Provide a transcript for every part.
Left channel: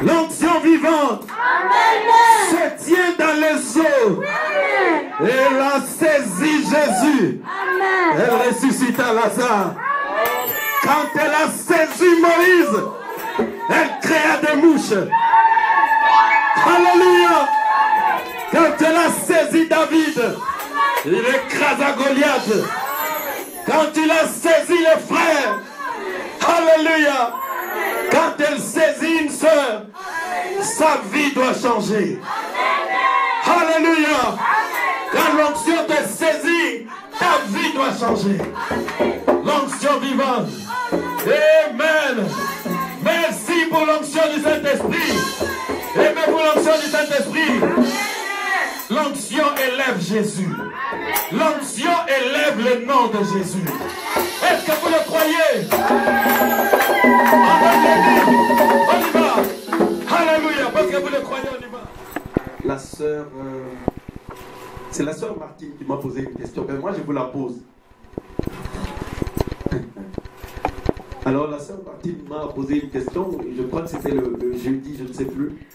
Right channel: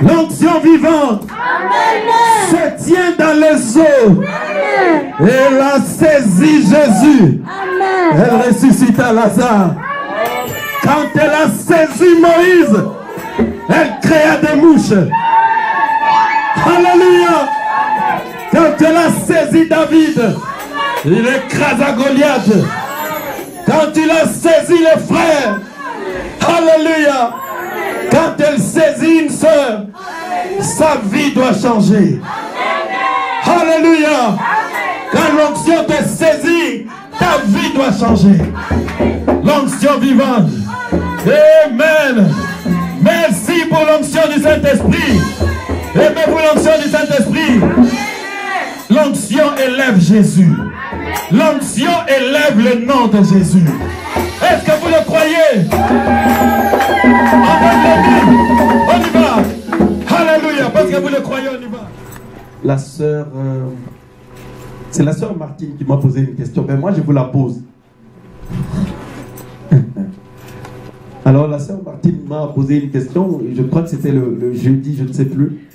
L'onction vivante se tient dans les eaux. Et elle a saisi Jésus. Elle ressuscita Lazare. Quand elle a saisi Moïse, elle créa des mouches. Alléluia. Quand elle a saisi David, il écrasa Goliath. Quand il a saisi les frères, alléluia. Quand elle saisit une sœur, sa vie doit changer. Alléluia. Quand l'onction te saisit, ta vie doit changer. L'onction vivante. Amen. Merci pour l'onction du Saint-Esprit. Aimez-vous l'onction du Saint-Esprit? L'onction élève Jésus. L'onction élève le nom de Jésus. Est-ce que vous le croyez? On y va. Alléluia. Parce que vous le croyez, on y va. La sœur, c'est la sœur Martine qui m'a posé une question. Mais moi, je vous la pose. Alors, la sœur Martine m'a posé une question. Je crois que c'était le jeudi, je ne sais plus.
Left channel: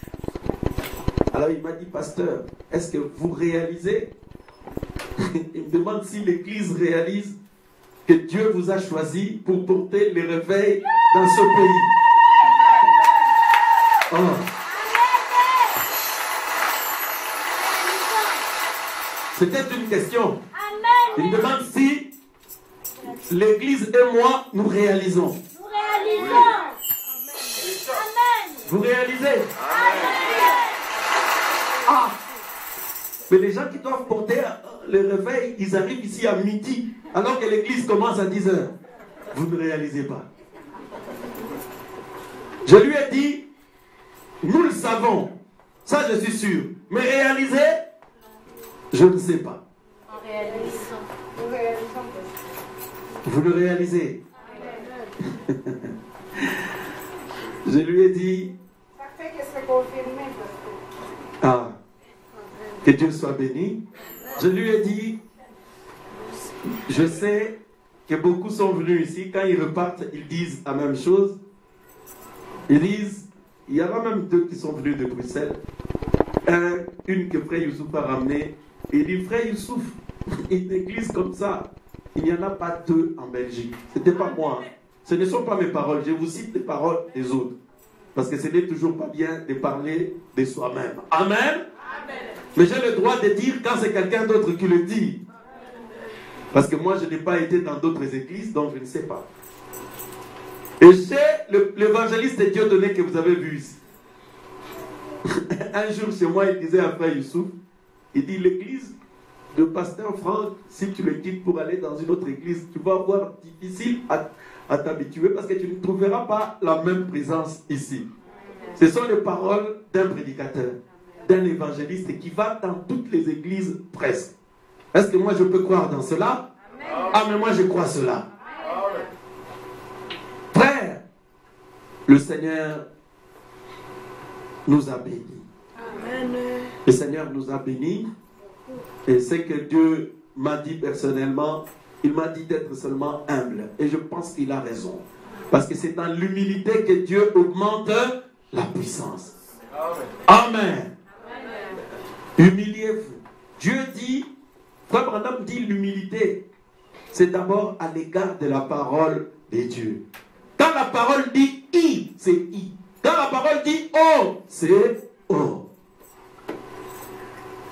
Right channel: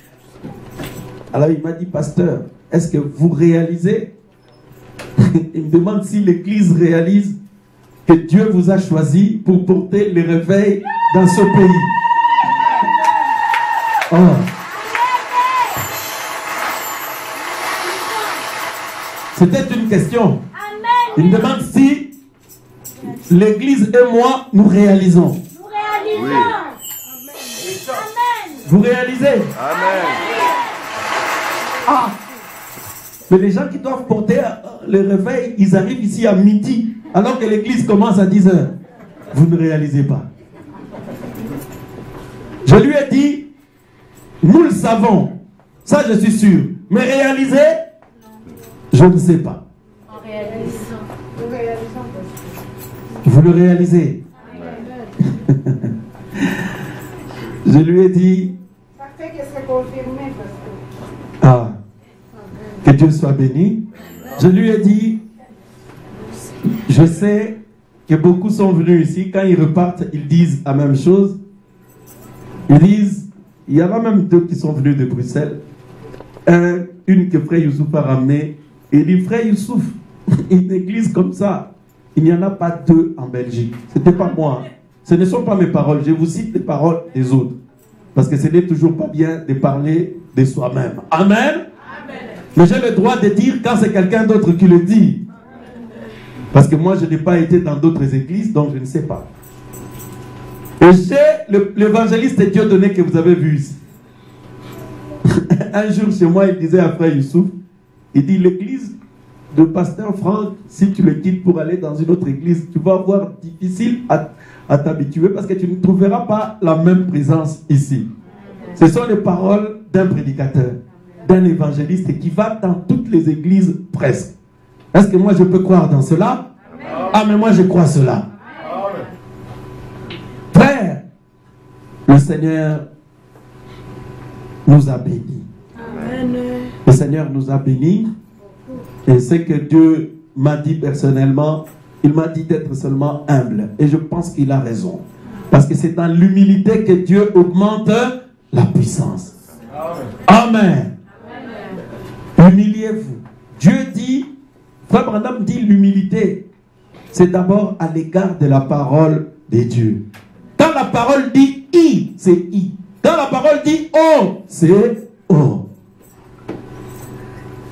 Alors, il m'a dit, pasteur, est-ce que vous réalisez? Il me demande si l'Église réalise que Dieu vous a choisi pour porter les réveils dans ce pays. Oh. C'était une question. Il me demande si l'Église et moi, nous réalisons. Nous réalisons. Oui. Amen. Vous réalisez? Amen. Ah. Mais les gens qui doivent porter le réveil, ils arrivent ici à midi, alors que l'église commence à 10 h. Vous ne réalisez pas. Je lui ai dit, nous le savons, ça je suis sûr. Mais réaliser, je ne sais pas. Vous le réalisez. Je lui ai dit, ah, que Dieu soit béni. Je lui ai dit, je sais que beaucoup sont venus ici, quand ils repartent, ils disent la même chose. Ils disent, il y en a même deux qui sont venus de Bruxelles. Une que Frère Youssouf a ramenée. Et il dit, Frère Youssouf, une église comme ça, il n'y en a pas deux en Belgique. Ce n'était pas moi. Ce ne sont pas mes paroles. Je vous cite les paroles des autres. Parce que ce n'est toujours pas bien de parler de soi-même. Amen. Mais j'ai le droit de dire quand c'est quelqu'un d'autre qui le dit. Parce que moi, je n'ai pas été dans d'autres églises, donc je ne sais pas. Et j'ai l'évangéliste Dieudonné que vous avez vu ici. Un jour chez moi, il disait à Frère Youssouf, il dit, l'église de Pasteur Franck, si tu le quittes pour aller dans une autre église, tu vas avoir difficile à t'habituer parce que tu ne trouveras pas la même présence ici. Ce sont les paroles d'un prédicateur, d'un évangéliste qui va dans toutes les églises presque. Est-ce que moi je peux croire dans cela? Ah, mais moi je crois cela. Frère, le Seigneur nous a bénis. Le Seigneur nous a bénis. Et c'est que Dieu m'a dit personnellement, il m'a dit d'être seulement humble. Et je pense qu'il a raison. Parce que c'est dans l'humilité que Dieu augmente la puissance. Amen. Humiliez-vous. Dieu dit, Frère Branham dit l'humilité, c'est d'abord à l'égard de la parole de Dieu. Quand la parole dit I, c'est I. Quand la parole dit O, c'est O.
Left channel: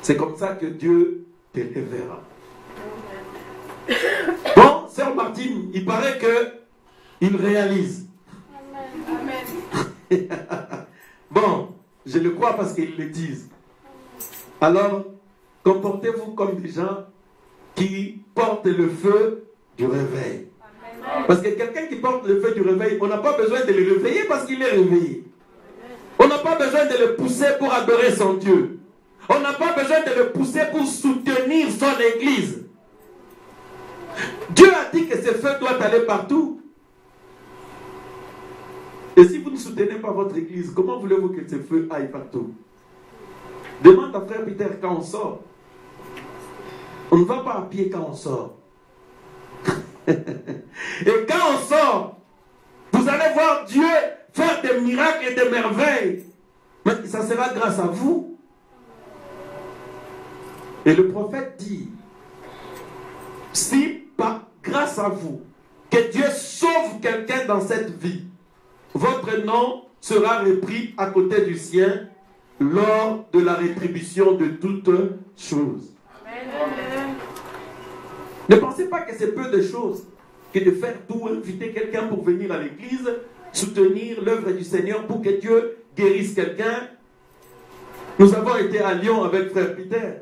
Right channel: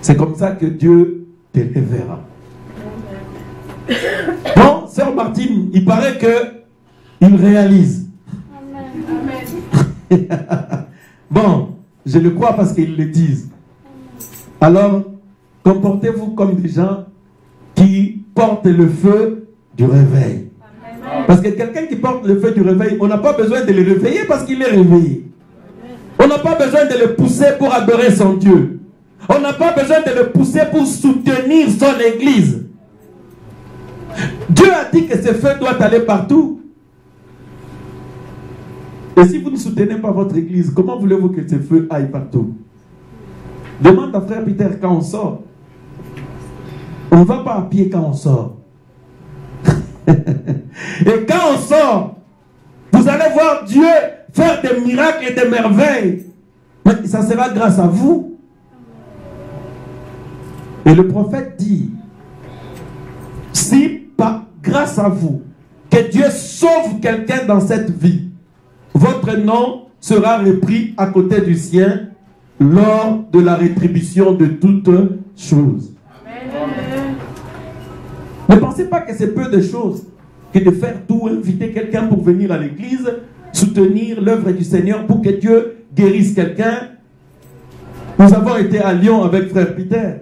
C'est comme ça que Dieu te verra. Bon, Sœur Martine, il paraît qu'il réalise. Amen. Bon, je le crois parce qu'ils le disent. Alors, comportez-vous comme des gens qui portent le feu du réveil. Parce que quelqu'un qui porte le feu du réveil, on n'a pas besoin de le réveiller parce qu'il est réveillé. On n'a pas besoin de le pousser pour adorer son Dieu. On n'a pas besoin de le pousser pour soutenir son église. Dieu a dit que ce feu doit aller partout. Et si vous ne soutenez pas votre église, comment voulez-vous que ce feu aille partout? Demande à frère Peter quand on sort. On ne va pas à pied quand on sort. Et quand on sort, vous allez voir Dieu faire des miracles et des merveilles. Mais ça sera grâce à vous. Et le prophète dit, si pas grâce à vous, que Dieu sauve quelqu'un dans cette vie, votre nom sera repris à côté du sien lors de la rétribution de toutes choses. Amen. Ne pensez pas que c'est peu de choses que de faire tout, inviter quelqu'un pour venir à l'église, soutenir l'œuvre du Seigneur pour que Dieu guérisse quelqu'un. Nous avons été à Lyon avec frère Peter.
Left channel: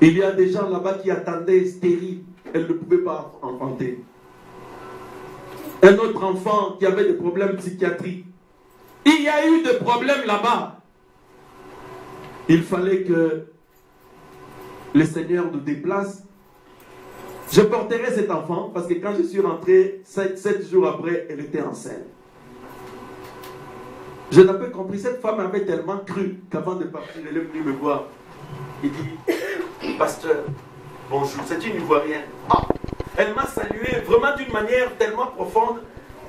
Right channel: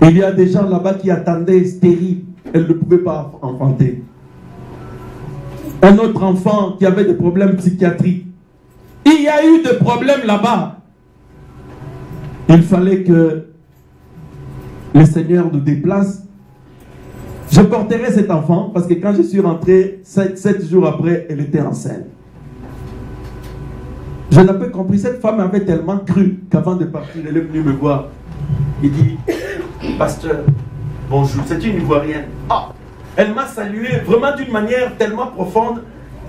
Il y a des gens là-bas qui attendaient stériles. Elle ne pouvait pas enfanter. Un autre enfant qui avait des problèmes psychiatriques. Il y a eu des problèmes là-bas. Il fallait que le Seigneur nous déplace. Je porterai cet enfant parce que quand je suis rentré, 7 jours après, elle était enceinte. Je n'ai pas compris. Cette femme avait tellement cru qu'avant de partir, elle est venue me voir. Il dit, pasteur, bonjour, c'est une Ivoirienne. Ah, elle m'a salué vraiment d'une manière tellement profonde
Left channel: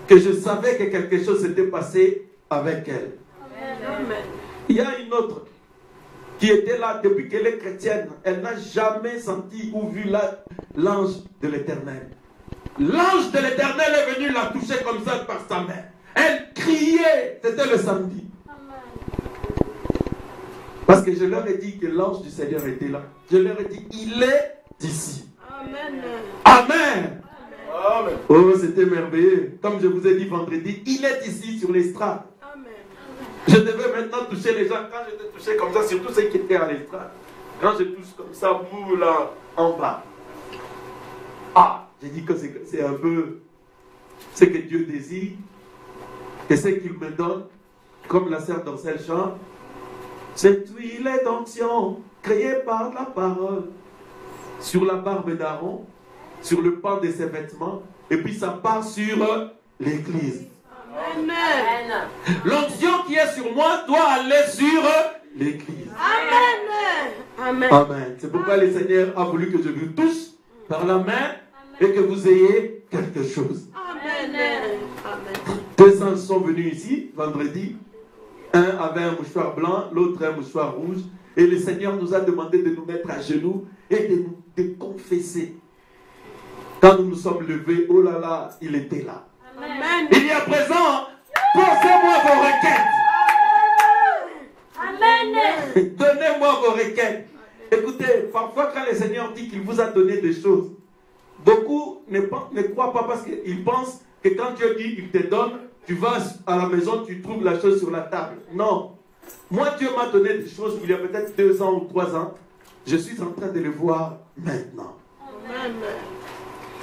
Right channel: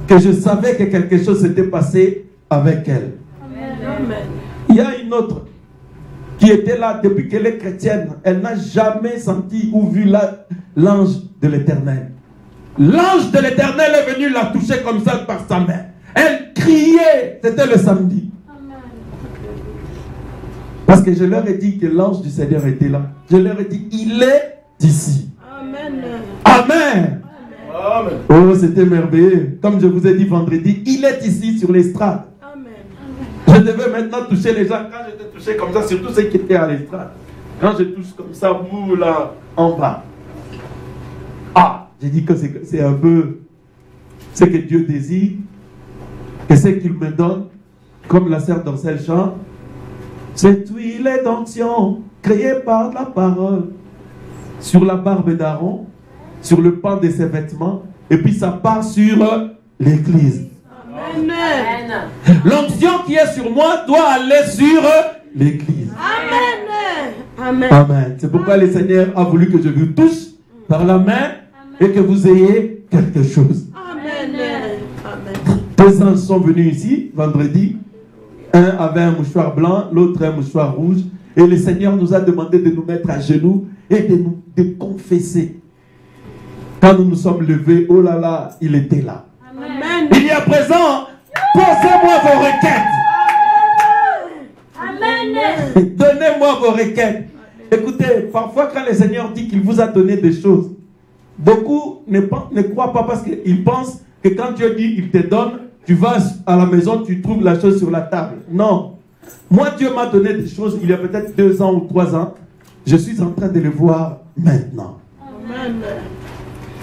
que je savais que quelque chose s'était passé avec elle. Amen. Il y a une autre qui était là depuis qu'elle est chrétienne. Elle n'a jamais senti ou vu l'ange de l'Éternel. L'ange de l'Éternel est venu la toucher comme ça par sa main. Elle criait, c'était le samedi. Parce que je leur ai dit que l'ange du Seigneur était là. Je leur ai dit, il est ici. Amen. Amen. Amen. Oh, c'était merveilleux. Comme je vous ai dit vendredi, il est ici sur l'estrade. Amen. Je devais maintenant toucher les gens. Quand j'étais touché comme ça, surtout ceux qui étaient à l'estrade. Quand je touche comme ça, vous là, en bas. Ah, j'ai dit que c'est un peu ce que Dieu désire, que ce qu'il me donne, comme la sœur d'Orcel chante. Cette huile d'onction créée par la parole sur la barbe d'Aaron, sur le pan de ses vêtements, et puis ça part sur l'église. Amen. L'onction qui est sur moi doit aller sur l'église. Amen. Amen. Amen. C'est pourquoi le Seigneur a voulu que je vous touche par la main et que vous ayez quelque chose. Amen. Amen. 2 anges sont venus ici vendredi. Un avait un mouchoir blanc, l'autre un mouchoir rouge. Et le Seigneur nous a demandé de nous mettre à genoux et de confesser. Quand nous nous sommes levés, oh là là, il était là. Amen. Il y a présent, posez-moi vos requêtes. Amen. Donnez-moi vos requêtes. Écoutez, parfois quand le Seigneur dit qu'il vous a donné des choses, beaucoup ne croient pas parce qu'ils pensent que quand Dieu dit qu'il te donne, tu vas à la maison, tu trouves la chose sur la table. Non. Moi, Dieu m'a donné des choses il y a peut-être 2 ans ou 3 ans. Je suis en train de les voir maintenant. Amen.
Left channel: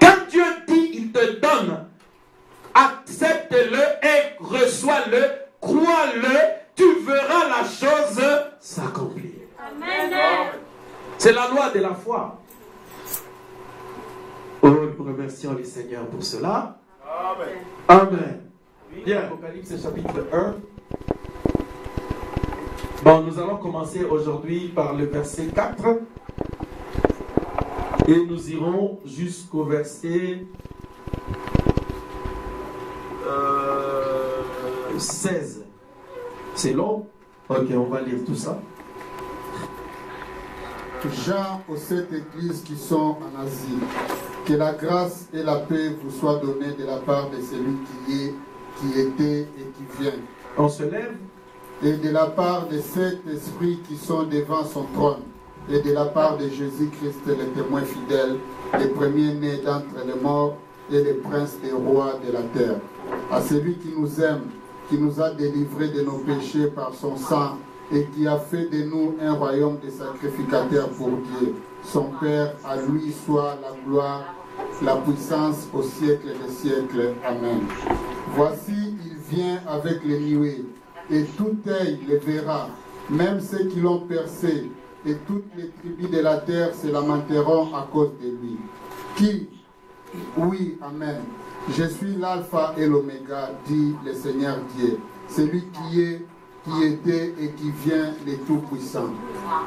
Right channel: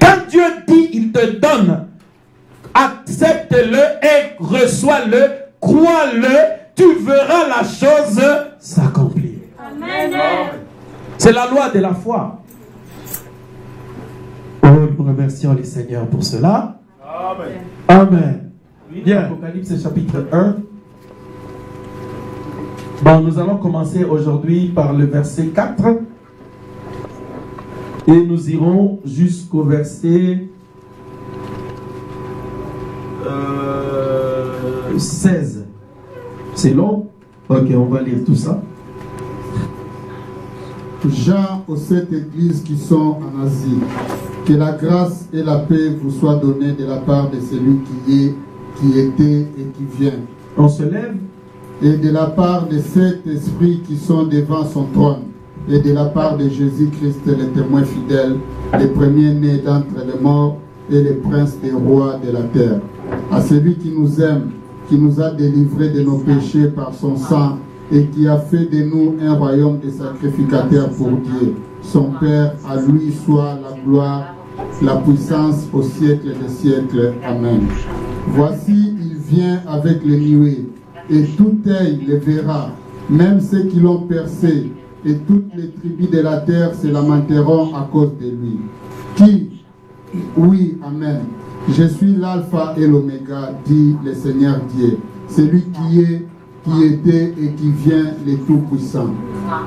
Quand Dieu dit, il te donne, accepte-le et reçois-le crois-le, tu verras la chose s'accomplir. Amen. C'est la loi de la foi. Oh, nous remercions le Seigneur pour cela. Amen. Amen. Bien, Apocalypse chapitre 1. Bon, nous allons commencer aujourd'hui par le verset 4. Et nous irons jusqu'au verset 16. C'est long? Ok, on va lire tout ça. Jean aux 7 églises qui sont en Asie. Que la grâce et la paix vous soient données de la part de celui qui est, qui était et qui vient. On se lève. Et de la part de 7 esprits qui sont devant son trône. Et de la part de Jésus-Christ, le témoin fidèle, le premier-né d'entre les morts et le prince des rois de la terre. À celui qui nous aime, qui nous a délivrés de nos péchés par son sang et qui a fait de nous un royaume de sacrificateurs pour Dieu. Son Père, à lui soit la gloire, la puissance au siècle des siècles. Amen. Voici, il vient avec les nuées, et tout œil le verra, même ceux qui l'ont percé, et toutes les tribus de la terre se lamenteront à cause de lui. Qui? Oui, Amen. Je suis l'alpha et l'oméga, dit le Seigneur Dieu, celui qui est, qui était et qui vient, le Tout-Puissant.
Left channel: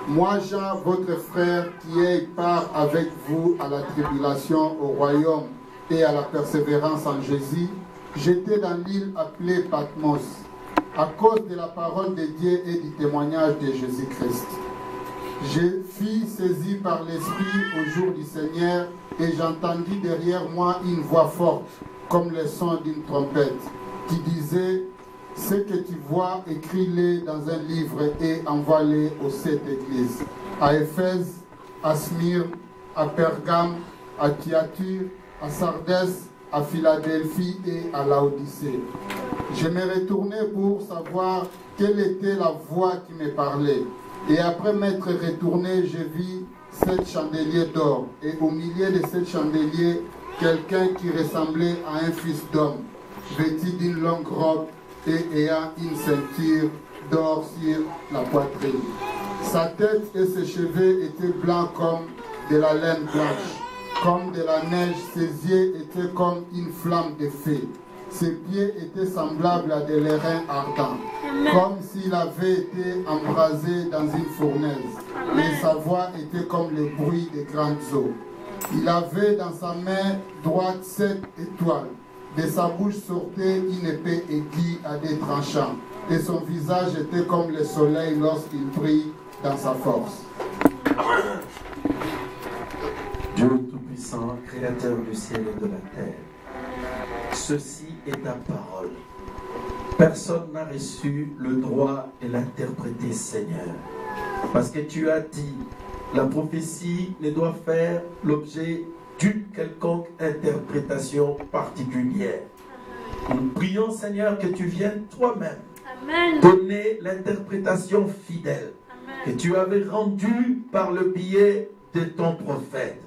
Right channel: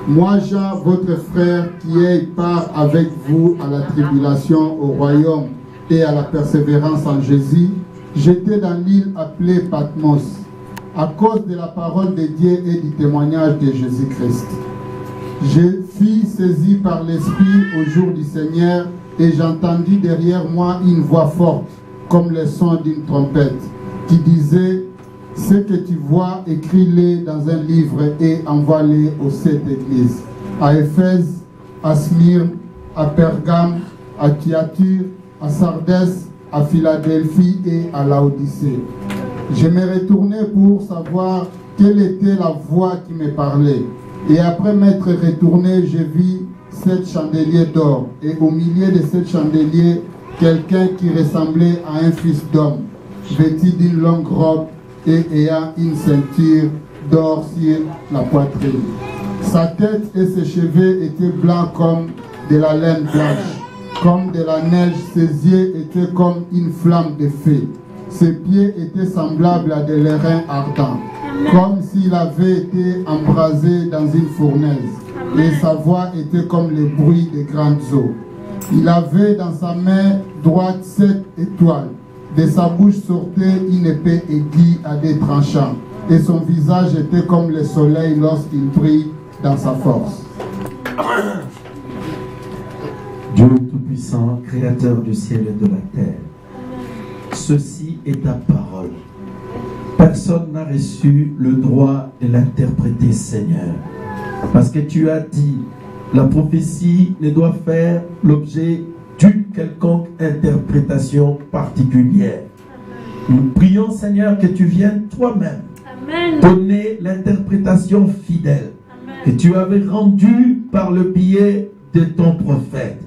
Moi, Jean, votre frère, qui ai part avec vous à la tribulation, au royaume et à la persévérance en Jésus, j'étais dans l'île appelée Patmos, à cause de la parole de Dieu et du témoignage de Jésus-Christ. Je fus saisi par l'Esprit au jour du Seigneur et j'entendis derrière moi une voix forte, comme le son d'une trompette, qui disait: ce que tu vois, écris-le dans un livre et envoie-le aux 7 églises, à Éphèse, à Smyrne, à Pergame, à Thyatire, à Sardès, à Philadelphie et à Laodicée. Je me retournai pour savoir quelle était la voix qui me parlait. Et après m'être retourné, je vis 7 chandeliers d'or, et au milieu de 7 chandeliers, quelqu'un qui ressemblait à un fils d'homme, vêtu d'une longue robe et ayant une ceinture d'or sur la poitrine. Sa tête et ses cheveux étaient blancs comme de la laine blanche, comme de la neige. Ses yeux étaient comme une flamme de feu. Ses pieds étaient semblables à des lérins ardents, comme s'il avait été embrasé dans une fournaise. Et sa voix était comme le bruit des grandes eaux. Il avait dans sa main droite 7 étoiles. De sa bouche sortait une épée aiguë à des tranchants. Et son visage était comme le soleil lorsqu'il brille dans sa force. Dieu Tout-Puissant, Créateur du ciel et de la terre, ceci est ta parole. Personne n'a reçu le droit de l'interpréter, Seigneur. Parce que tu as dit, la prophétie ne doit faire l'objet d'une quelconque interprétation particulière. Nous prions, Seigneur, que tu viennes toi-même donner l'interprétation fidèle que tu avais rendue par le biais de ton prophète.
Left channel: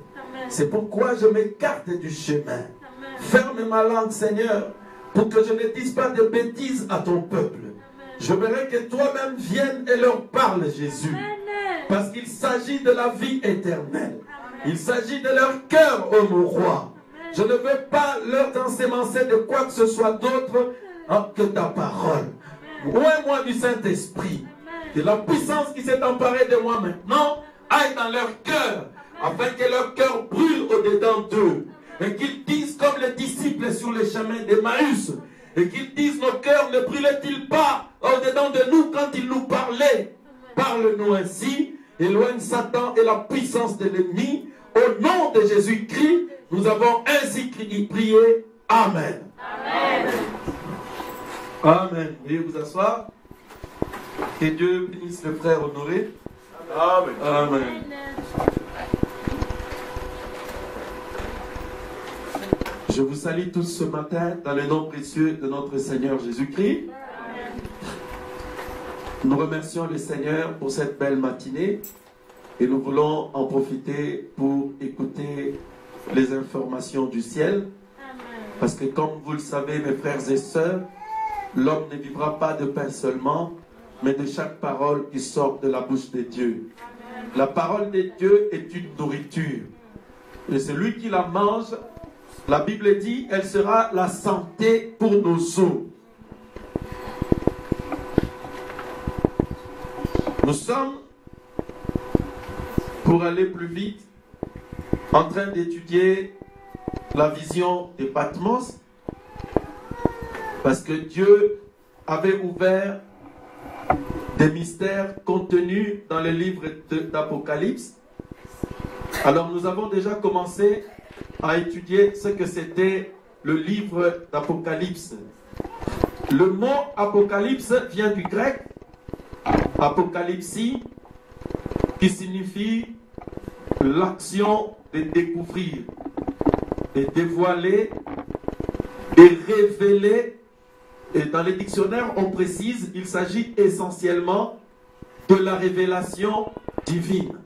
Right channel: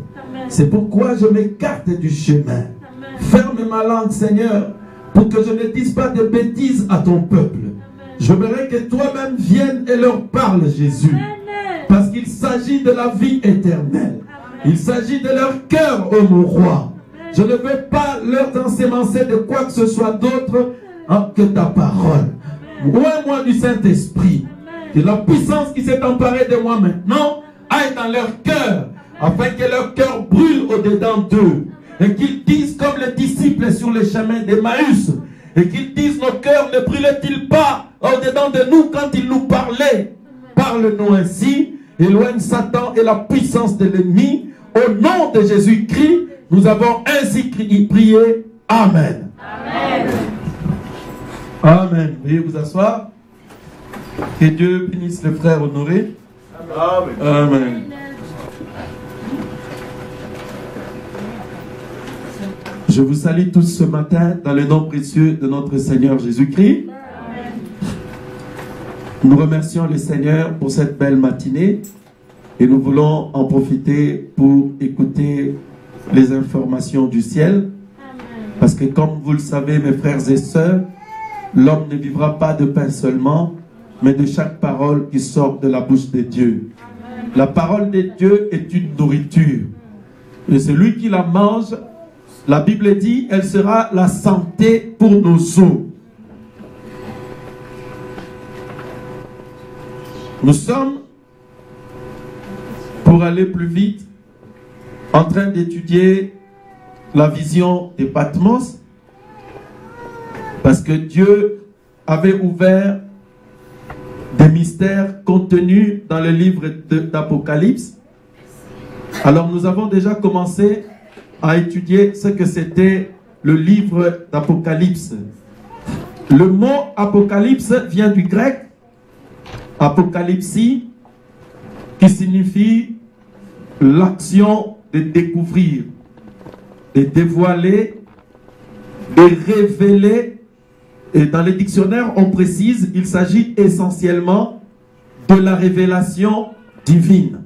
C'est pourquoi je m'écarte du chemin. Ferme ma langue, Seigneur, pour que je ne dise pas de bêtises à ton peuple. Je voudrais que toi-même viennes et leur parles, Jésus. Parce qu'il s'agit de la vie éternelle. Il s'agit de leur cœur, ô mon roi. Je ne veux pas leur ensemencer de quoi que ce soit d'autre que ta parole. Loin-moi du Saint-Esprit. Et la puissance qui s'est emparée de moi maintenant aille dans leur cœur, afin que leur cœur brûle au-dedans d'eux. Et qu'ils disent comme les disciples sur le chemin d'Emmaüs. Et qu'ils disent, nos cœurs ne brûlaient-ils pas au-dedans de nous quand il nous parlait? Parle-nous ainsi, éloigne Satan et la puissance de l'ennemi. Au nom de Jésus-Christ, nous avons ainsi prié. Amen. Amen. Amen. Veuillez vous asseoir. Que Dieu bénisse le frère honoré. Amen. Amen. Je vous salue tous ce matin dans le nom précieux de notre Seigneur Jésus-Christ. Nous remercions le Seigneur pour cette belle matinée et nous voulons en profiter pour écouter les informations du ciel. Parce que comme vous le savez, mes frères et sœurs, L'homme ne vivra pas de pain seulement, mais de chaque parole qui sort de la bouche de Dieu. La parole de Dieu est une nourriture. Et celui qui la mange, la Bible dit, elle sera la santé pour nos os. Nous sommes, pour aller plus vite, en train d'étudier la vision de Patmos, parce que Dieu avait ouvert des mystères contenus dans le livre d'Apocalypse. Alors nous avons déjà commencé à étudier ce que c'était le livre d'Apocalypse. Le mot Apocalypse vient du grec Apocalypsie, qui signifie l'action de découvrir, de dévoiler, de révéler. Et dans les dictionnaires, on précise qu'il s'agit essentiellement de la révélation divine.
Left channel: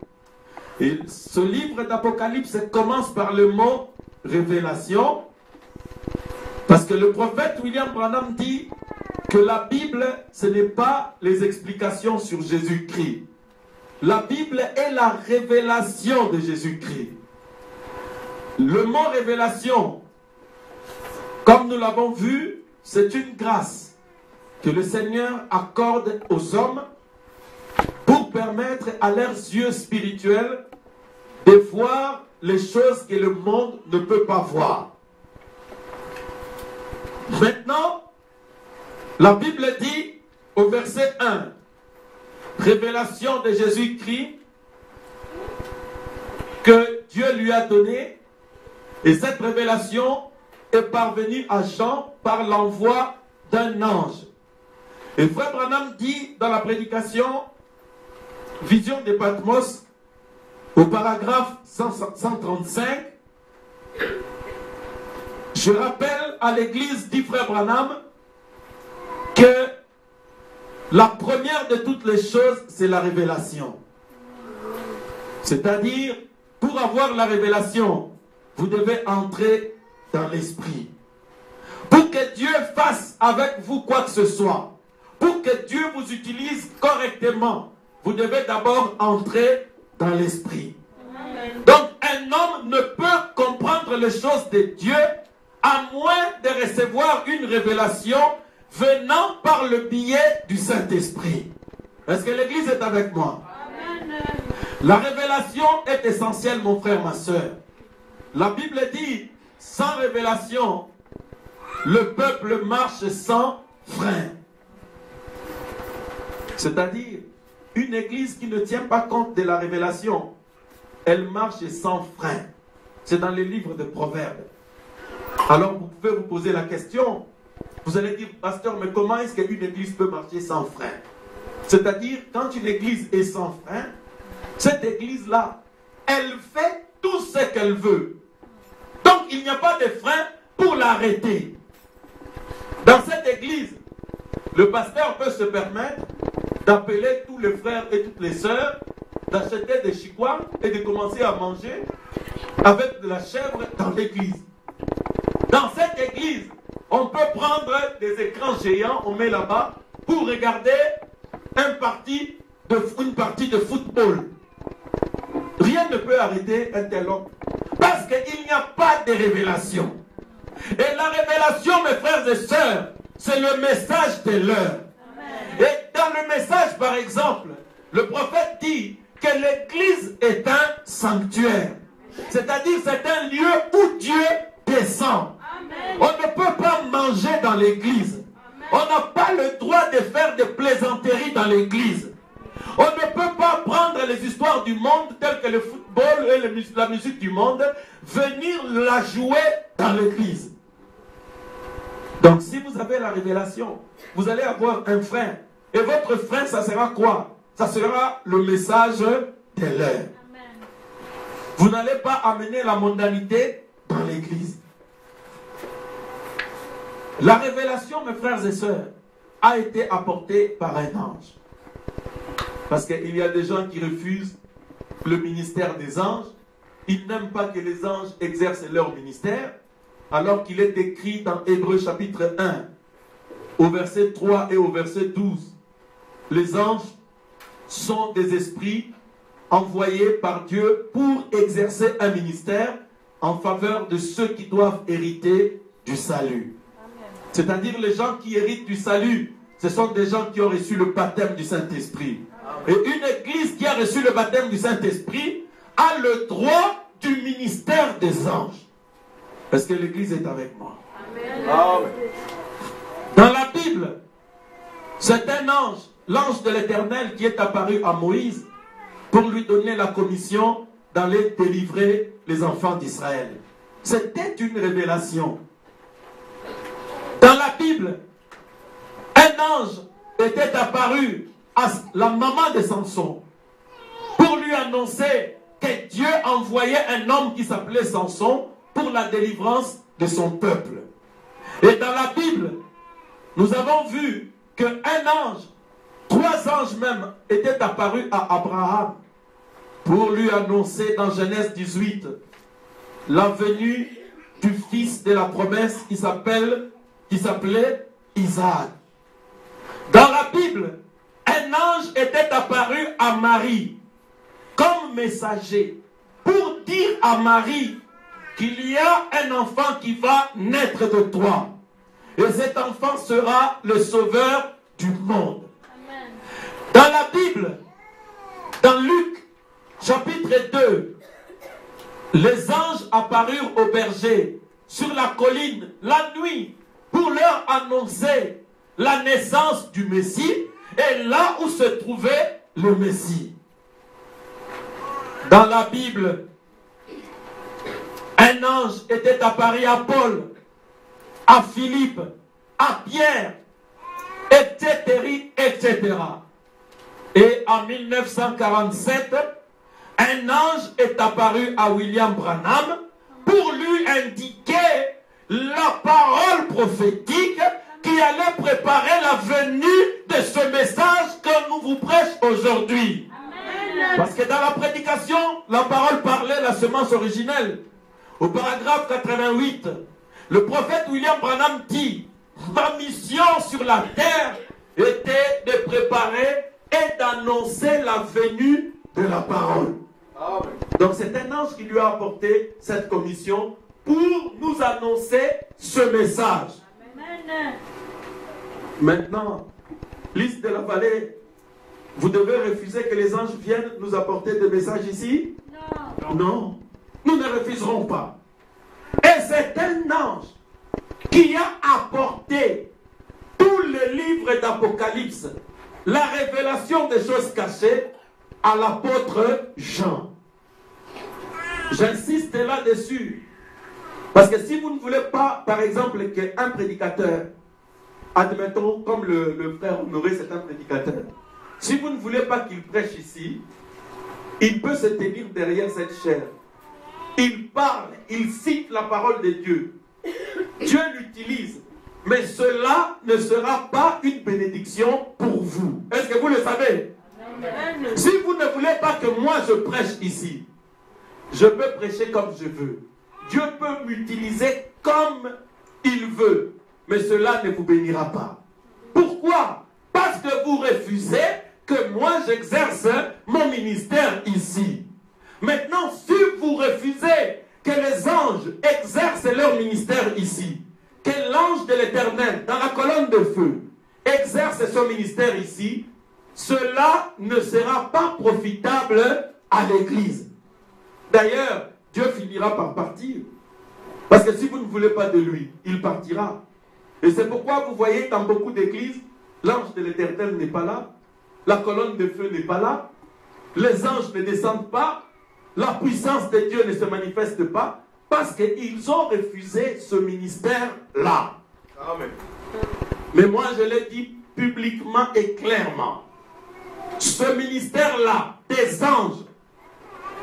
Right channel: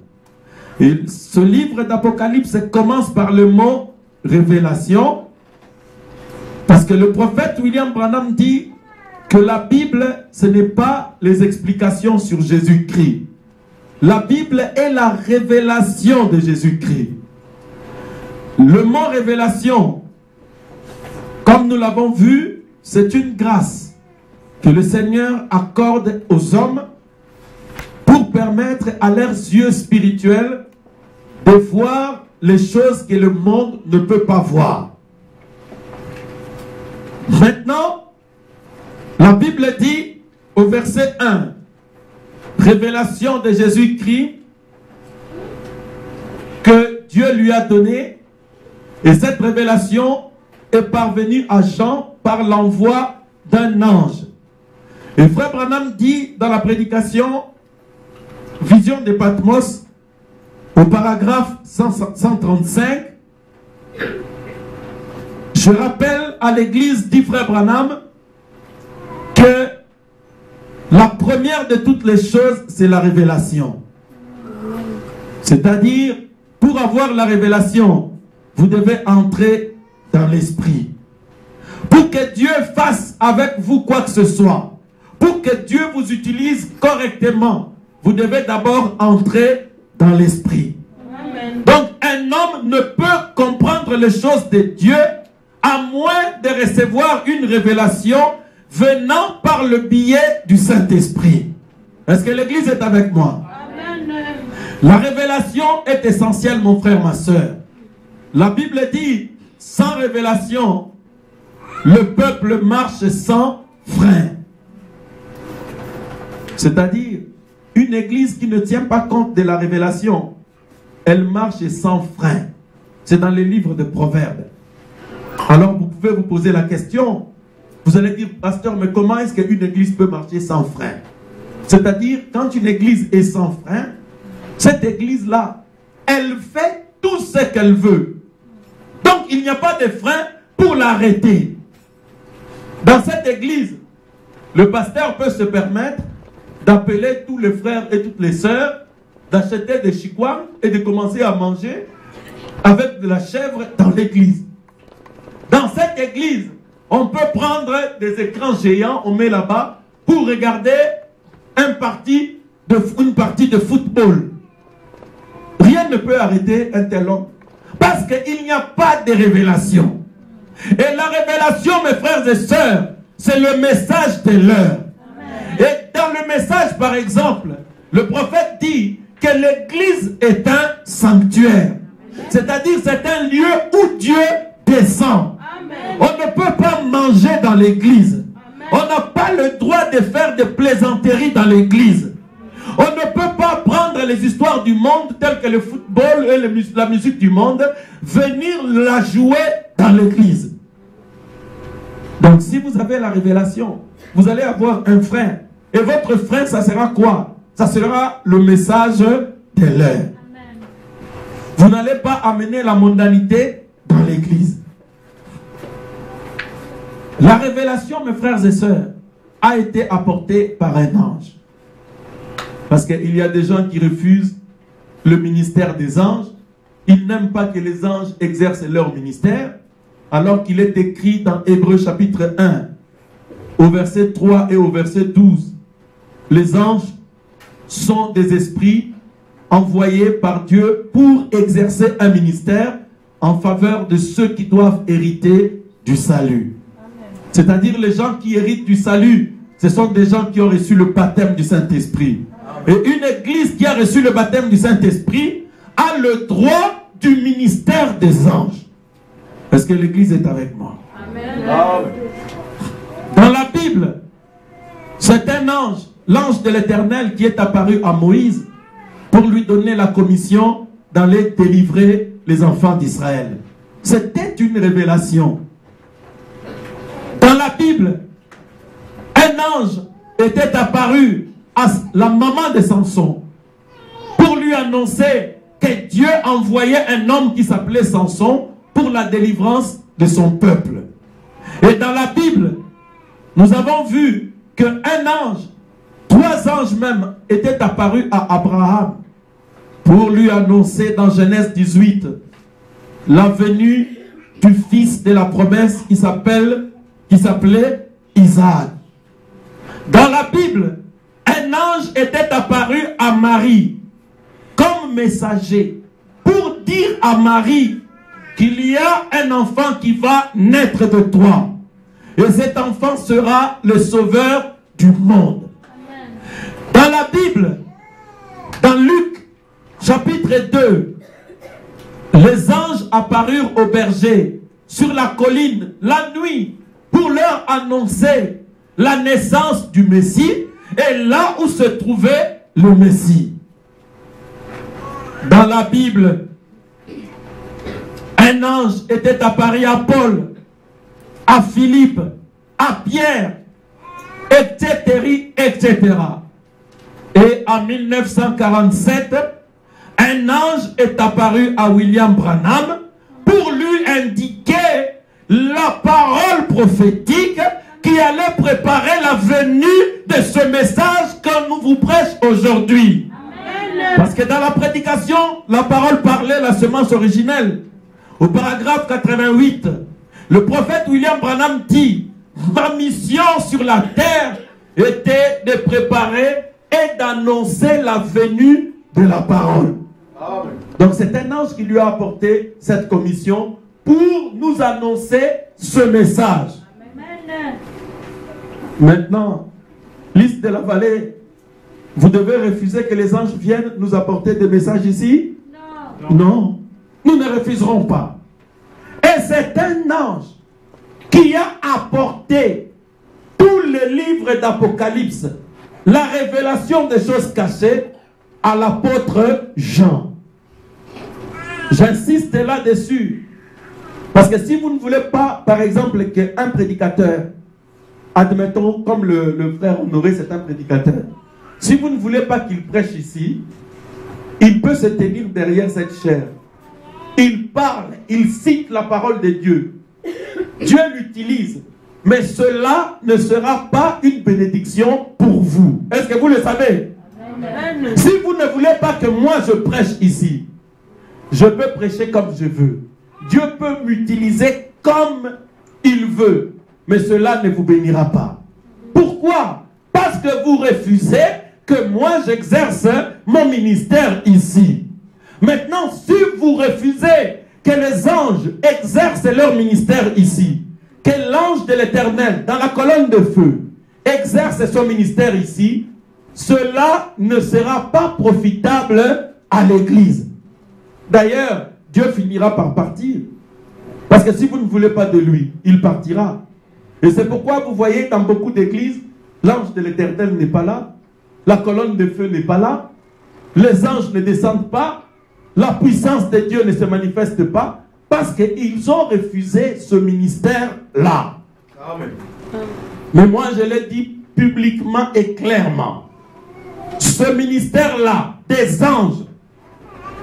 Et ce livre d'Apocalypse commence par le mot révélation, parce que le prophète William Branham dit que la Bible, ce n'est pas les explications sur Jésus-Christ. La Bible est la révélation de Jésus-Christ. Le mot révélation, comme nous l'avons vu, c'est une grâce que le Seigneur accorde aux hommes pour permettre à leurs yeux spirituels de voir les choses que le monde ne peut pas voir. Maintenant, la Bible dit au verset 1, révélation de Jésus-Christ que Dieu lui a donnée, et cette révélation est parvenue à Jean par l'envoi d'un ange. Et Frère Branham dit dans la prédication Vision de Patmos, au paragraphe 135, je rappelle à l'église, dit Frère Branham, que la première de toutes les choses, c'est la révélation. C'est-à-dire, pour avoir la révélation, vous devez entrer dans l'esprit. Pour que Dieu fasse avec vous quoi que ce soit, pour que Dieu vous utilise correctement, vous devez d'abord entrer dans l'esprit. Donc, un homme ne peut comprendre les choses de Dieu à moins de recevoir une révélation venant par le biais du Saint-Esprit. Est-ce que l'Église est avec moi? Amen. La révélation est essentielle, mon frère, ma soeur. La Bible dit, sans révélation, le peuple marche sans frein. C'est-à-dire, une église qui ne tient pas compte de la révélation, elle marche sans frein. C'est dans les livres de Proverbes. Alors vous pouvez vous poser la question, vous allez dire, pasteur, mais comment est-ce qu'une église peut marcher sans frein? C'est-à-dire, quand une église est sans frein, cette église-là, elle fait tout ce qu'elle veut. Donc, il n'y a pas de frein pour l'arrêter. Dans cette église, le pasteur peut se permettre d'appeler tous les frères et toutes les sœurs, d'acheter des chikwang et de commencer à manger avec de la chèvre dans l'église. Dans cette église, on peut prendre des écrans géants, on met là-bas, pour regarder une partie de football. Rien ne peut arrêter un tel homme. Parce qu'il n'y a pas de révélation. Et la révélation, mes frères et sœurs, c'est le message de l'heure. Et dans le message, par exemple, le prophète dit que l'église est un sanctuaire. C'est-à-dire, c'est un lieu où Dieu descend. On ne peut pas manger dans l'église. On n'a pas le droit de faire des plaisanteries dans l'église. On ne peut pas prendre les histoires du monde telles que le football et la musique du monde, venir la jouer dans l'église. Donc si vous avez la révélation, vous allez avoir un frein. Et votre frein, ça sera quoi? Ça sera le message de l'heure. Vous n'allez pas amener la mondanité dans l'église. La révélation, mes frères et sœurs, a été apportée par un ange. Parce qu'il y a des gens qui refusent le ministère des anges. Ils n'aiment pas que les anges exercent leur ministère. Alors qu'il est écrit dans Hébreux chapitre 1, au verset 3 et au verset 12. Les anges sont des esprits envoyés par Dieu pour exercer un ministère en faveur de ceux qui doivent hériter du salut. C'est-à-dire les gens qui héritent du salut, ce sont des gens qui ont reçu le baptême du Saint-Esprit. Et une église qui a reçu le baptême du Saint-Esprit a le droit du ministère des anges. Est-ce que l'église est avec moi? Amen. Dans la Bible, c'est un ange, l'ange de l'Éternel, qui est apparu à Moïse pour lui donner la commission d'aller délivrer les enfants d'Israël. C'était une révélation. Dans la Bible, un ange était apparu à la maman de Samson pour lui annoncer que Dieu envoyait un homme qui s'appelait Samson pour la délivrance de son peuple. Et dans la Bible, nous avons vu qu'un ange, 3 anges même, étaient apparus à Abraham pour lui annoncer dans Genèse 18 la venue du fils de la promesse qui s'appelait Isaac. Dans la Bible, un ange était apparu à Marie comme messager pour dire à Marie qu'il y a un enfant qui va naître de toi. Et cet enfant sera le sauveur du monde. Amen. Dans la Bible, dans Luc, chapitre 2, les anges apparurent aux bergers sur la colline la nuit pour leur annoncer la naissance du Messie et là où se trouvait le Messie. Dans la Bible, un ange était apparu à Paul, à Philippe, à Pierre, etc., etc. Et en 1947, un ange est apparu à William Branham pour lui indiquer la parole prophétique qui allait préparer la venue de ce message que nous vous prêchons aujourd'hui. Parce que dans la prédication, la parole parlait la semence originelle. Au paragraphe 88, le prophète William Branham dit: ma mission sur la terre était de préparer et d'annoncer la venue de la parole. Amen. Donc c'est un ange qui lui a apporté cette commission pour nous annoncer ce message. Amen. Maintenant, Lys de la Vallée, vous devez refuser que les anges viennent nous apporter des messages ici? Non. Non, nous ne refuserons pas. Et c'est un ange qui a apporté tous les livres d'Apocalypse, la révélation des choses cachées, à l'apôtre Jean. J'insiste là-dessus. Parce que si vous ne voulez pas, par exemple, qu'un prédicateur, admettons, comme le frère Honoré, c'est un prédicateur, si vous ne voulez pas qu'il prêche ici, il peut se tenir derrière cette chaire. Il parle, il cite la parole de Dieu. Dieu l'utilise. Mais cela ne sera pas une bénédiction pour vous. Est-ce que vous le savez? Amen. Si vous ne voulez pas que moi je prêche ici, je peux prêcher comme je veux. Dieu peut m'utiliser comme il veut. Mais cela ne vous bénira pas. Pourquoi? Parce que vous refusez que moi j'exerce mon ministère ici. Maintenant, si vous refusez que les anges exercent leur ministère ici, que l'ange de l'Éternel, dans la colonne de feu, exerce son ministère ici, cela ne sera pas profitable à l'Église. D'ailleurs, Dieu finira par partir. Parce que si vous ne voulez pas de lui, il partira. Et c'est pourquoi vous voyez dans beaucoup d'églises, l'ange de l'Éternel n'est pas là, la colonne de feu n'est pas là, les anges ne descendent pas, la puissance de Dieu ne se manifeste pas, parce qu'ils ont refusé ce ministère-là. Amen. Mais moi, je l'ai dit publiquement et clairement. Ce ministère-là, des anges,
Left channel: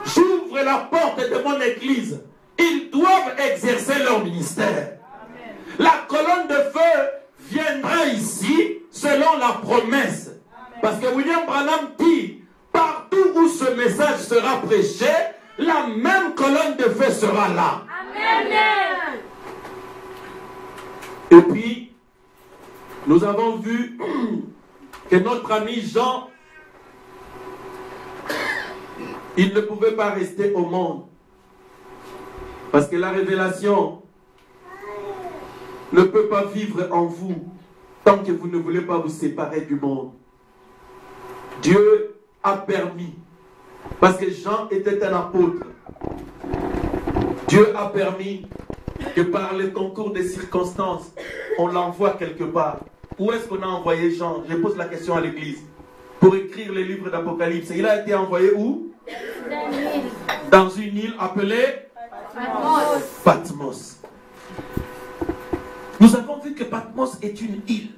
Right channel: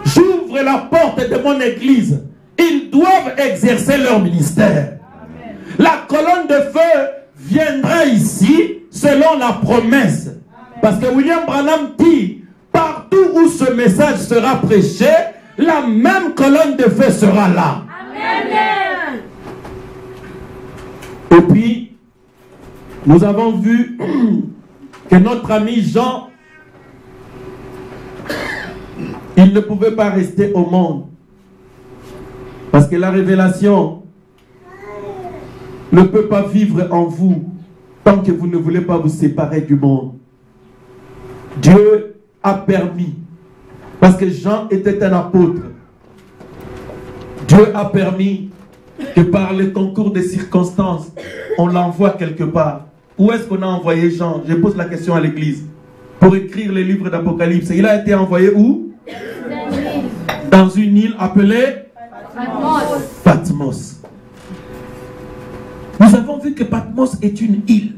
j'ouvre la porte de mon église. Ils doivent exercer leur ministère. Amen. La colonne de feu viendra ici selon la promesse. Amen. Parce que William Branham dit, partout où ce message sera prêché, la même colonne de feu sera là. Amen. Et puis, Nous avons vu que notre ami Jean, il ne pouvait pas rester au monde. Parce que la révélation ne peut pas vivre en vous tant que vous ne voulez pas vous séparer du monde. Dieu a permis, parce que Jean était un apôtre, Dieu a permis que par le concours des circonstances, on l'envoie quelque part. Où est-ce qu'on a envoyé Jean? Je pose la question à l'église. Pour écrire les livres d'Apocalypse. Il a été envoyé où? Dans une île appelée Patmos. Nous avons vu que Patmos est une île,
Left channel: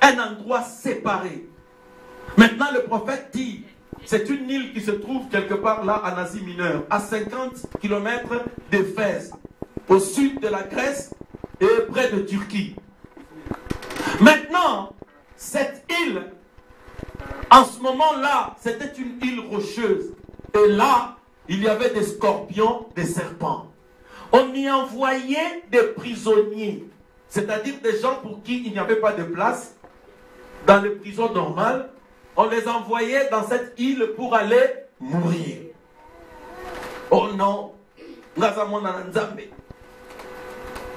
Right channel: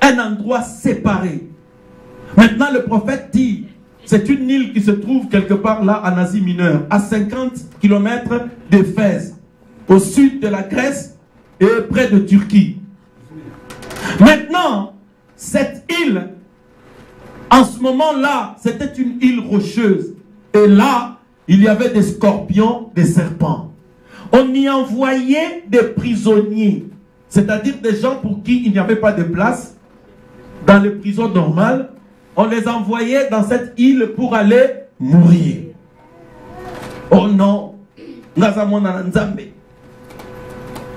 un endroit séparé. Maintenant, le prophète dit, c'est une île qui se trouve quelque part là en Asie mineure, à 50 km d'Éphèse, au sud de la Grèce et près de Turquie. Maintenant, cette île, en ce moment-là, c'était une île rocheuse. Et là, il y avait des scorpions, des serpents. On y envoyait des prisonniers, c'est-à-dire des gens pour qui il n'y avait pas de place dans les prisons normales. On les envoyait dans cette île pour aller mourir. Oh non,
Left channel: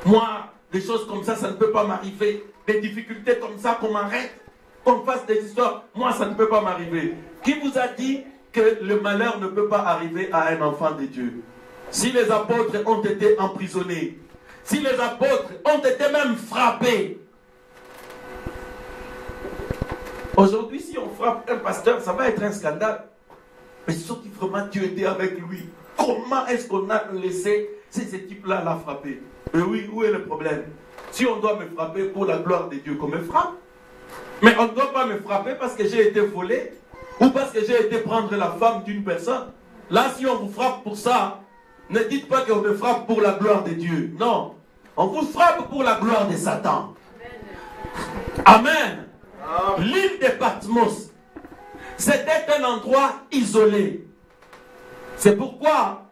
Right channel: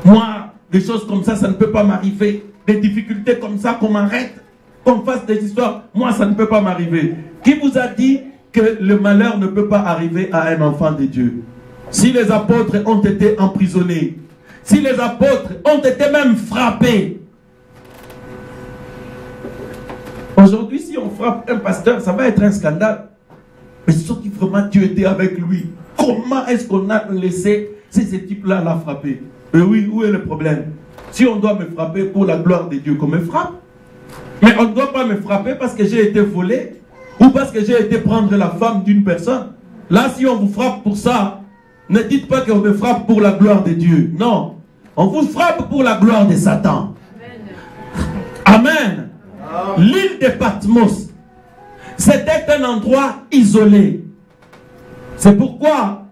moi, des choses comme ça ne peut pas m'arriver. Des difficultés comme ça, qu'on m'arrête, qu'on fasse des histoires, moi, ça ne peut pas m'arriver. Qui vous a dit que le malheur ne peut pas arriver à un enfant de Dieu? Si les apôtres ont été emprisonnés, si les apôtres ont été même frappés, aujourd'hui, si on frappe un pasteur, ça va être un scandale. Mais sauf que vraiment Dieu était avec lui. Comment est-ce qu'on a laissé ces types-là la frapper? Mais oui, où est le problème? Si on doit me frapper pour la gloire de Dieu, qu'on me frappe. Mais on ne doit pas me frapper parce que j'ai été volé ou parce que j'ai été prendre la femme d'une personne. Là, si on vous frappe pour ça, ne dites pas qu'on me frappe pour la gloire de Dieu. Non. On vous frappe pour la gloire de Satan. Amen. L'île de Patmos, c'était un endroit isolé. C'est pourquoi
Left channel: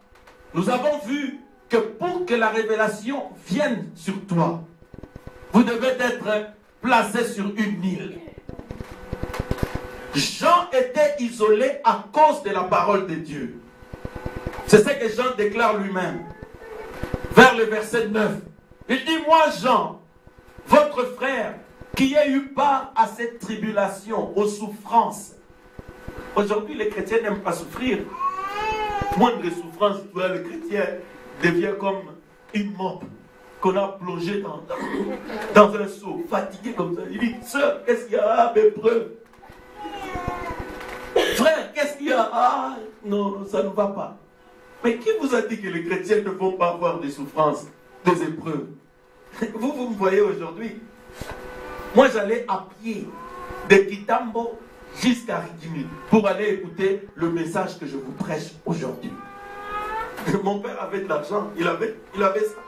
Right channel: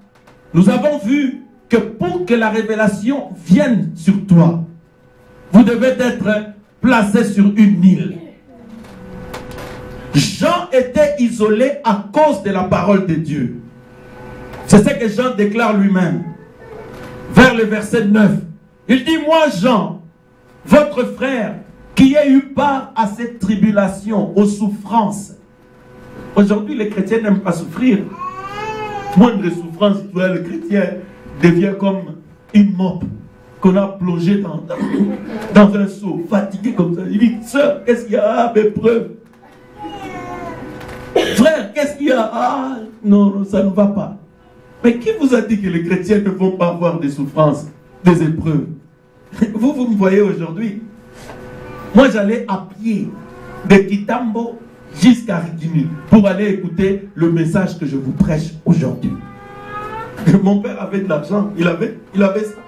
nous avons vu que pour que la révélation vienne sur toi, vous devez être placé sur une île. Jean était isolé à cause de la parole de Dieu. C'est ce que Jean déclare lui-même. Vers le verset 9. Il dit, moi Jean, votre frère, qui a eu part à cette tribulation, aux souffrances. Aujourd'hui, les chrétiens n'aiment pas souffrir. Moindre souffrance, le chrétien devient comme une mope qu'on a plongé dans un seau, fatigué comme ça. Il dit, sœur, qu'est-ce qu'il y a? Ah, mes preuves. Frère, qu'est-ce qu'il y a? Ah, non, ça ne va pas. Mais qui vous a dit que les chrétiens ne vont pas avoir des souffrances, des épreuves? Vous me voyez aujourd'hui. Moi, j'allais à pied de Kitambo jusqu'à Rigimi pour aller écouter le message que je vous prêche aujourd'hui. Mon père avait de l'argent, il avait ça.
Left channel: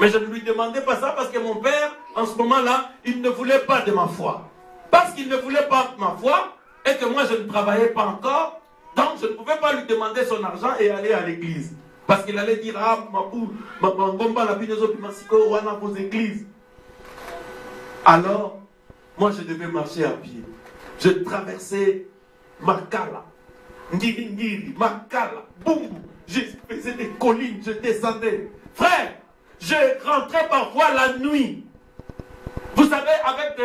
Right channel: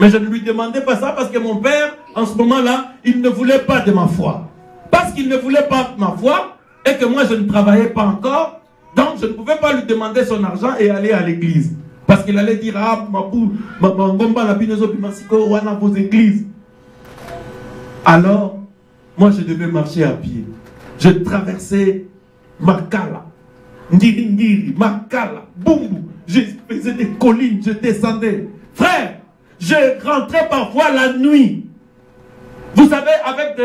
Mais je ne lui demandais pas ça parce que mon père, en ce moment-là, il ne voulait pas de ma foi. Parce qu'il ne voulait pas de ma foi et que moi, je ne travaillais pas encore, donc je ne pouvais pas lui demander son argent et aller à l'église. Parce qu'il allait dire, ah, vos églises. Alors, moi, je devais marcher à pied. Je traversais Makala, Ngiri, Makala, Bumbu. Je faisais des collines, je descendais. Frère, je rentrais parfois la nuit. Vous savez, avec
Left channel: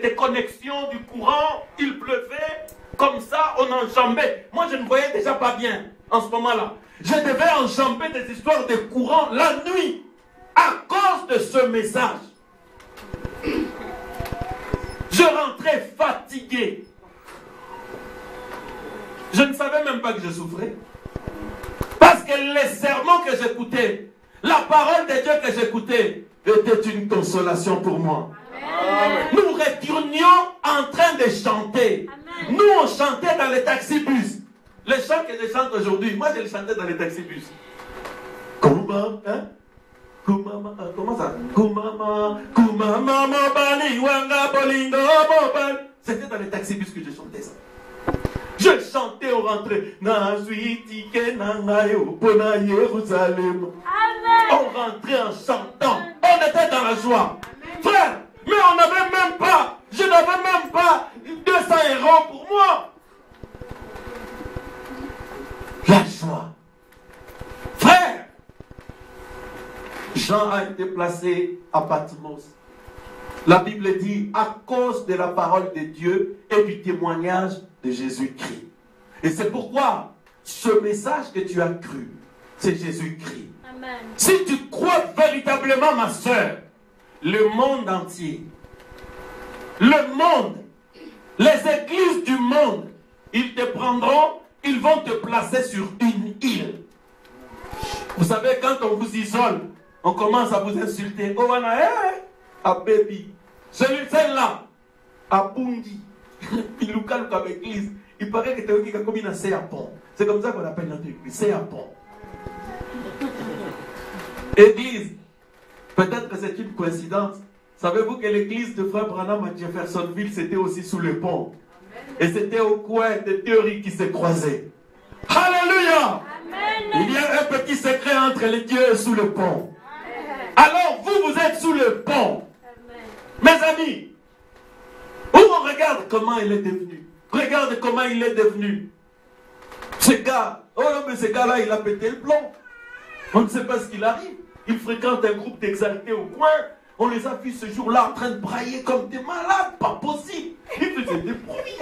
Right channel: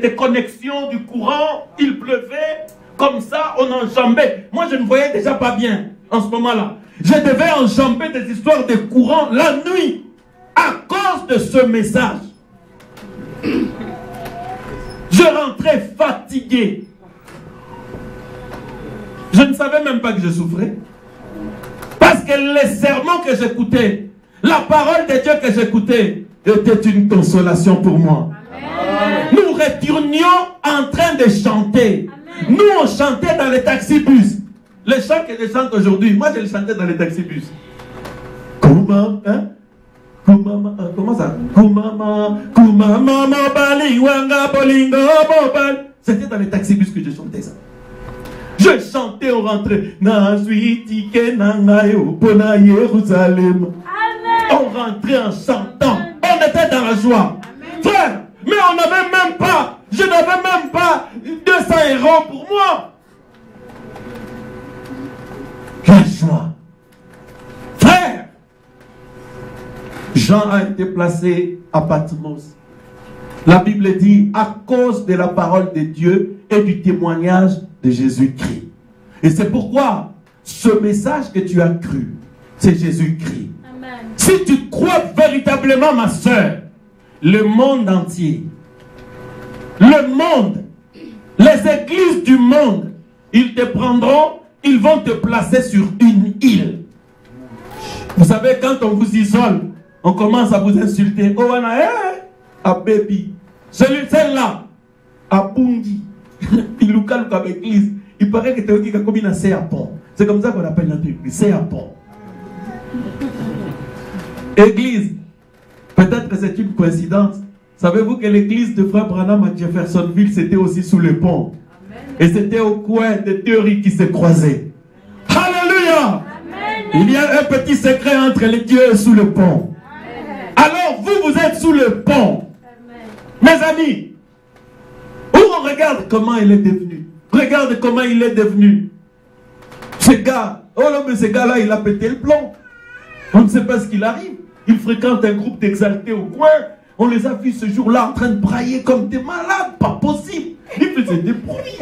des connexions du courant, il pleuvait, comme ça, on enjambait. Moi, je ne voyais déjà pas bien en ce moment-là. Je devais enjamber des histoires de courant la nuit à cause de ce message. Je rentrais fatigué. Je ne savais même pas que je souffrais. Parce que les sermons que j'écoutais, la parole de Dieu que j'écoutais, était une consolation pour moi. Amen. Nous retournions en train de chanter. Amen. Nous, on chantait dans les taxibus. Les chants que je chante aujourd'hui, moi je les chantais dans les taxibus. Comment, hein? Comment ça? C'était dans les taxibus que je chantais ça. Je chantais au rentrée. On rentrait en chantant. On était dans la joie. Frère, Mais on n'avait même pas, je n'avais même pas 200 € pour moi. La joie. Frère, Jean a été placé à Patmos. La Bible dit à cause de la parole de Dieu et du témoignage de Jésus-Christ. Et c'est pourquoi ce message que tu as cru, c'est Jésus-Christ. Si tu crois véritablement, ma soeur, le monde entier, le monde, les églises du monde, ils te prendront, ils vont te placer sur une île. Vous savez, quand on vous isole, on commence à vous insulter. Oh, à baby. Celle-là, à Bungi. Il nous calme comme église. Il paraît que tu es comme une Séapon. C'est comme ça qu'on appelle notre église. Séapon. Église. Peut-être que c'est une coïncidence. Savez-vous que l'église de Frère Branham à Jeffersonville, c'était aussi sous le pont. Et c'était au coin des deux riz qui se croisaient. Alléluia. Il y a un petit secret entre les dieux sous le pont. Alors vous êtes sous le pont. Mes amis, où on regarde comment il est devenu. Regarde comment il est devenu. Ce gars, oh non, mais ce gars-là, il a pété le plomb. On ne sait pas ce qu'il arrive. Il fréquente un groupe d'exaltés au coin. On les a vus ce jour-là en train de brailler comme des malades. Pas possible. Ils faisaient des bruits.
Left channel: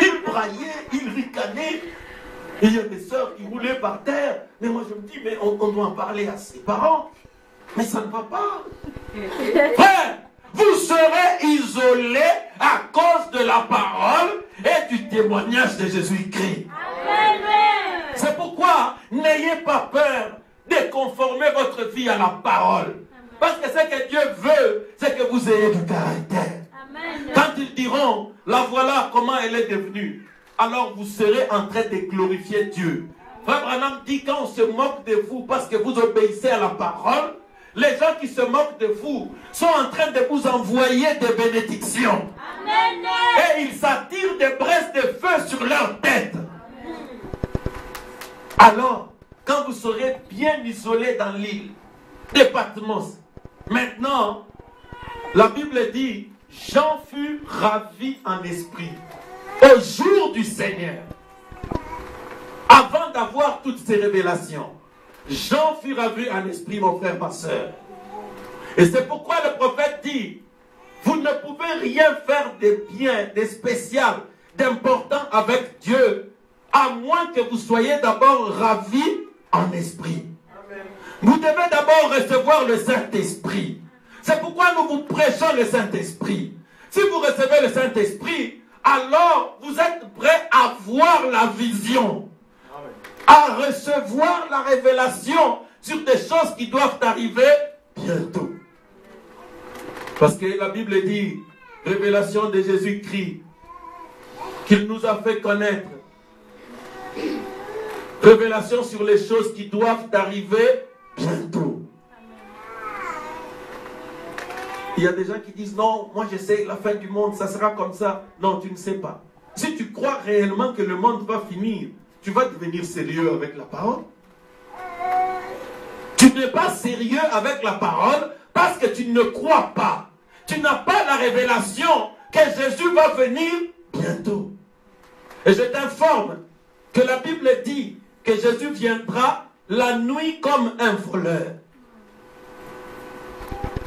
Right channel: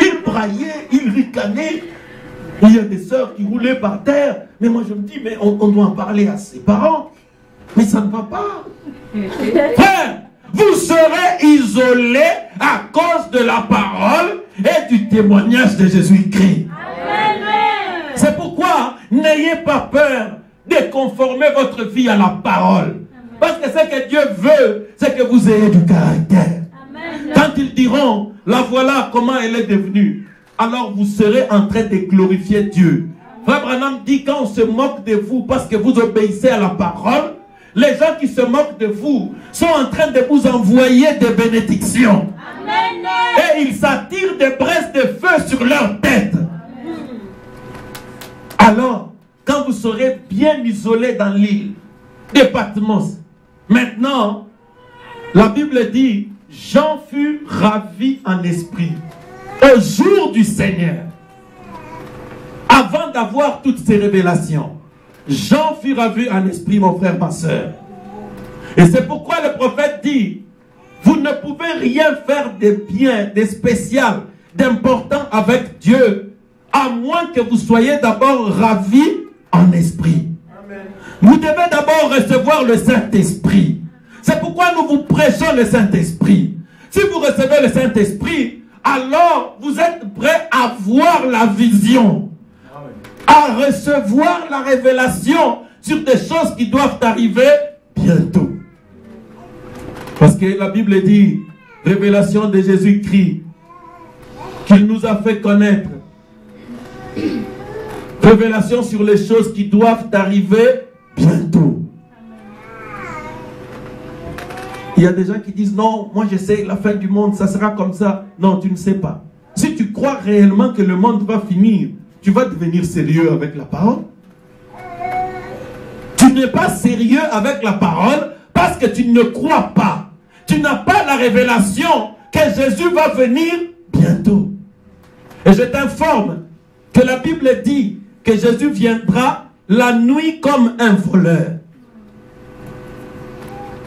Ils braillaient, ils ricanaient. Et il y a des sœurs qui roulaient par terre. Mais moi je me dis, mais on doit en parler à ses parents. Mais ça ne va pas. Frère, vous serez isolés à cause de la parole et du témoignage de Jésus-Christ. C'est pourquoi n'ayez pas peur de conformer votre vie à la parole. Parce que ce que Dieu veut, c'est que vous ayez du caractère. Quand ils diront, la voilà comment elle est devenue, alors vous serez en train de glorifier Dieu. Frère Branham dit, quand on se moque de vous parce que vous obéissez à la parole, les gens qui se moquent de vous sont en train de vous envoyer des bénédictions. Amen. Et ils s'attirent des braises de feu sur leur tête. Alors, quand vous serez bien isolés dans l'île de Patmos, maintenant, la Bible dit, Jean fut ravi en esprit au jour du Seigneur. Avant d'avoir toutes ces révélations, Jean fut ravi en esprit, mon frère, ma soeur. Et c'est pourquoi le prophète dit, vous ne pouvez rien faire de bien, de spécial, d'important avec Dieu, à moins que vous soyez d'abord ravis en esprit. Amen. Vous devez d'abord recevoir le Saint-Esprit. C'est pourquoi nous vous prêchons le Saint-Esprit. Si vous recevez le Saint-Esprit, alors vous êtes prêts à voir la vision, à recevoir la révélation sur des choses qui doivent arriver bientôt. Parce que la Bible dit, révélation de Jésus-Christ, qu'il nous a fait connaître. Révélation sur les choses qui doivent arriver bientôt. Il y a des gens qui disent, non, moi je sais, la fin du monde, ça sera comme ça. Non, tu ne sais pas. Si tu crois réellement que le monde va finir, tu vas devenir sérieux avec la parole. Tu n'es pas sérieux avec la parole parce que tu ne crois pas. Tu n'as pas la révélation que Jésus va venir bientôt. Et je t'informe que la Bible dit que Jésus viendra la nuit comme un voleur.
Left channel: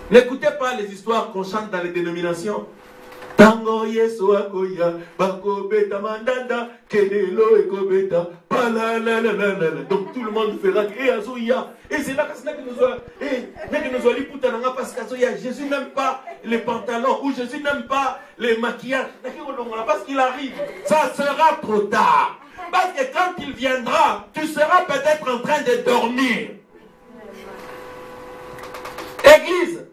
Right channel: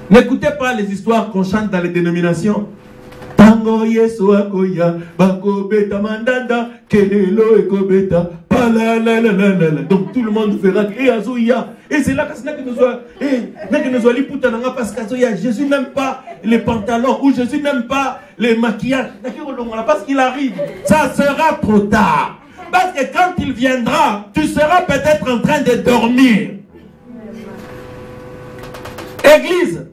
N'écoutez pas les histoires qu'on chante dans les dénominations. Tango Yesu akoya, bako beta mandanda, kelelo ekobeta, palalalala. Donc tout le monde fera que azoya. Et c'est là que nous allons parce qu'azoya, Jésus n'aime pas les pantalons ou Jésus n'aime pas les maquillages. Parce qu'il arrive, ça sera trop tard. Parce que quand il viendra, tu seras peut-être en train de dormir. Église,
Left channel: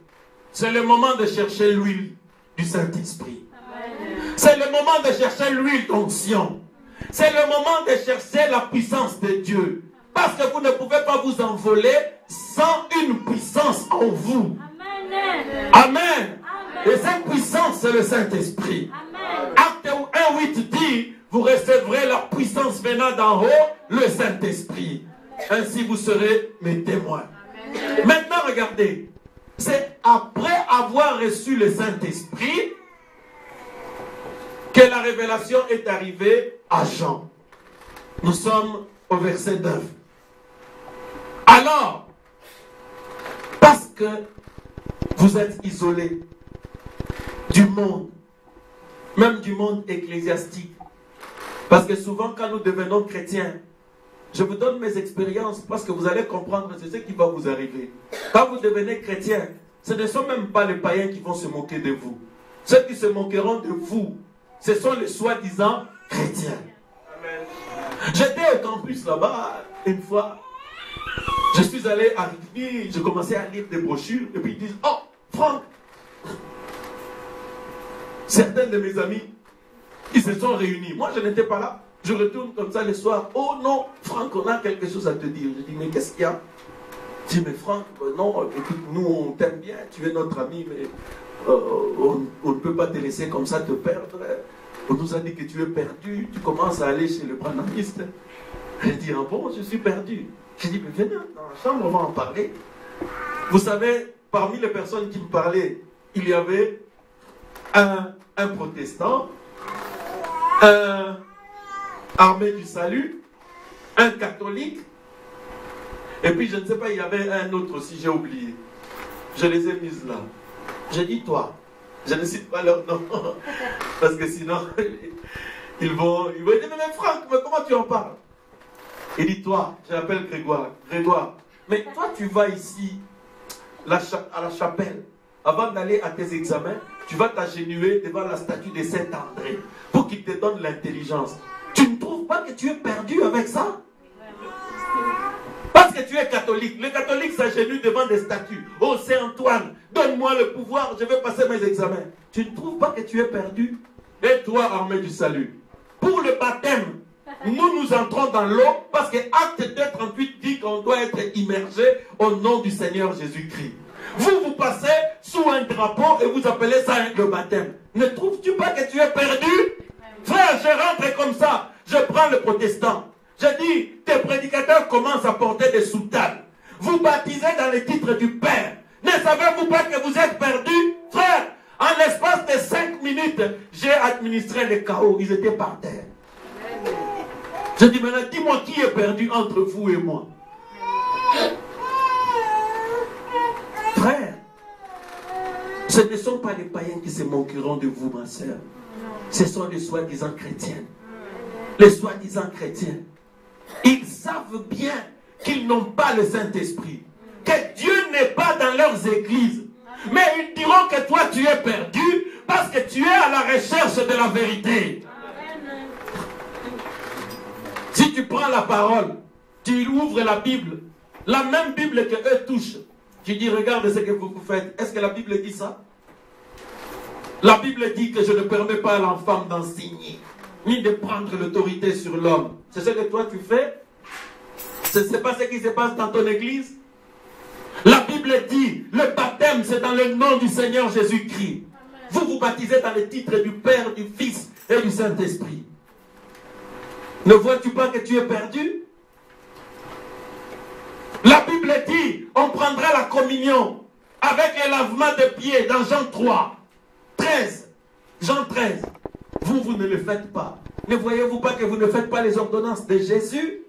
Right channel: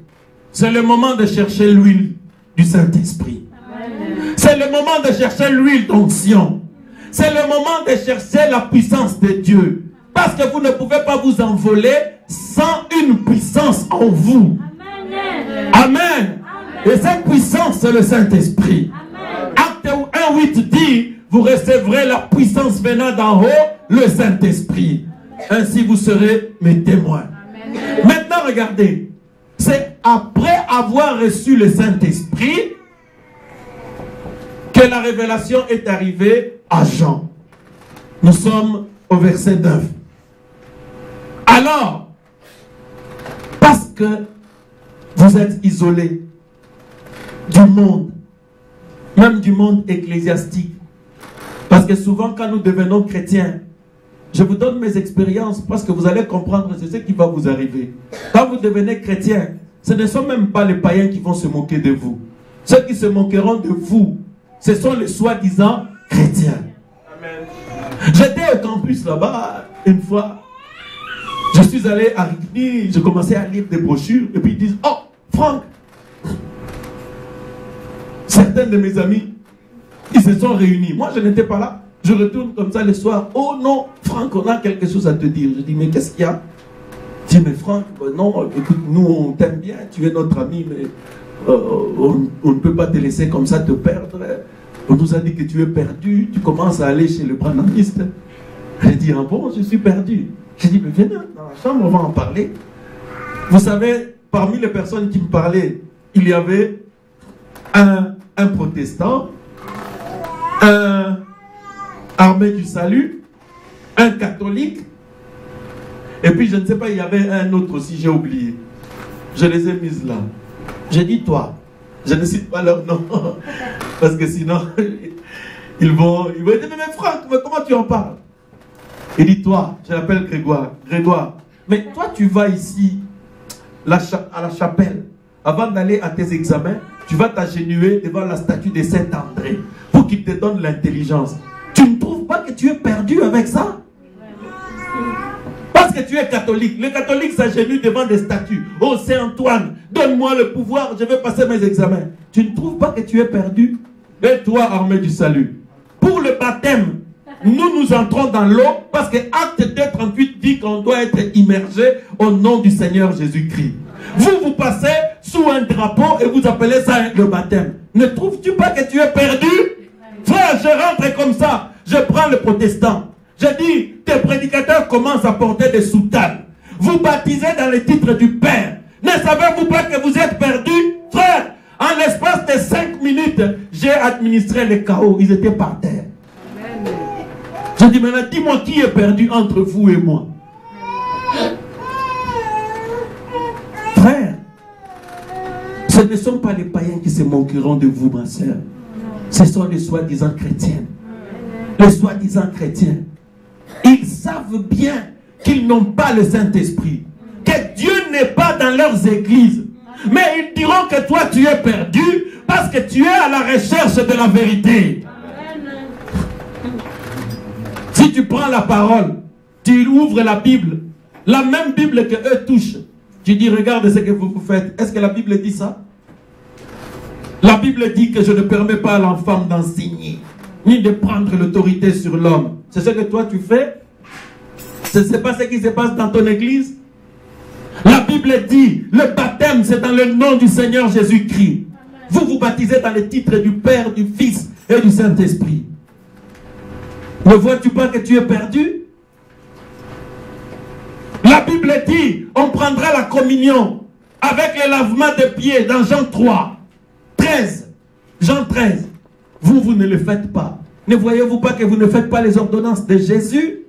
c'est le moment de chercher l'huile du Saint-Esprit. C'est le moment de chercher l'huile d'onction. C'est le moment de chercher la puissance de Dieu. Parce que vous ne pouvez pas vous envoler sans une puissance en vous. Amen. Amen. Et cette puissance, c'est le Saint-Esprit. Acte 1:8 dit, vous recevrez la puissance venant d'en haut, le Saint-Esprit. Ainsi vous serez mes témoins. Amen. Maintenant, regardez. C'est après avoir reçu le Saint-Esprit que la révélation est arrivée à Jean. Nous sommes au verset 9. Alors, parce que vous êtes isolés du monde, même du monde ecclésiastique, parce que souvent quand nous devenons chrétiens, je vous donne mes expériences parce que vous allez comprendre, c'est ce qui va vous arriver. Quand vous devenez chrétien, ce ne sont même pas les païens qui vont se moquer de vous. Ceux qui se moqueront de vous, ce sont les soi-disant chrétiens. J'étais au campus là-bas une fois. Je suis allé à Rigny, je commençais à lire des brochures et puis ils disent: oh, Franck, certains de mes amis, ils se sont réunis. Moi, je n'étais pas là. Je retourne comme ça le soir. Oh non, Franck, on a quelque chose à te dire. Je dis: mais qu'est-ce qu'il y a? Je dis: mais Franck, non, écoute, nous on t'aime bien, tu es notre ami, mais on ne peut pas te laisser comme ça te perdre. On nous a dit que tu es perdu, tu commences à aller chez le branamiste. J'ai dit: ah bon, je suis perdu. J'ai dit: mais viens dans la chambre, on va en parler. Vous savez, parmi les personnes qui me parlaient, il y avait un protestant, un armé du salut, un catholique, et puis je ne sais pas, il y avait un autre aussi, j'ai oublié. Je les ai mises là. J'ai dit: toi, je ne cite pas leur nom, parce que sinon, ils vont dire: mais Franck, mais comment tu en parles? Il dit: toi, je l'appelle Grégoire. Grégoire, mais toi tu vas ici, à la chapelle, avant d'aller à tes examens, tu vas t'agenouiller devant la statue de Saint-André, pour qu'il te donne l'intelligence. Tu ne trouves pas que tu es perdu avec ça? Parce que tu es catholique. Le catholique s'agenouille devant des statues. Oh Saint-Antoine, donne-moi le pouvoir, je vais passer mes examens. Tu ne trouves pas que tu es perdu? Et toi, armée du salut, pour le baptême, nous entrons dans l'eau parce que Acte 2:38 dit qu'on doit être immergé au nom du Seigneur Jésus-Christ. Vous passez sous un drapeau et vous appelez ça le baptême. Ne trouves-tu pas que tu es perdu? Frère, je rentre comme ça, je prends le protestant. Je dis: tes prédicateurs commencent à porter des soutanes. Vous baptisez dans le titre du Père. Ne savez-vous pas que vous êtes perdu? Frère, en l'espace de 5 minutes, j'ai administré le chaos. Ils étaient par terre. Je dis: maintenant, dis-moi qui est perdu entre vous et moi. Frère, ce ne sont pas les païens qui se moqueront de vous, ma soeur. Ce sont les soi-disant chrétiens. Les soi-disant chrétiens. Ils savent bien qu'ils n'ont pas le Saint-Esprit. Que Dieu n'est pas dans leurs églises. Mais ils diront que toi tu es perdu parce que tu es à la recherche de la vérité. Si tu prends la parole, tu ouvres la Bible, la même Bible que eux touchent, tu dis: regarde ce que vous faites. Est-ce que la Bible dit ça? La Bible dit que je ne permets pas à l'enfant d'enseigner, ni de prendre l'autorité sur l'homme. C'est ce que toi tu fais? Ce n'est pas ce qui se passe dans ton église? La Bible dit: le baptême c'est dans le nom du Seigneur Jésus-Christ. Vous vous baptisez dans le titre du Père, du Fils et du Saint-Esprit. Ne vois-tu pas que tu es perdu? La Bible dit: on prendra la communion avec le lavement des pieds dans Jean 3, 13. Jean 13. Vous ne le faites pas. Ne voyez-vous pas que vous ne faites pas les ordonnances de Jésus?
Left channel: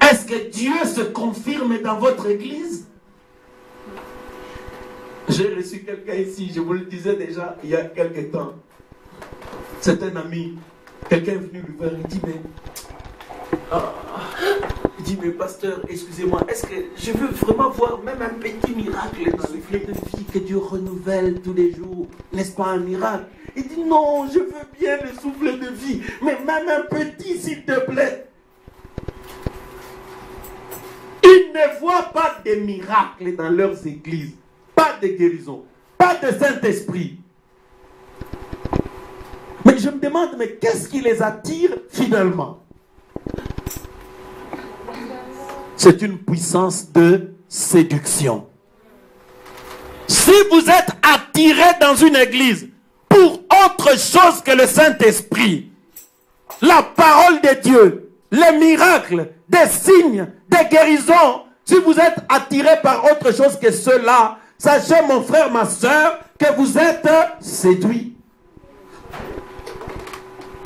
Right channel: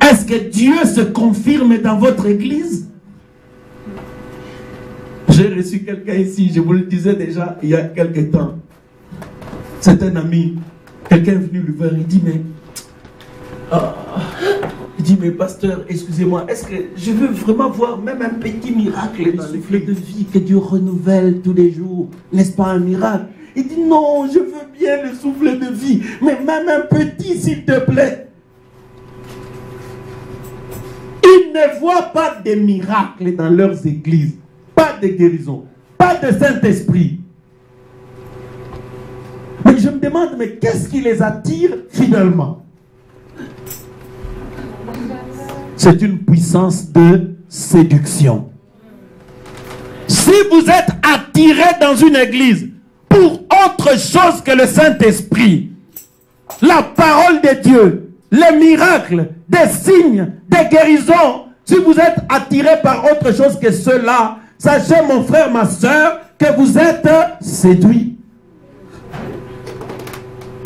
Est-ce que Dieu se confirme dans votre église? J'ai reçu quelqu'un ici, je vous le disais déjà il y a quelque temps. C'est un ami. Quelqu'un est venu lui voir, il dit: mais il dit: mais pasteur, excusez-moi, est-ce que je veux vraiment voir même un petit miracle dans le souffle de vie que Dieu renouvelle tous les jours? N'est-ce pas un miracle? Il dit: non, je veux bien le souffle de vie, mais même un petit, s'il te plaît. Ils ne voient pas de miracles dans leurs églises, pas de guérison, pas de Saint-Esprit. Mais je me demande, mais qu'est-ce qui les attire finalement? C'est une puissance de séduction. Si vous êtes attiré dans une église pour autre chose que le Saint-Esprit, la parole de Dieu, les miracles, des signes, des guérisons, Si vous êtes attiré par autre chose que cela, sachez mon frère, ma soeur, que vous êtes séduit.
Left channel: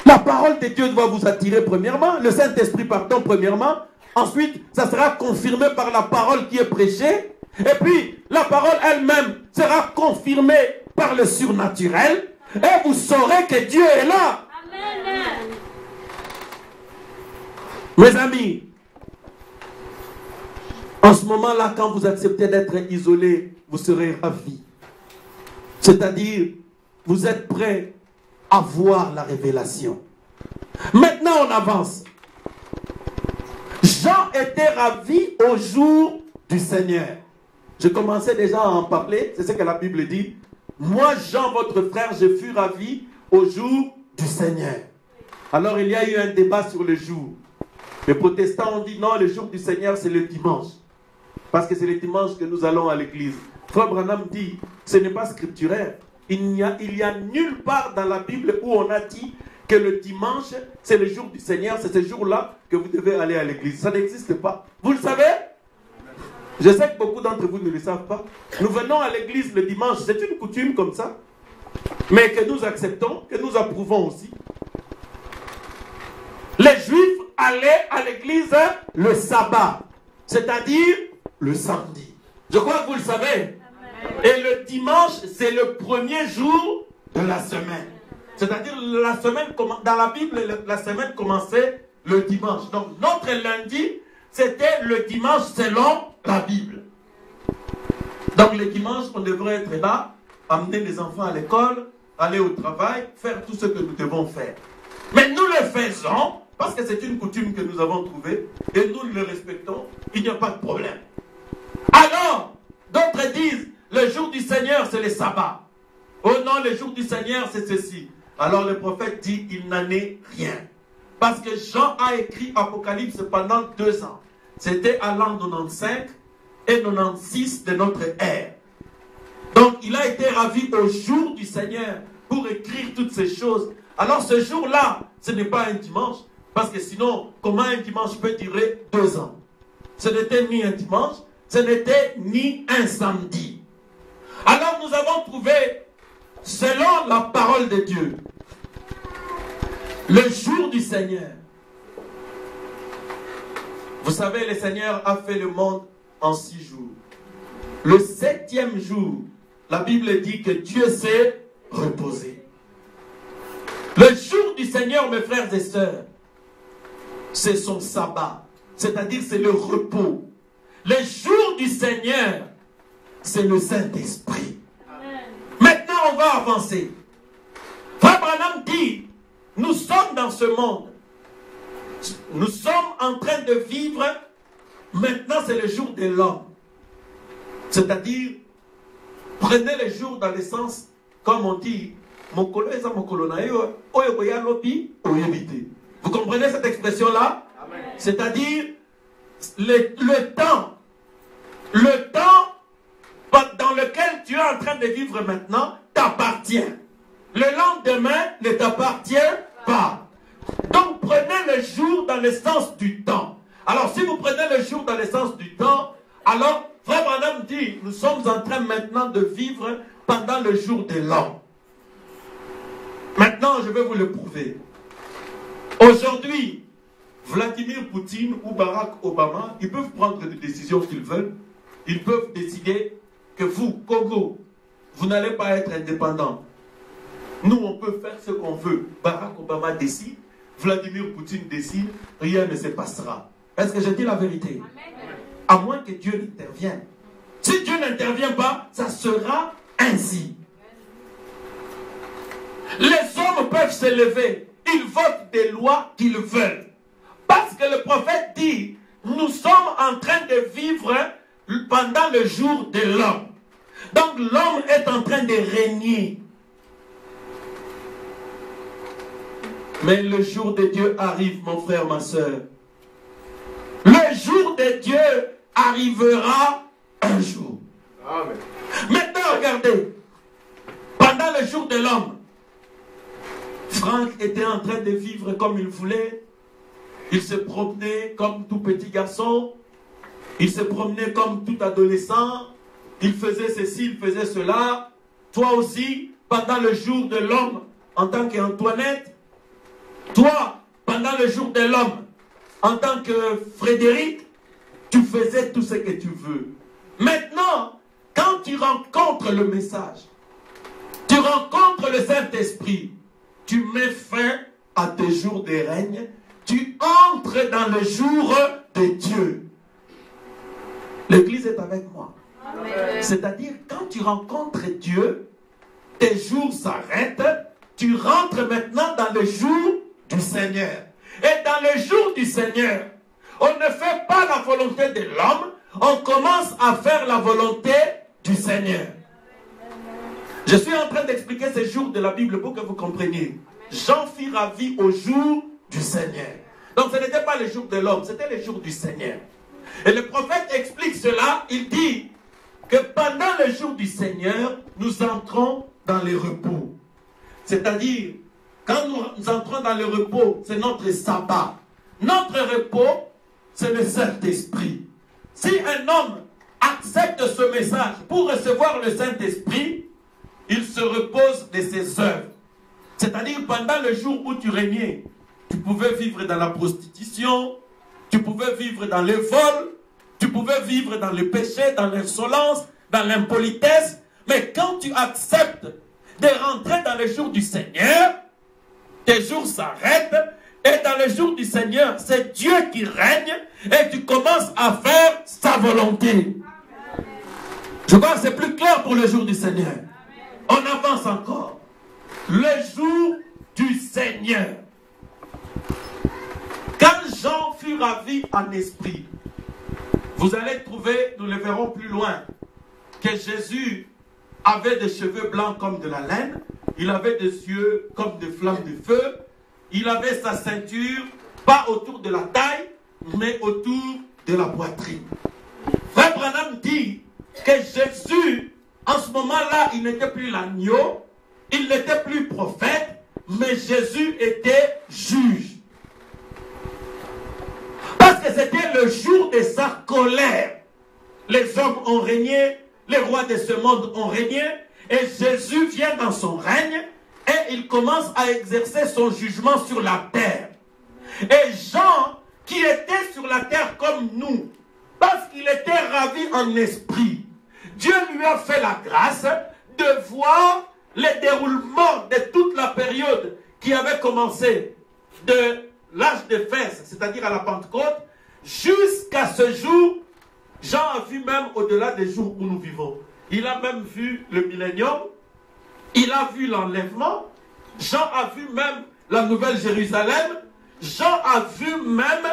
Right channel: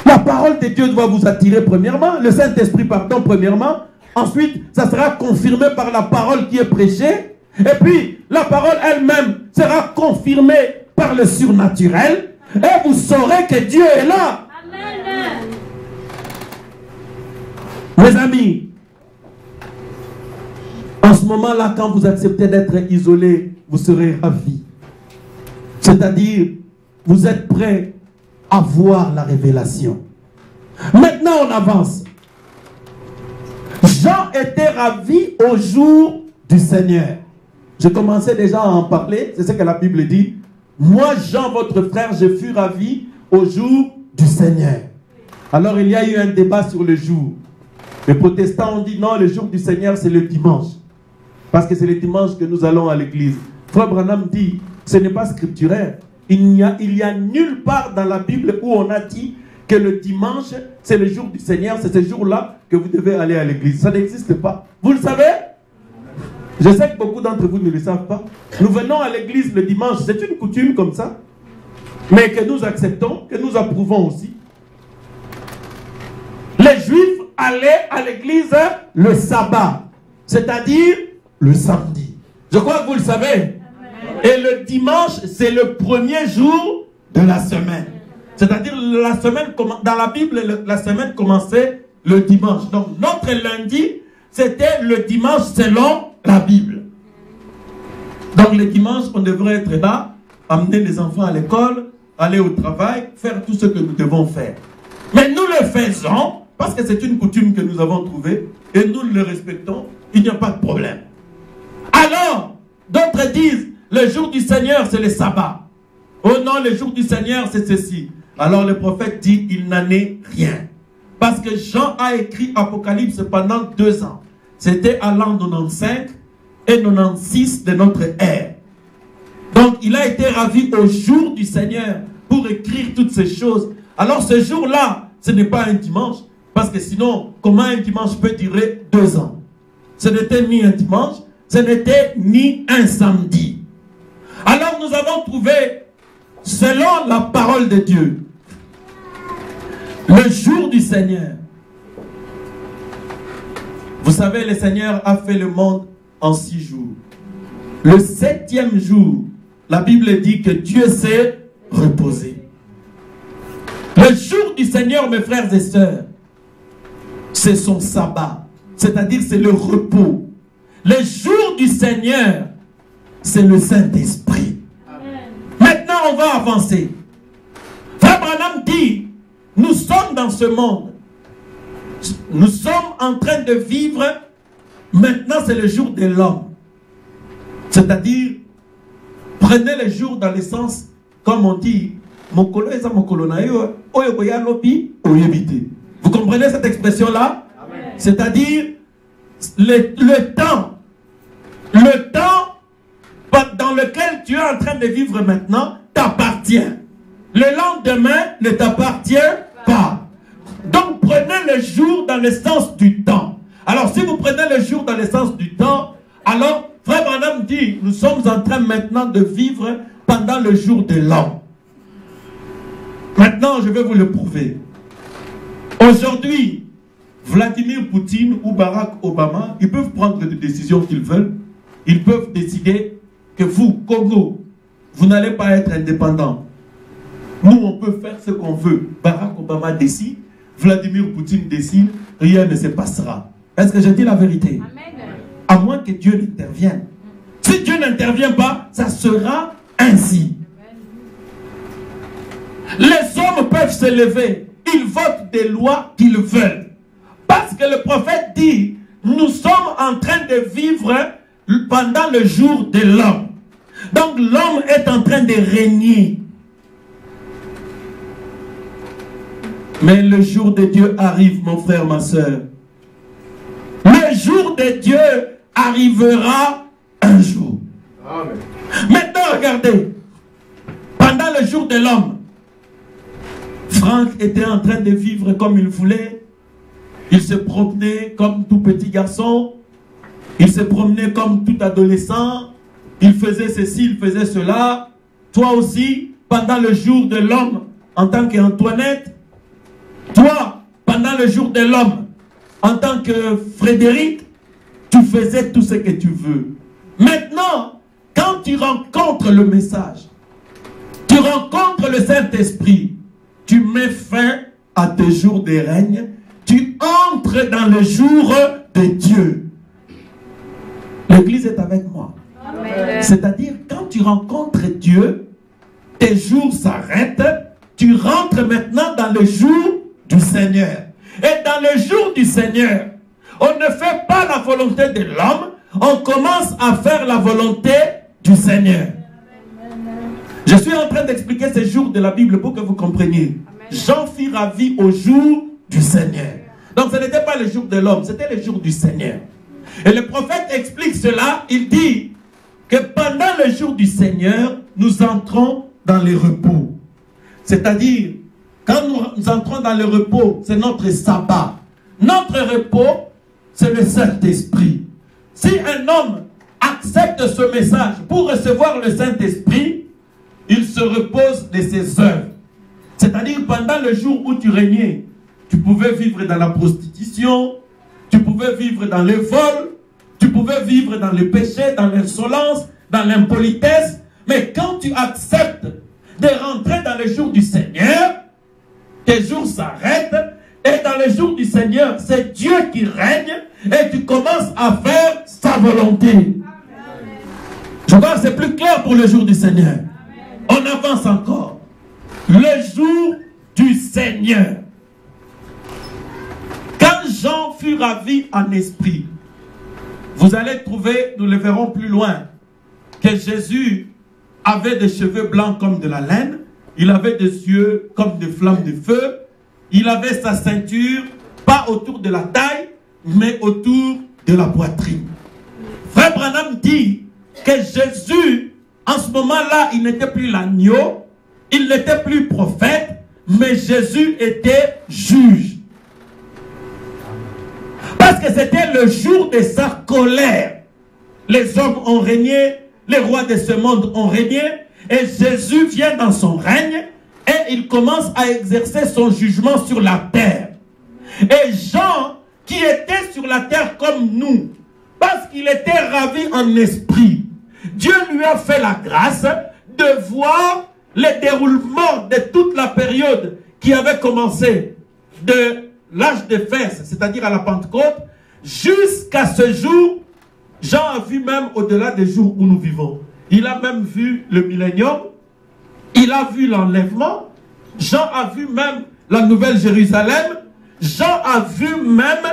La parole de Dieu doit vous attirer premièrement, le Saint-Esprit pardon premièrement, ensuite ça sera confirmé par la parole qui est prêchée, et puis la parole elle-même sera confirmée par le surnaturel, et vous saurez que Dieu est là. Amen. Mes amis, en ce moment-là, quand vous acceptez d'être isolé, vous serez ravis. C'est-à-dire, vous êtes prêts à voir la révélation. Maintenant, on avance. Jean était ravi au jour du Seigneur. Je commençais déjà à en parler, c'est ce que la Bible dit. Moi, Jean, votre frère, je fus ravi au jour du Seigneur. Alors, il y a eu un débat sur le jour. Les protestants ont dit non, le jour du Seigneur, c'est le dimanche. Parce que c'est le dimanche que nous allons à l'église. Frère Branham dit, ce n'est pas scripturaire. Il y a nulle part dans la Bible où on a dit que le dimanche, c'est le jour du Seigneur, c'est ce jour-là que vous devez aller à l'église. Ça n'existe pas. Vous le savez? Je sais que beaucoup d'entre vous ne le savent pas. Nous venons à l'église le dimanche, c'est une coutume comme ça, mais que nous acceptons, que nous approuvons aussi. Les Juifs allaient à l'église le sabbat, c'est-à-dire le samedi. Je crois que vous le savez. Et le dimanche, c'est le premier jour de la semaine. C'est-à-dire, la semaine, dans la Bible, la semaine commençait le dimanche. Donc, notre lundi, c'était le dimanche selon la Bible. Donc, le dimanche, on devrait être là, amener les enfants à l'école, aller au travail, faire tout ce que nous devons faire. Mais nous le faisons, parce que c'est une coutume que nous avons trouvée, et nous le respectons, il n'y a pas de problème. Alors, d'autres disent, le jour du Seigneur, c'est le sabbat. Oh non, le jour du Seigneur, c'est ceci. Alors le prophète dit, il n'en est rien. Parce que Jean a écrit Apocalypse pendant 2 ans. C'était à l'an 95 et 96 de notre ère. Donc il a été ravi au jour du Seigneur pour écrire toutes ces choses. Alors ce jour-là, ce n'est pas un dimanche. Parce que sinon, comment un dimanche peut durer 2 ans? Ce n'était ni un dimanche, ce n'était ni un samedi. Alors nous avons trouvé, selon la parole de Dieu, le jour du Seigneur. Vous savez, le Seigneur a fait le monde en 6 jours. Le 7e jour, la Bible dit que Dieu s'est reposé. Le jour du Seigneur, mes frères et sœurs, c'est son sabbat. C'est-à-dire, c'est le repos. Le jour du Seigneur, c'est le Saint-Esprit. Maintenant, on va avancer. Frère Branham dit, nous sommes dans ce monde. Nous sommes en train de vivre. Maintenant, c'est le jour de l'homme. C'est-à-dire, prenez le jour dans le sens, comme on dit, vous comprenez cette expression-là? C'est-à-dire, le temps dans lequel tu es en train de vivre maintenant t'appartient. Le lendemain ne t'appartient pas. Donc prenez le jour dans le sens du temps. Alors si vous prenez le jour dans le sens du temps, alors Frère Branham dit, nous sommes en train maintenant de vivre pendant le jour de l'homme. Maintenant, je vais vous le prouver. Aujourd'hui, Vladimir Poutine ou Barack Obama, ils peuvent prendre les décisions qu'ils veulent. Ils peuvent décider que vous, Congo, vous n'allez pas être indépendant. Nous, on peut faire ce qu'on veut. Barack Obama décide, Vladimir Poutine décide, rien ne se passera. Est-ce que je dis la vérité? Amen. À moins que Dieu n'intervienne. Si Dieu n'intervient pas, ça sera ainsi. Les hommes peuvent se lever. Ils votent des lois qu'ils veulent. Parce que le prophète dit, nous sommes en train de vivre pendant le jour de l'homme. Donc l'homme est en train de régner. Mais le jour de Dieu arrive, mon frère, ma soeur. Le jour de Dieu arrivera un jour. Amen. Maintenant, regardez. Pendant le jour de l'homme, Franck était en train de vivre comme il voulait. Il se promenait comme tout petit garçon. Il se promenait comme tout adolescent. Il faisait ceci, il faisait cela. Toi aussi, pendant le jour de l'homme, en tant qu'Antoinette, toi, pendant le jour de l'homme, en tant que Frédéric, tu faisais tout ce que tu veux. Maintenant, quand tu rencontres le message, tu rencontres le Saint-Esprit, tu mets fin à tes jours de règne, tu entres dans le jour de Dieu. L'Église est avec moi. C'est-à-dire, quand tu rencontres Dieu, tes jours s'arrêtent, tu rentres maintenant dans le jour du Seigneur. Et dans le jour du Seigneur, on ne fait pas la volonté de l'homme, on commence à faire la volonté du Seigneur. Je suis en train d'expliquer ces jours de la Bible pour que vous compreniez. Jean fit ravi au jour du Seigneur. Donc ce n'était pas le jour de l'homme, c'était le jour du Seigneur. Et le prophète explique cela, il dit que pendant le jour du Seigneur, nous entrons dans les repos. C'est-à-dire, quand nous entrons dans le repos, c'est notre sabbat. Notre repos, c'est le Saint-Esprit. Si un homme accepte ce message pour recevoir le Saint-Esprit, il se repose de ses œuvres. C'est-à-dire, pendant le jour où tu régnais, tu pouvais vivre dans la prostitution, tu pouvais vivre dans le vol, tu pouvais vivre dans le péché, dans l'insolence, dans l'impolitesse. Mais quand tu acceptes de rentrer dans le jour du Seigneur, tes jours s'arrêtent. Et dans le jour du Seigneur, c'est Dieu qui règne et tu commences à faire sa volonté. Je crois que c'est plus clair pour le jour du Seigneur. On avance encore. Le jour du Seigneur. Quand Jean fut ravi en esprit, vous allez trouver, nous le verrons plus loin, que Jésus avait des cheveux blancs comme de la laine, il avait des yeux comme des flammes de feu, il avait sa ceinture, pas autour de la taille, mais autour de la poitrine. Frère Branham dit que Jésus, en ce moment-là, il n'était plus l'agneau, il n'était plus prophète, mais Jésus était juge. Parce que c'était le jour de sa colère. Les hommes ont régné, les rois de ce monde ont régné, et Jésus vient dans son règne, et il commence à exercer son jugement sur la terre. Et Jean, qui était sur la terre comme nous, parce qu'il était ravi en esprit, Dieu lui a fait la grâce de voir le déroulement de toute la période qui avait commencé de l'âge de Fès, c'est-à-dire à la Pentecôte, jusqu'à ce jour. Jean a vu même au-delà des jours où nous vivons. Il a même vu le millénium, il a vu l'enlèvement, Jean a vu même la Nouvelle Jérusalem, Jean a vu même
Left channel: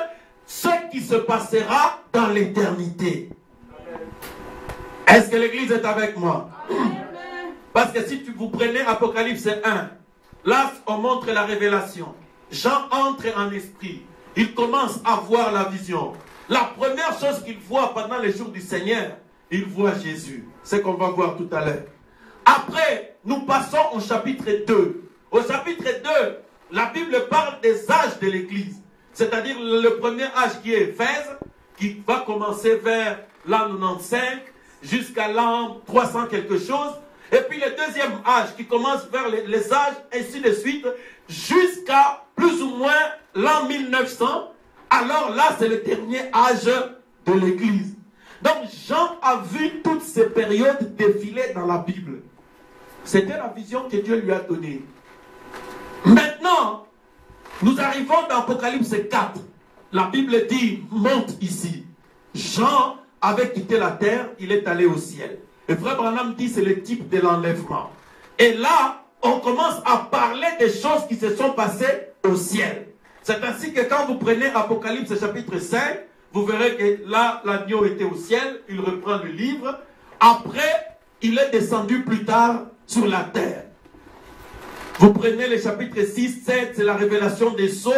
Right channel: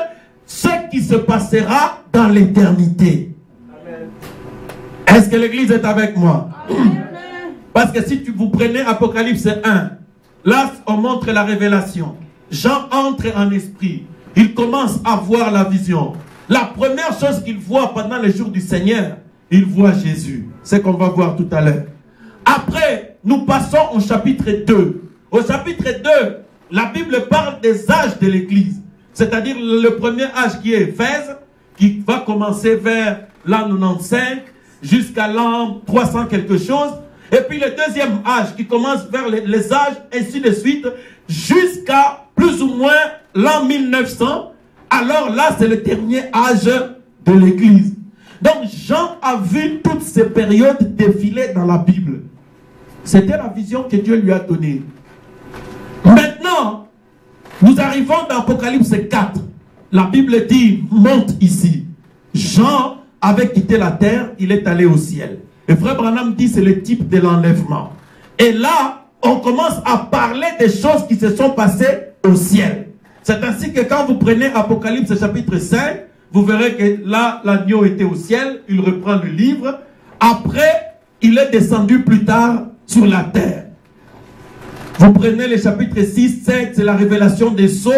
ce qui se passera dans l'éternité. Est-ce que l'Église est avec moi? Parce que si vous prenez Apocalypse 1, là on montre la révélation. Jean entre en esprit, il commence à voir la vision. La première chose qu'il voit pendant les jours du Seigneur, il voit Jésus. C'est qu'on va voir tout à l'heure. Après, nous passons au chapitre 2. Au chapitre 2, la Bible parle des âges de l'Église. C'est-à-dire le premier âge qui est Éphèse, qui va commencer vers l'an 95 jusqu'à l'an 300 quelque chose. Et puis le deuxième âge qui commence vers les âges, ainsi de suite, jusqu'à plus ou moins l'an 1900. Alors là, c'est le dernier âge de l'Église. Donc Jean a vu toutes ces périodes défiler dans la Bible. C'était la vision que Dieu lui a donnée. Maintenant, nous arrivons dans Apocalypse 4. La Bible dit, monte ici. Jean avait quitté la terre, il est allé au ciel. Et Frère Branham dit, c'est le type de l'enlèvement. Et là, on commence à parler des choses qui se sont passées au ciel. C'est ainsi que quand vous prenez Apocalypse chapitre 5, vous verrez que là, l'agneau était au ciel, il reprend le livre. Après, il est descendu plus tard sur la terre. Vous prenez les chapitres 6, 7, c'est la révélation des sceaux.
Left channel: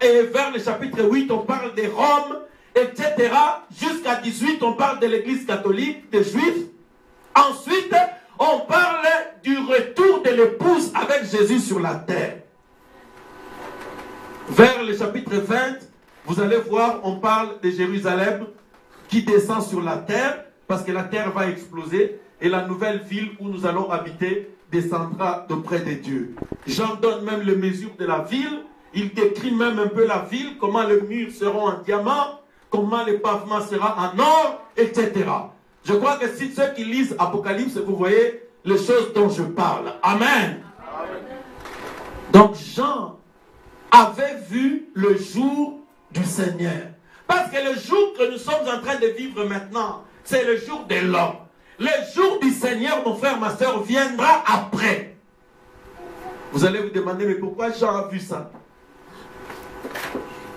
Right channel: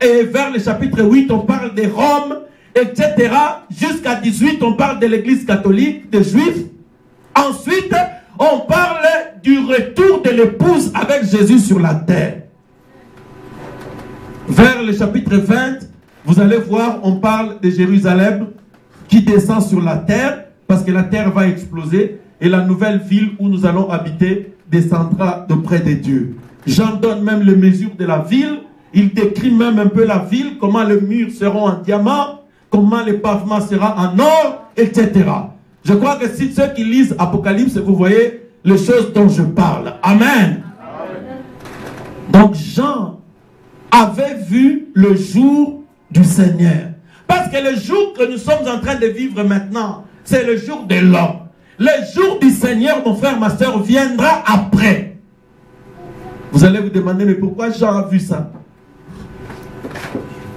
Et vers le chapitre 8, on parle des Roms, etc. Jusqu'à 18, on parle de l'église catholique, des Juifs. Ensuite, on parle du retour de l'épouse avec Jésus sur la terre. Vers le chapitre 20, vous allez voir, on parle de Jérusalem, qui descend sur la terre, parce que la terre va exploser, et la nouvelle ville où nous allons habiter descendra de près de Dieu. Jean donne même les mesures de la ville, il décrit même un peu la ville, comment les murs seront en diamant, comment le pavement sera en or, etc. Je crois que si ceux qui lisent Apocalypse, vous voyez les choses dont je parle. Amen. Donc Jean avait vu le jour du Seigneur. Parce que le jour que nous sommes en train de vivre maintenant, c'est le jour de l'homme. Le jour du Seigneur, mon frère, ma soeur, viendra après. Vous allez vous demander, mais pourquoi Jean a vu ça?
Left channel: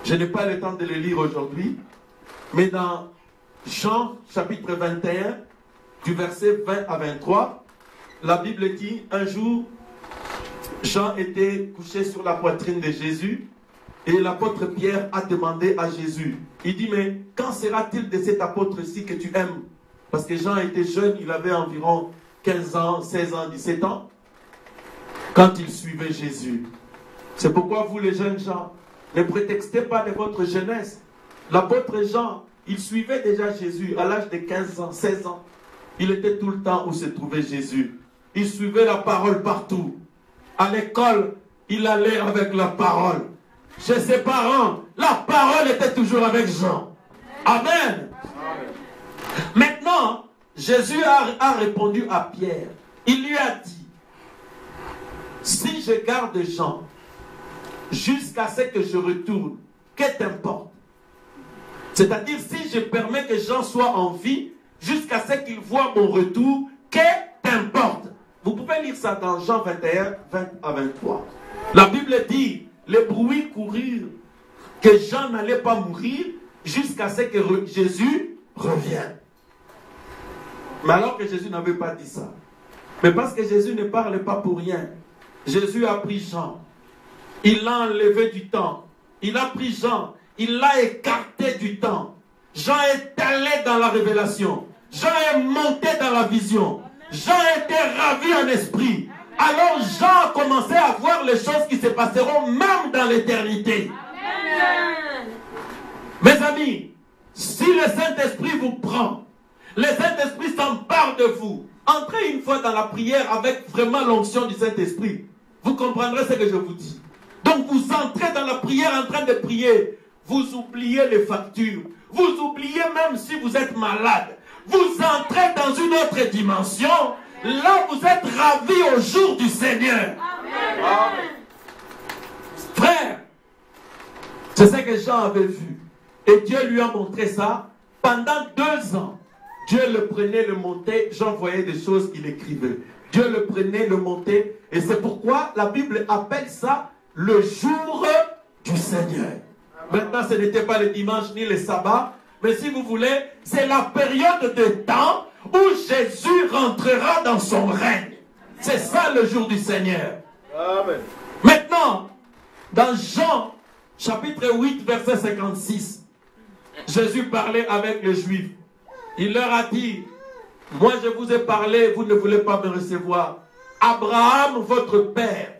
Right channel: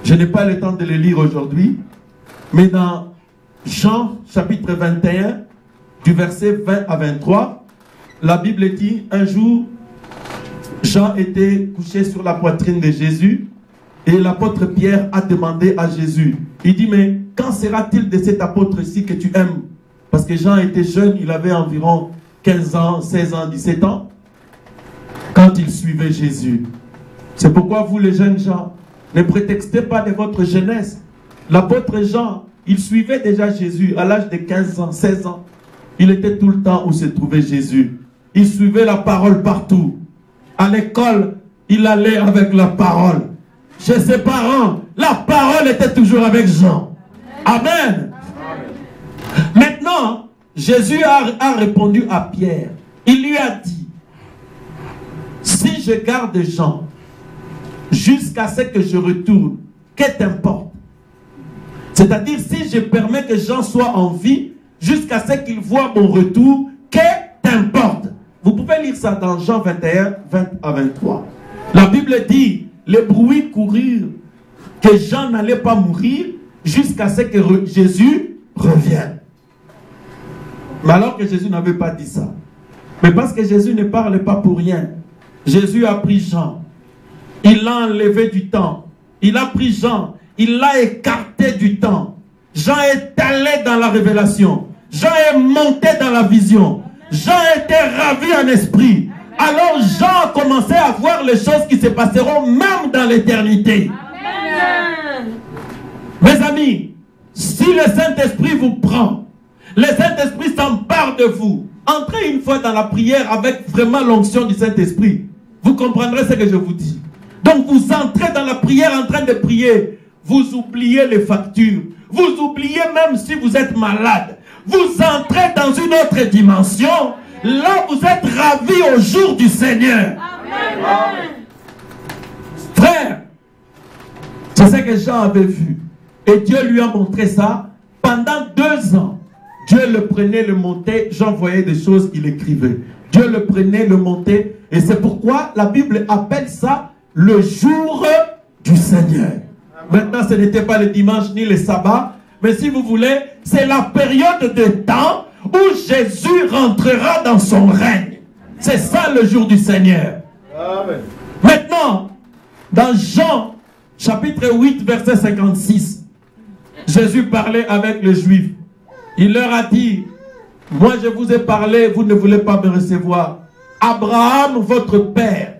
Je n'ai pas le temps de le lire aujourd'hui, mais dans Jean chapitre 21, du verset 20 à 23, la Bible dit, un jour, Jean était couché sur la poitrine de Jésus, et l'apôtre Pierre a demandé à Jésus, il dit, mais quand sera-t-il de cet apôtre-ci que tu aimes? Parce que Jean était jeune, il avait environ 15 ans, 16 ans, 17 ans, quand il suivait Jésus. C'est pourquoi vous les jeunes gens, ne prétextez pas de votre jeunesse. L'apôtre Jean, il suivait déjà Jésus à l'âge de 15 ans, 16 ans. Il était tout le temps où se trouvait Jésus. Il suivait la parole partout. À l'école, il allait avec la parole. Chez ses parents, la parole était toujours avec Jean. Amen. Maintenant, Jésus a répondu à Pierre. Il lui a dit, si je garde Jean jusqu'à ce que je retourne, que t'importe? C'est-à-dire, si je permets que Jean soit en vie jusqu'à ce qu'il voit mon retour, que t'importe? Vous pouvez lire ça dans Jean 21, 20 à 23. La Bible dit, les bruits coururent que Jean n'allait pas mourir jusqu'à ce que Jésus revienne. Mais alors que Jésus n'avait pas dit ça. Mais parce que Jésus ne parle pas pour rien. Jésus a pris Jean. Il l'a enlevé du temps. Il a pris Jean. Il l'a écarté du temps. Jean est allé dans la révélation. Jean est monté dans la vision. Jean était ravi en esprit. Alors Jean a commencé à voir les choses qui se passeront même dans l'éternité. Mes amis, si le Saint-Esprit vous prend, le Saint-Esprit s'empare de vous, entrez une fois dans la prière avec vraiment l'onction du Saint-Esprit. Vous comprendrez ce que je vous dis. Donc vous entrez dans la prière en train de prier. Vous oubliez les factures. Vous oubliez même si vous êtes malade. Vous entrez dans une autre dimension. Là, vous êtes ravis au jour du Seigneur. Amen. Frère, c'est ce que Jean avait vu. Et Dieu lui a montré ça. Pendant 2 ans, Dieu le prenait, le montait. Jean voyait des choses qu'il écrivait. Dieu le prenait, le montait. Et c'est pourquoi la Bible appelle ça le jour du Seigneur. Maintenant, ce n'était pas le dimanche ni le sabbat. Mais si vous voulez, c'est la période de temps où Jésus rentrera dans son règne. C'est ça le jour du Seigneur. Amen. Maintenant, dans Jean, chapitre 8, verset 56, Jésus parlait avec les Juifs. Il leur a dit, moi je vous ai parlé, vous ne voulez pas me recevoir. Abraham, votre père,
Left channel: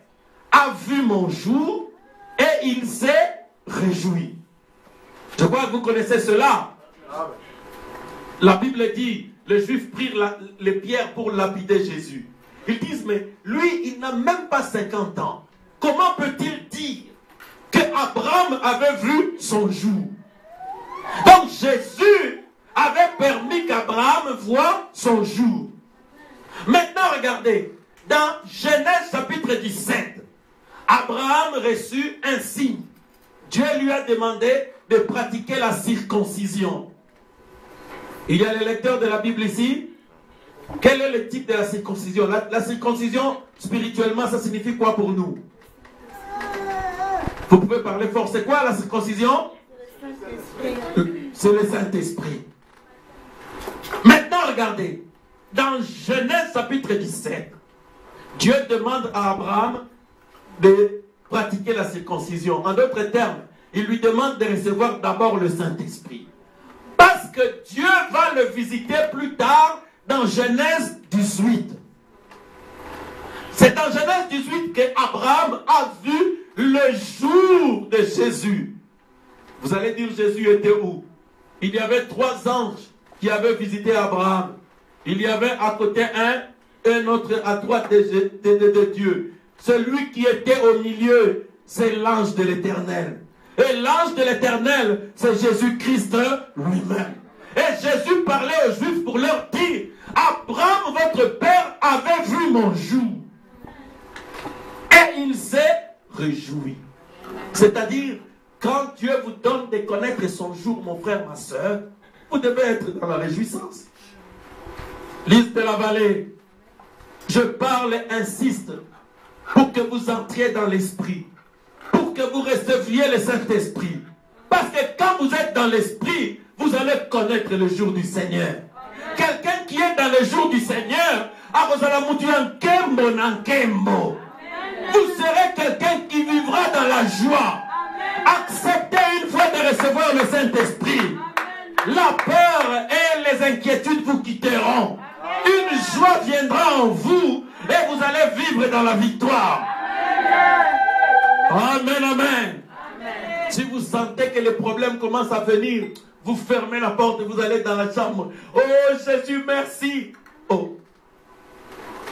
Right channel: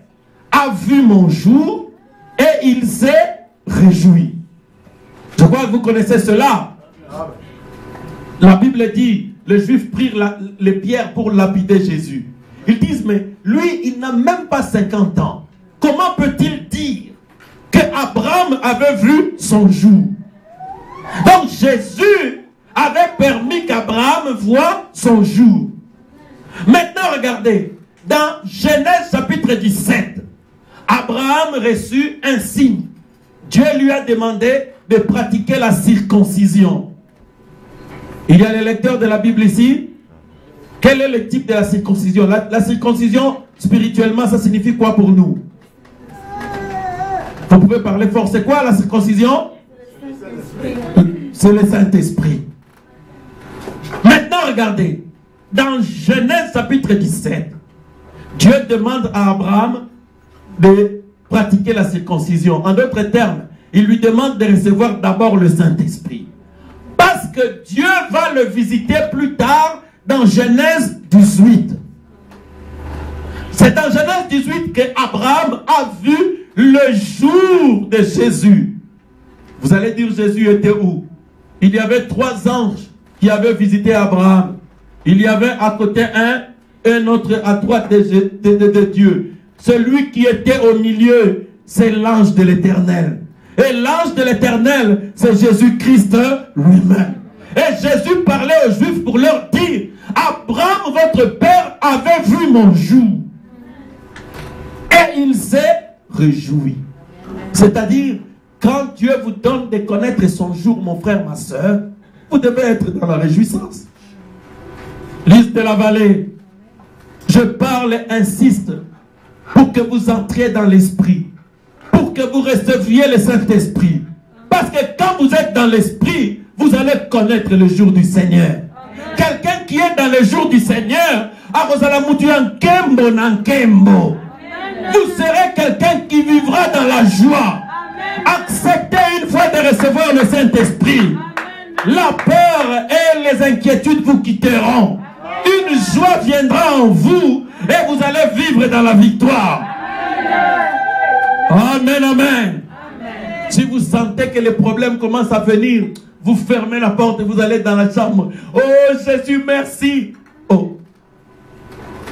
a vu mon jour et il s'est réjoui. Je crois que vous connaissez cela. La Bible dit, les Juifs prirent les pierres pour lapider Jésus. Ils disent, mais lui, il n'a même pas 50 ans. Comment peut-il dire qu'Abraham avait vu son jour? Donc Jésus avait permis qu'Abraham voie son jour. Maintenant, regardez, dans Genèse chapitre 17, Abraham reçut un signe. Dieu lui a demandé de pratiquer la circoncision. Il y a les lecteurs de la Bible ici. Quel est le type de la circoncision? La circoncision, spirituellement, ça signifie quoi pour nous? Vous pouvez parler fort. C'est quoi la circoncision? C'est le Saint-Esprit. Maintenant, regardez. Dans Genèse chapitre 17, Dieu demande à Abraham de pratiquer la circoncision. En d'autres termes, il lui demande de recevoir d'abord le Saint-Esprit. Parce que Dieu va le visiter plus tard dans Genèse 18. C'est dans Genèse 18 qu'Abraham a vu le jour de Jésus. Vous allez dire, Jésus était où? il y avait 3 anges qui avaient visité Abraham. Il y avait à côté un autre à droite de Dieu. Celui qui était au milieu, c'est l'ange de l'Éternel. Et l'ange de l'Éternel, c'est Jésus-Christ lui-même. Et Jésus parlait aux Juifs pour leur dire, Abraham, votre père, avait vu mon jour. Et il s'est réjoui. C'est-à-dire, quand Dieu vous donne de connaître son jour, mon frère, ma soeur, vous devez être dans la réjouissance. Lys de la vallée, je parle et insiste pour que vous entriez dans l'esprit, pour que vous receviez le Saint-Esprit. Parce que quand vous êtes dans l'esprit, vous allez connaître le jour du Seigneur. Quelqu'un qui est dans le jour du Seigneur, vous serez quelqu'un qui vivra dans la joie. Acceptez une fois de recevoir le Saint-Esprit. La peur et les inquiétudes vous quitteront. Une joie viendra en vous et vous allez vivre dans la victoire. Amen, amen. Si vous sentez que les problèmes commencent à venir, vous fermez la porte et vous allez dans la chambre. Oh Jésus, merci. Oh.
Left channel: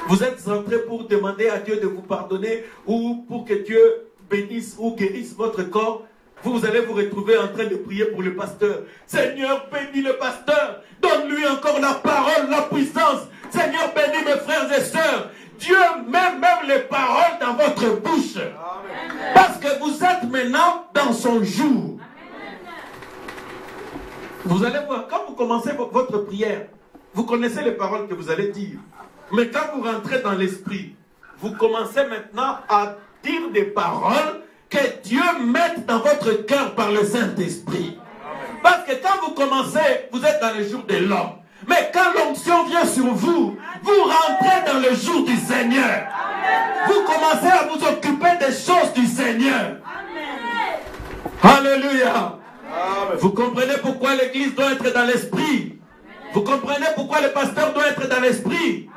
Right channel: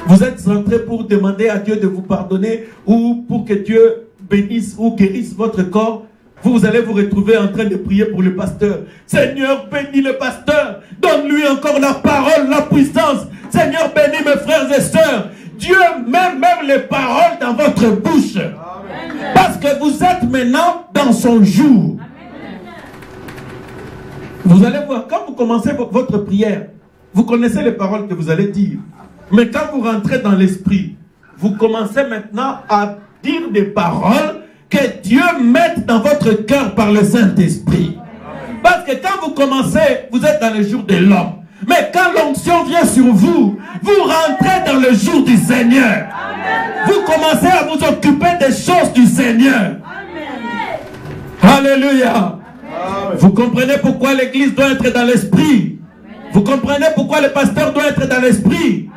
Vous êtes rentré pour demander à Dieu de vous pardonner ou pour que Dieu bénisse ou guérisse votre corps. Vous allez vous retrouver en train de prier pour le pasteur. Seigneur, bénis le pasteur. Donne-lui encore la parole, la puissance. Seigneur, bénis mes frères et sœurs. Dieu met même les paroles dans votre bouche. Amen. Parce que vous êtes maintenant dans son jour. Amen. Vous allez voir, quand vous commencez votre prière, vous connaissez les paroles que vous allez dire. Mais quand vous rentrez dans l'esprit, vous commencez maintenant à dire des paroles que Dieu mette dans votre cœur par le Saint-Esprit. Parce que quand vous commencez, vous êtes dans le jour de l'homme. Mais quand l'onction vient sur vous, vous rentrez dans le jour du Seigneur. Vous commencez à vous occuper des choses du Seigneur. Alléluia. Vous comprenez pourquoi l'église doit être dans l'esprit. Vous comprenez pourquoi le pasteur doit être dans l'esprit.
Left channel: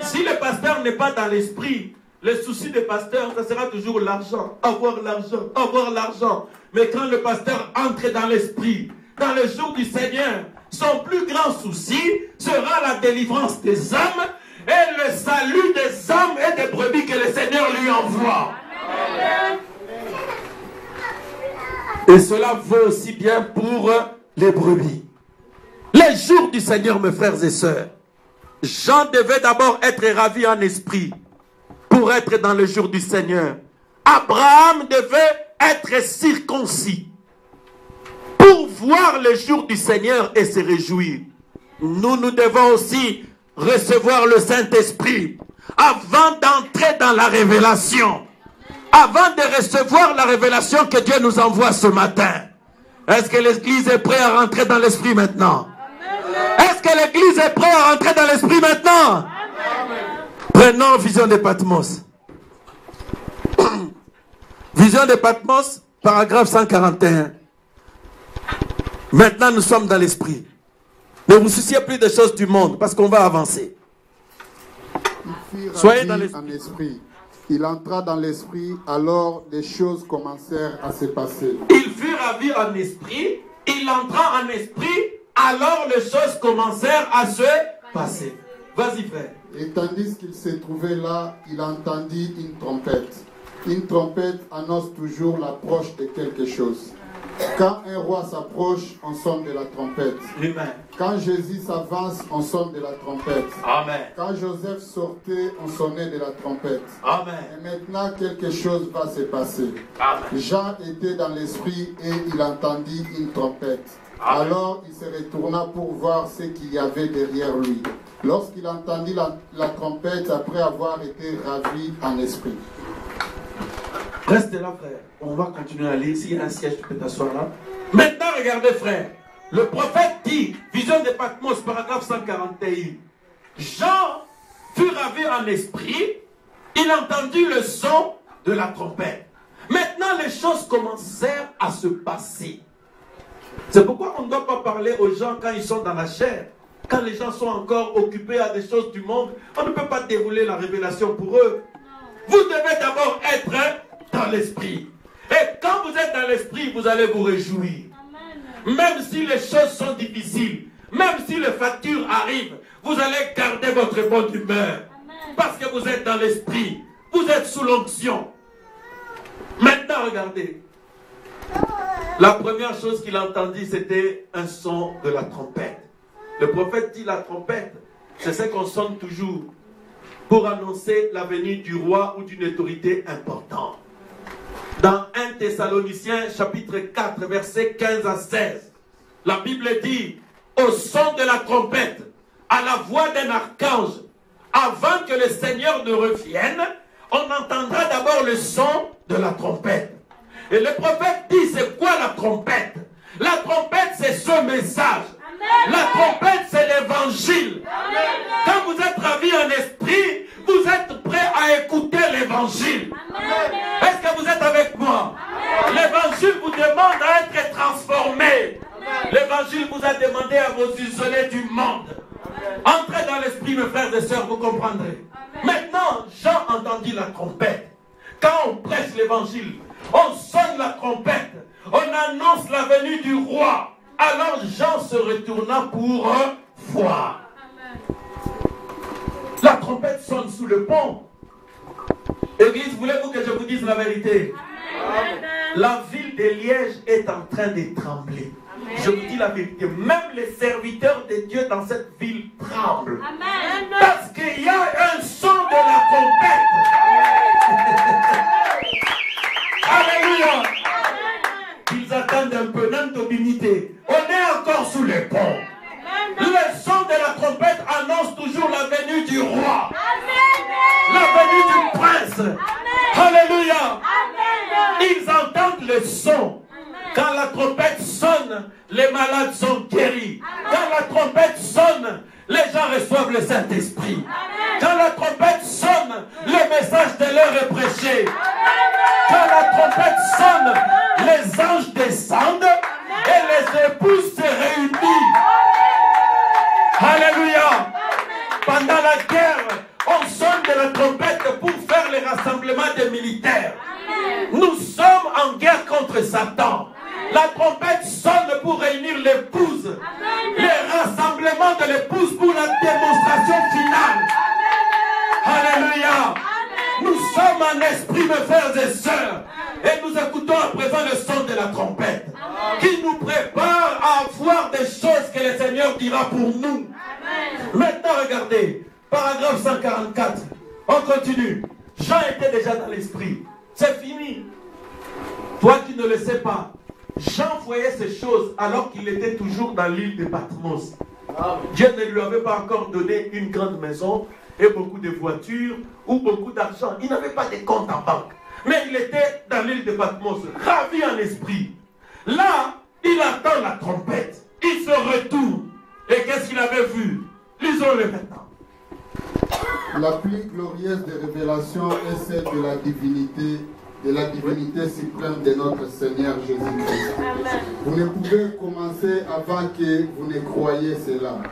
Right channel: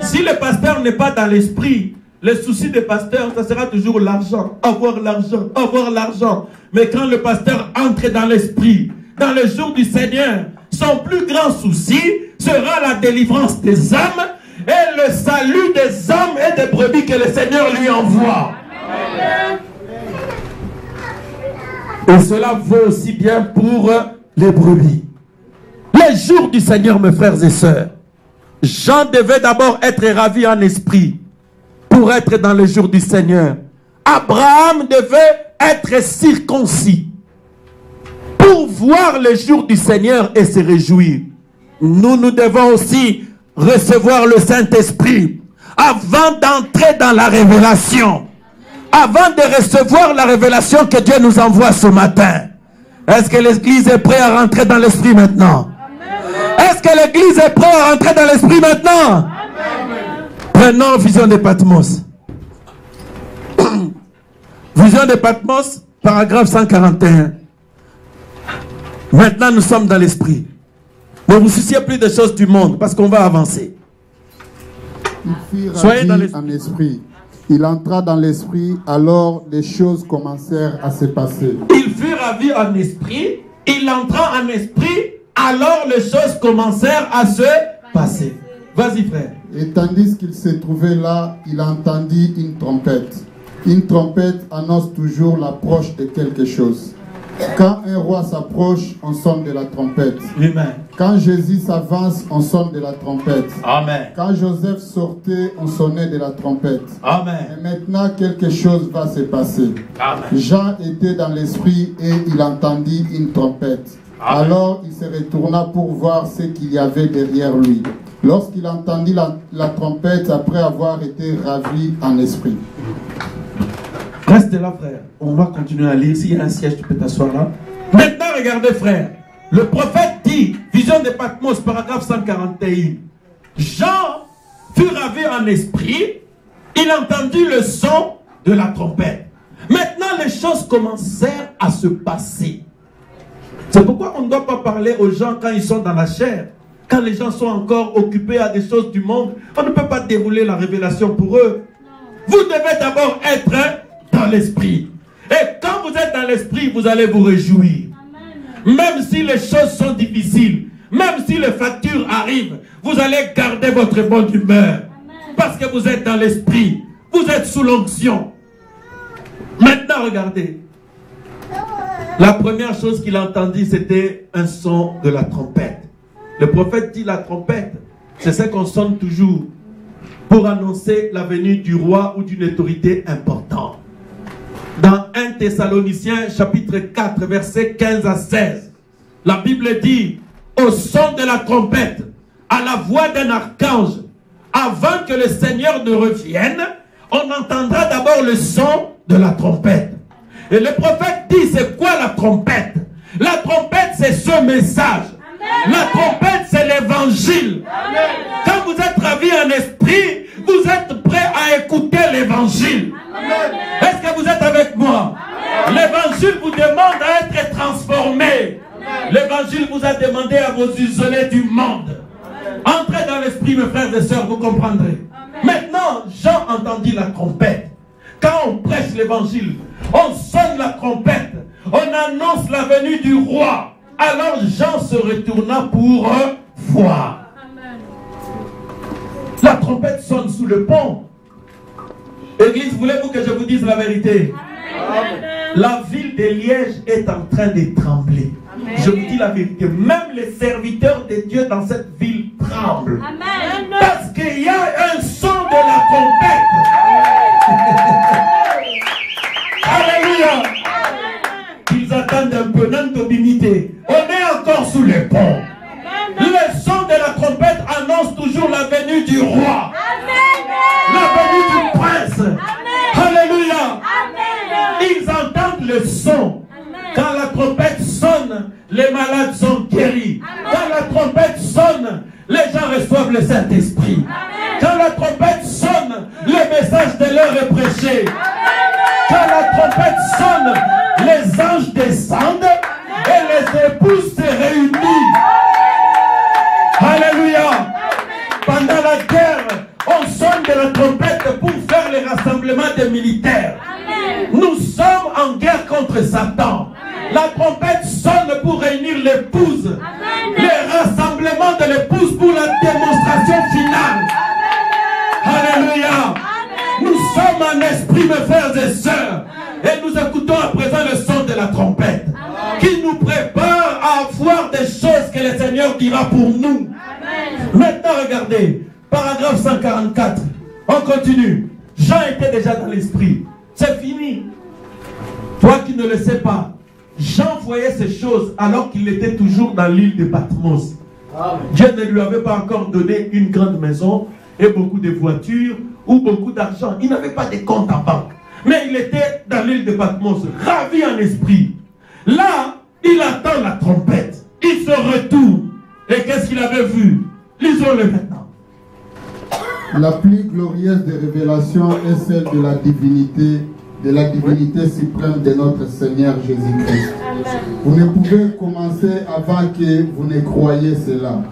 Si le pasteur n'est pas dans l'esprit, le souci des pasteurs, ça sera toujours l'argent, avoir l'argent, avoir l'argent. Mais quand le pasteur entre dans l'esprit, dans le jour du Seigneur, son plus grand souci sera la délivrance des âmes et le salut des âmes et des brebis que le Seigneur lui envoie. Amen. Et cela vaut aussi bien pour les brebis. Les jours du Seigneur, mes frères et sœurs, Jean devait d'abord être ravi en esprit pour être dans le jour du Seigneur. Abraham devait être circoncis pour voir le jour du Seigneur et se réjouir. Nous devons aussi recevoir le Saint-Esprit avant d'entrer dans la révélation. Avant de recevoir la révélation que Dieu nous envoie ce matin. Est-ce que l'Église est prête à rentrer dans l'Esprit maintenant? Est-ce que l'Église est prête à rentrer dans l'Esprit maintenant? Prenons Vision de Patmos. Vision de Patmos, paragraphe 141. Maintenant, nous sommes dans l'esprit. Ne vous souciez plus des choses du monde, parce qu'on va avancer. Soyez dans l'esprit. Il entra dans l'esprit, alors des choses commencèrent à se passer. Il fut ravi en esprit, il entra en esprit, alors les choses commencèrent à se passer. Vas-y, frère. Et tandis qu'il se trouvait là, il entendit une trompette. Une trompette annonce toujours l'approche de quelque chose. Quand un roi s'approche, on sonne de la trompette. Amen. Quand Jésus s'avance, on sonne de la trompette. Amen. Quand Joseph sortait, on sonnait de la trompette. Amen. Et maintenant, quelque chose va se passer. Amen. Jean était dans l'esprit et il entendit une trompette. Amen. Alors il se retourna pour voir ce qu'il y avait derrière lui. Lorsqu'il entendit la trompette, après avoir été ravi en esprit. Reste là, frère. On va continuer à lire. S'il y a un siège, tu peux t'asseoir là. Maintenant, regardez, frère. Le prophète dit, Vision de Patmos, paragraphe 141. Jean fut ravi en esprit. Il entendit le son de la trompette. Maintenant, les choses commencèrent à se passer. C'est pourquoi on ne doit pas parler aux gens quand ils sont dans la chair. Quand les gens sont encore occupés à des choses du monde, on ne peut pas dérouler la révélation pour eux. Vous devez d'abord être dans l'esprit. Et quand vous êtes dans l'esprit, vous allez vous réjouir. Même si les choses sont difficiles, même si les factures arrivent, vous allez garder votre bonne humeur. Parce que vous êtes dans l'esprit. Vous êtes sous l'onction. Maintenant, regardez. La première chose qu'il entendit, c'était un son de la trompette. Le prophète dit la trompette, c'est ce qu'on sonne toujours pour annoncer la venue du roi ou d'une autorité importante. Dans 1 Thessaloniciens chapitre 4, versets 15 à 16, la Bible dit, au son de la trompette, à la voix d'un archange, avant que le Seigneur ne revienne, on entendra d'abord le son de la trompette. Et le prophète dit, c'est quoi la trompette? La trompette, c'est ce message. La trompette, c'est l'évangile. Quand vous êtes ravi en esprit, vous êtes prêt à écouter l'évangile. Est-ce que vous êtes avec moi? L'évangile vous demande à être transformé. L'évangile vous a demandé à vous isoler du monde. Entrez dans l'esprit, mes frères et sœurs, vous comprendrez. Maintenant, Jean entendit la trompette. Quand on prêche l'évangile, on sonne la trompette, on annonce la venue du roi. Alors Jean se retourna pour voir. La trompette sonne sous le pont. Église, voulez-vous que je vous dise la vérité? Amen. La ville de Liège est en train de trembler. Amen. Je vous dis la vérité. Même les serviteurs de Dieu dans cette ville tremblent. Amen. Parce qu'il y a un son de la trompette. Alléluia. Ils attendent un peu notre dignité. On est encore sous les ponts. Le son de la trompette annonce toujours la venue du roi. Amen. La venue du prince. Amen. Alléluia. Amen. Ils entendent le son. Amen. Quand la trompette sonne, les malades sont guéris. Amen. Quand la trompette sonne, les gens reçoivent le Saint-Esprit. Quand la trompette sonne, le message de l'heure est prêché. Amen. Quand la trompette sonne, les anges descendent. Amen. Et les épouses se réunissent. Alléluia. Pendant la guerre, on sonne de la trompette pour faire les rassemblements des militaires. Amen. Nous sommes en guerre contre Satan. Amen. La trompette sonne pour réunir l'épouse. Les rassemblements de l'épouse pour la démonstration finale. Amen. Alléluia. Amen. Nous sommes en esprit, mes frères et sœurs. Et nous écoutons à présent le son de la trompette. Amen. Qui nous prépare à voir des choses que le Seigneur dira pour nous. Amen. Maintenant, regardez. Paragraphe 144. On continue. Jean était déjà dans l'esprit. C'est fini. Toi qui ne le sais pas, Jean voyait ces choses alors qu'il était toujours dans l'île de Patmos. Amen. Dieu ne lui avait pas encore donné une grande maison et beaucoup de voitures ou beaucoup d'argent. Il n'avait pas de compte en banque. Mais il était dans l'île de Patmos, ravi en esprit. Là, il attend la trompette. Il se retourne. Et qu'est-ce qu'il avait vu? Lisons-le maintenant. La plus glorieuse des révélations est celle de la divinité suprême de notre Seigneur Jésus-Christ. Vous ne pouvez commencer avant que vous ne croyiez cela.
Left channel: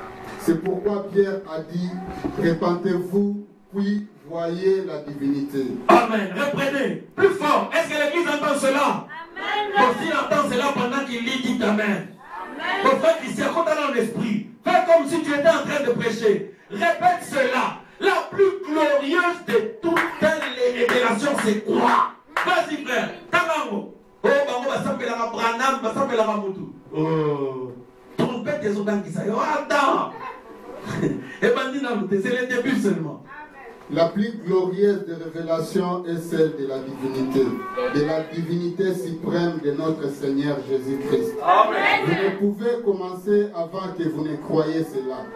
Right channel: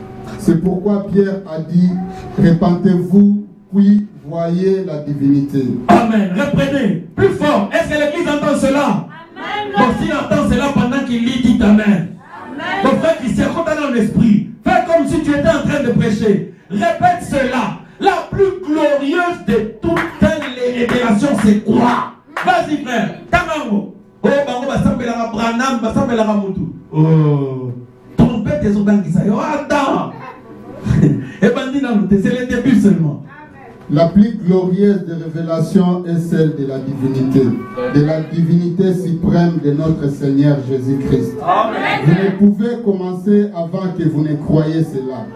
C'est pourquoi Pierre a dit, répentez-vous, puis voyez la divinité. Amen. Reprenez. Plus fort. Est-ce que l'Église entend cela? Amen. Bon, s'il entend cela pendant qu'il lit, dit Amen. Mon frère Christian, quand tu es dans l'esprit, fais comme si tu étais en train de prêcher. Répète cela. La plus glorieuse de toutes les révélations, c'est quoi? Vas-y, frère. Tamango. Oh, bango, basambe la branam, basambe la ramutu. Oh. Trompette des odanguisa. Oh, attends. Et bandit dans le c'est le début seulement. La plus glorieuse des révélations est celle de la divinité suprême de notre Seigneur Jésus-Christ. Vous ne pouvez commencer avant que vous ne croyiez cela.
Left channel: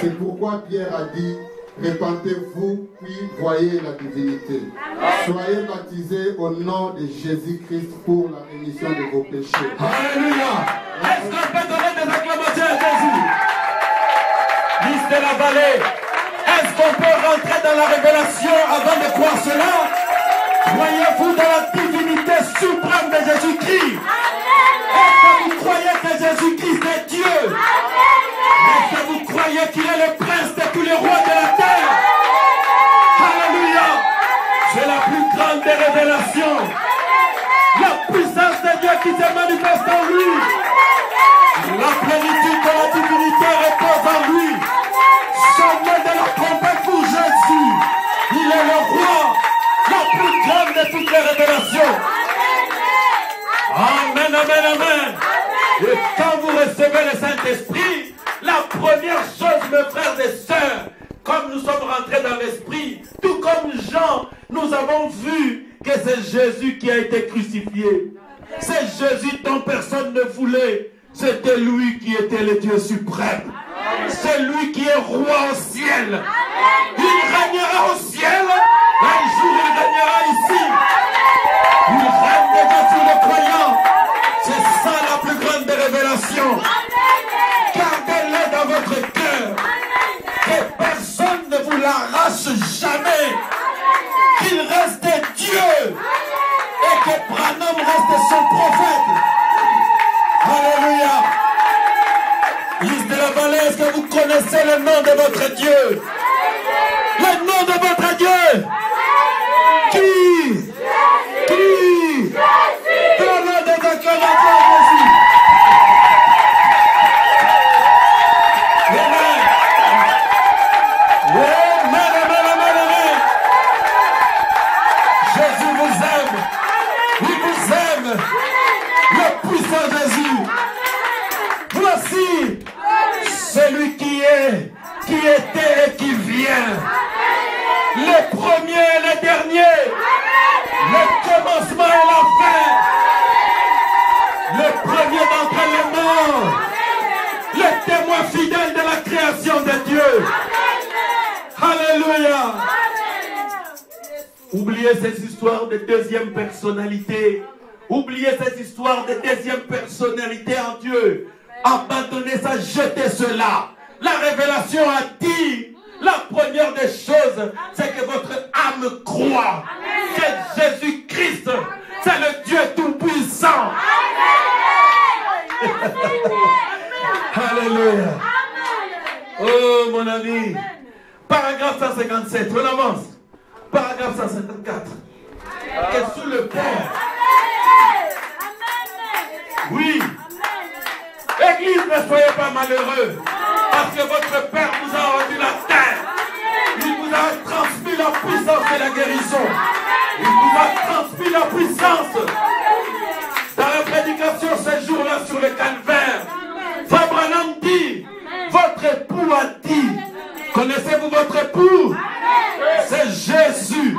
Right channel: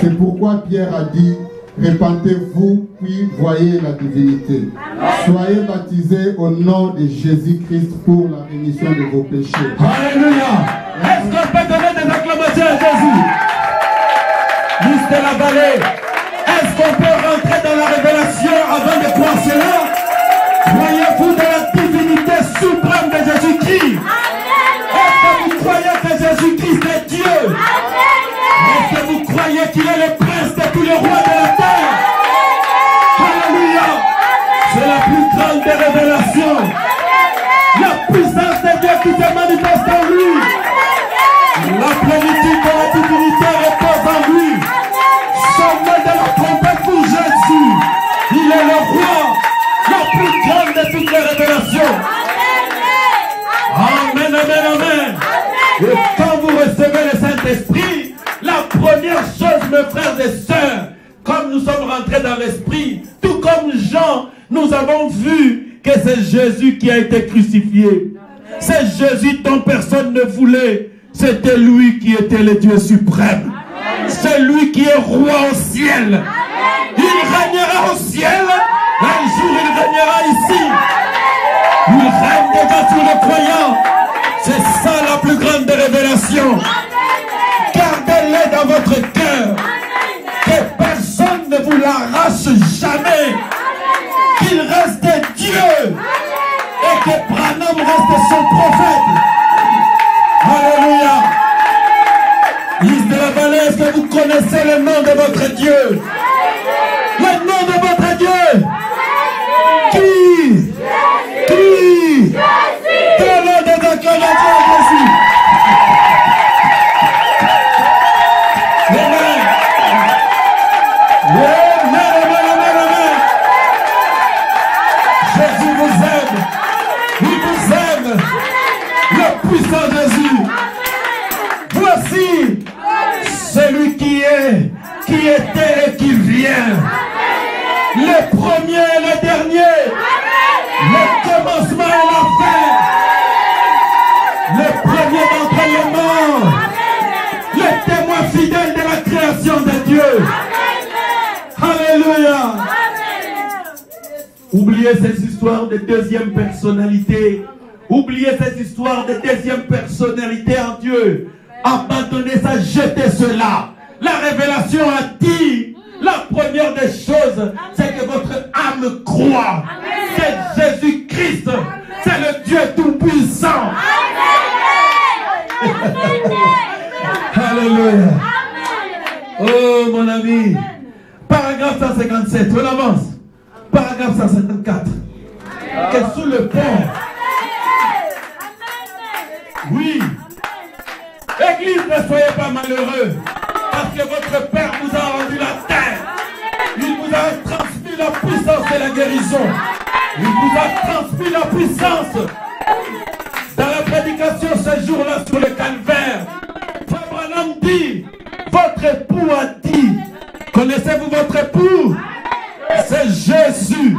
C'est pourquoi Pierre a dit, répentez-vous, puis voyez la divinité. Soyez baptisés au nom de Jésus-Christ pour la rémission de vos péchés. Alléluia. Est-ce qu'on peut donner des acclamations à Jésus? Liste de la vallée. Est-ce qu'on peut rentrer dans la révélation avant de croire cela? Croyez-vous dans la divinité suprême de Jésus-Christ? Est-ce que vous croyez que Jésus-Christ est Dieu? Est-ce que vous croyez qu'il est le prince de tous les rois de la terre? Alléluia. C'est la plus grande des révélations. La puissance de Dieu qui se manifeste en lui. dans l'esprit. Tout comme Jean, nous avons vu que c'est Jésus qui a été crucifié. C'est Jésus dont personne ne voulait. C'était lui qui était le Dieu suprême. C'est lui qui est roi au ciel. Il régnera au ciel. Un jour, il régnera ici. Il règne déjà sur le croyant. C'est ça la plus grande des révélations. Gardez-les dans votre cœur. Que personne ne vous l'arrache jamais. Qu'il reste Dieu. Et que Branham reste son prophète. Alléluia. Lise de la vallée, est-ce que vous connaissez le nom de votre Dieu? Le nom de votre Dieu? Qui? Qui? Dans le nom de votre Jésus. Amen. Amen, amen, amen, amen. Jésus vous aime. Il vous aime. Le puissant Jésus. Voici celui qui est, qui était et qui vient. Le premier et le dernier. Le commencement et la fin. Le premier d'entre les morts. Le témoin fidèle de la création de Dieu. Alléluia. Oubliez ces histoires de deuxième personnalité. Oubliez cette histoire de deuxième personnalité en Dieu. Abandonnez ça, jetez cela. La révélation a dit, la première des choses, c'est que votre âme croit. C'est Jésus-Christ. C'est le Dieu Tout-Puissant. Alléluia. Oh mon ami. Paragraphe 157. On avance. Paragraphe 154. Que sous le pont. Oui. Église, ne soyez pas malheureux. Parce que votre Père vous a rendu la terre. Il vous a transmis la puissance de la guérison. Il vous a transmis la puissance. Dans la prédication ce jour-là sur le calvaire, Abraham dit, votre époux a dit. Connaissez-vous votre époux? C'est Jésus.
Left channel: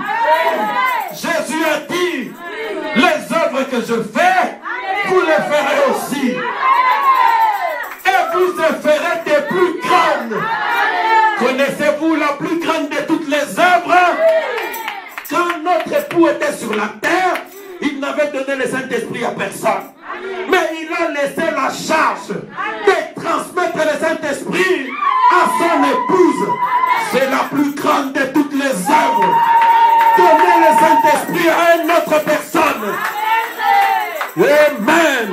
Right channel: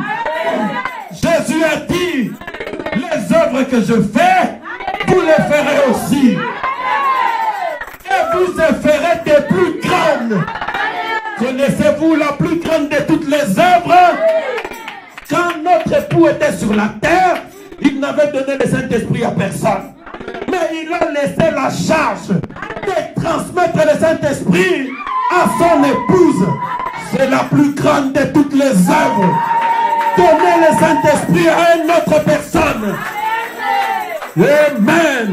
Jésus a dit, les œuvres que je fais, vous les ferez aussi. Et vous les ferez des plus grandes. Connaissez-vous la plus grande de toutes les œuvres? Quand notre époux était sur la terre, il n'avait donné le Saint-Esprit à personne. Mais il a laissé la charge de transmettre le Saint-Esprit à son épouse. C'est la plus grande de toutes les œuvres. Donner le Saint-Esprit à une autre personne. Amen.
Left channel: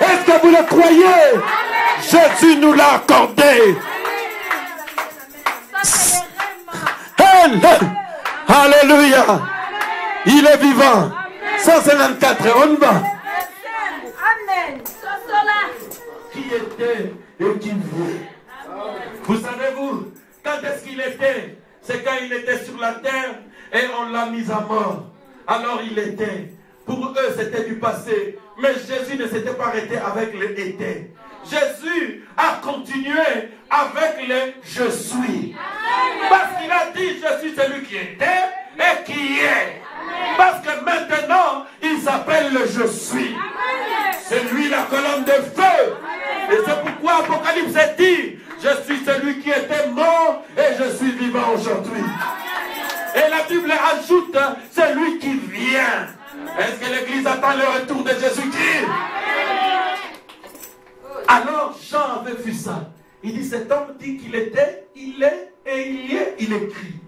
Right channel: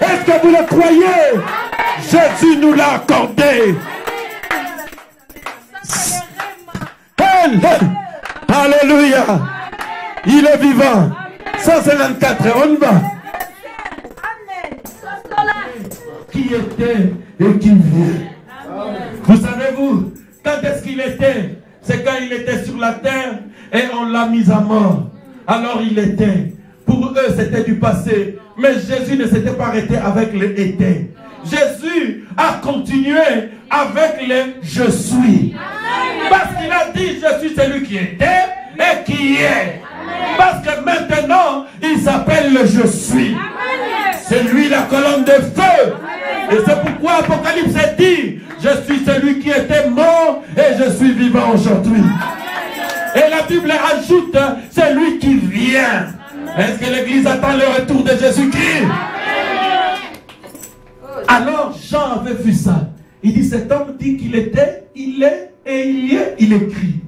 Est-ce que vous le croyez? Jésus nous l'a accordé. Alléluia. Il est vivant. 154, on va. Qui était et qui vient. Vous savez-vous, quand est-ce qu'il était? C'est quand il était sur la terre et on l'a mis à mort. Alors il était. Pour eux, c'était du passé. Mais Jésus ne s'était pas arrêté avec le été. Jésus a continué avec le je suis. Parce qu'il a dit je suis celui qui était et qui est. Parce que maintenant, il s'appelle le je suis. C'est lui la colonne de feu. Et c'est pourquoi Apocalypse dit je suis celui qui était mort et je suis vivant aujourd'hui. Et la Bible ajoute c'est lui qui vient. Est-ce que l'Église attend le retour de Jésus-Christ? Alors Jean avait vu ça. Il dit cet homme dit qu'il était, il est et il y est, il écrit.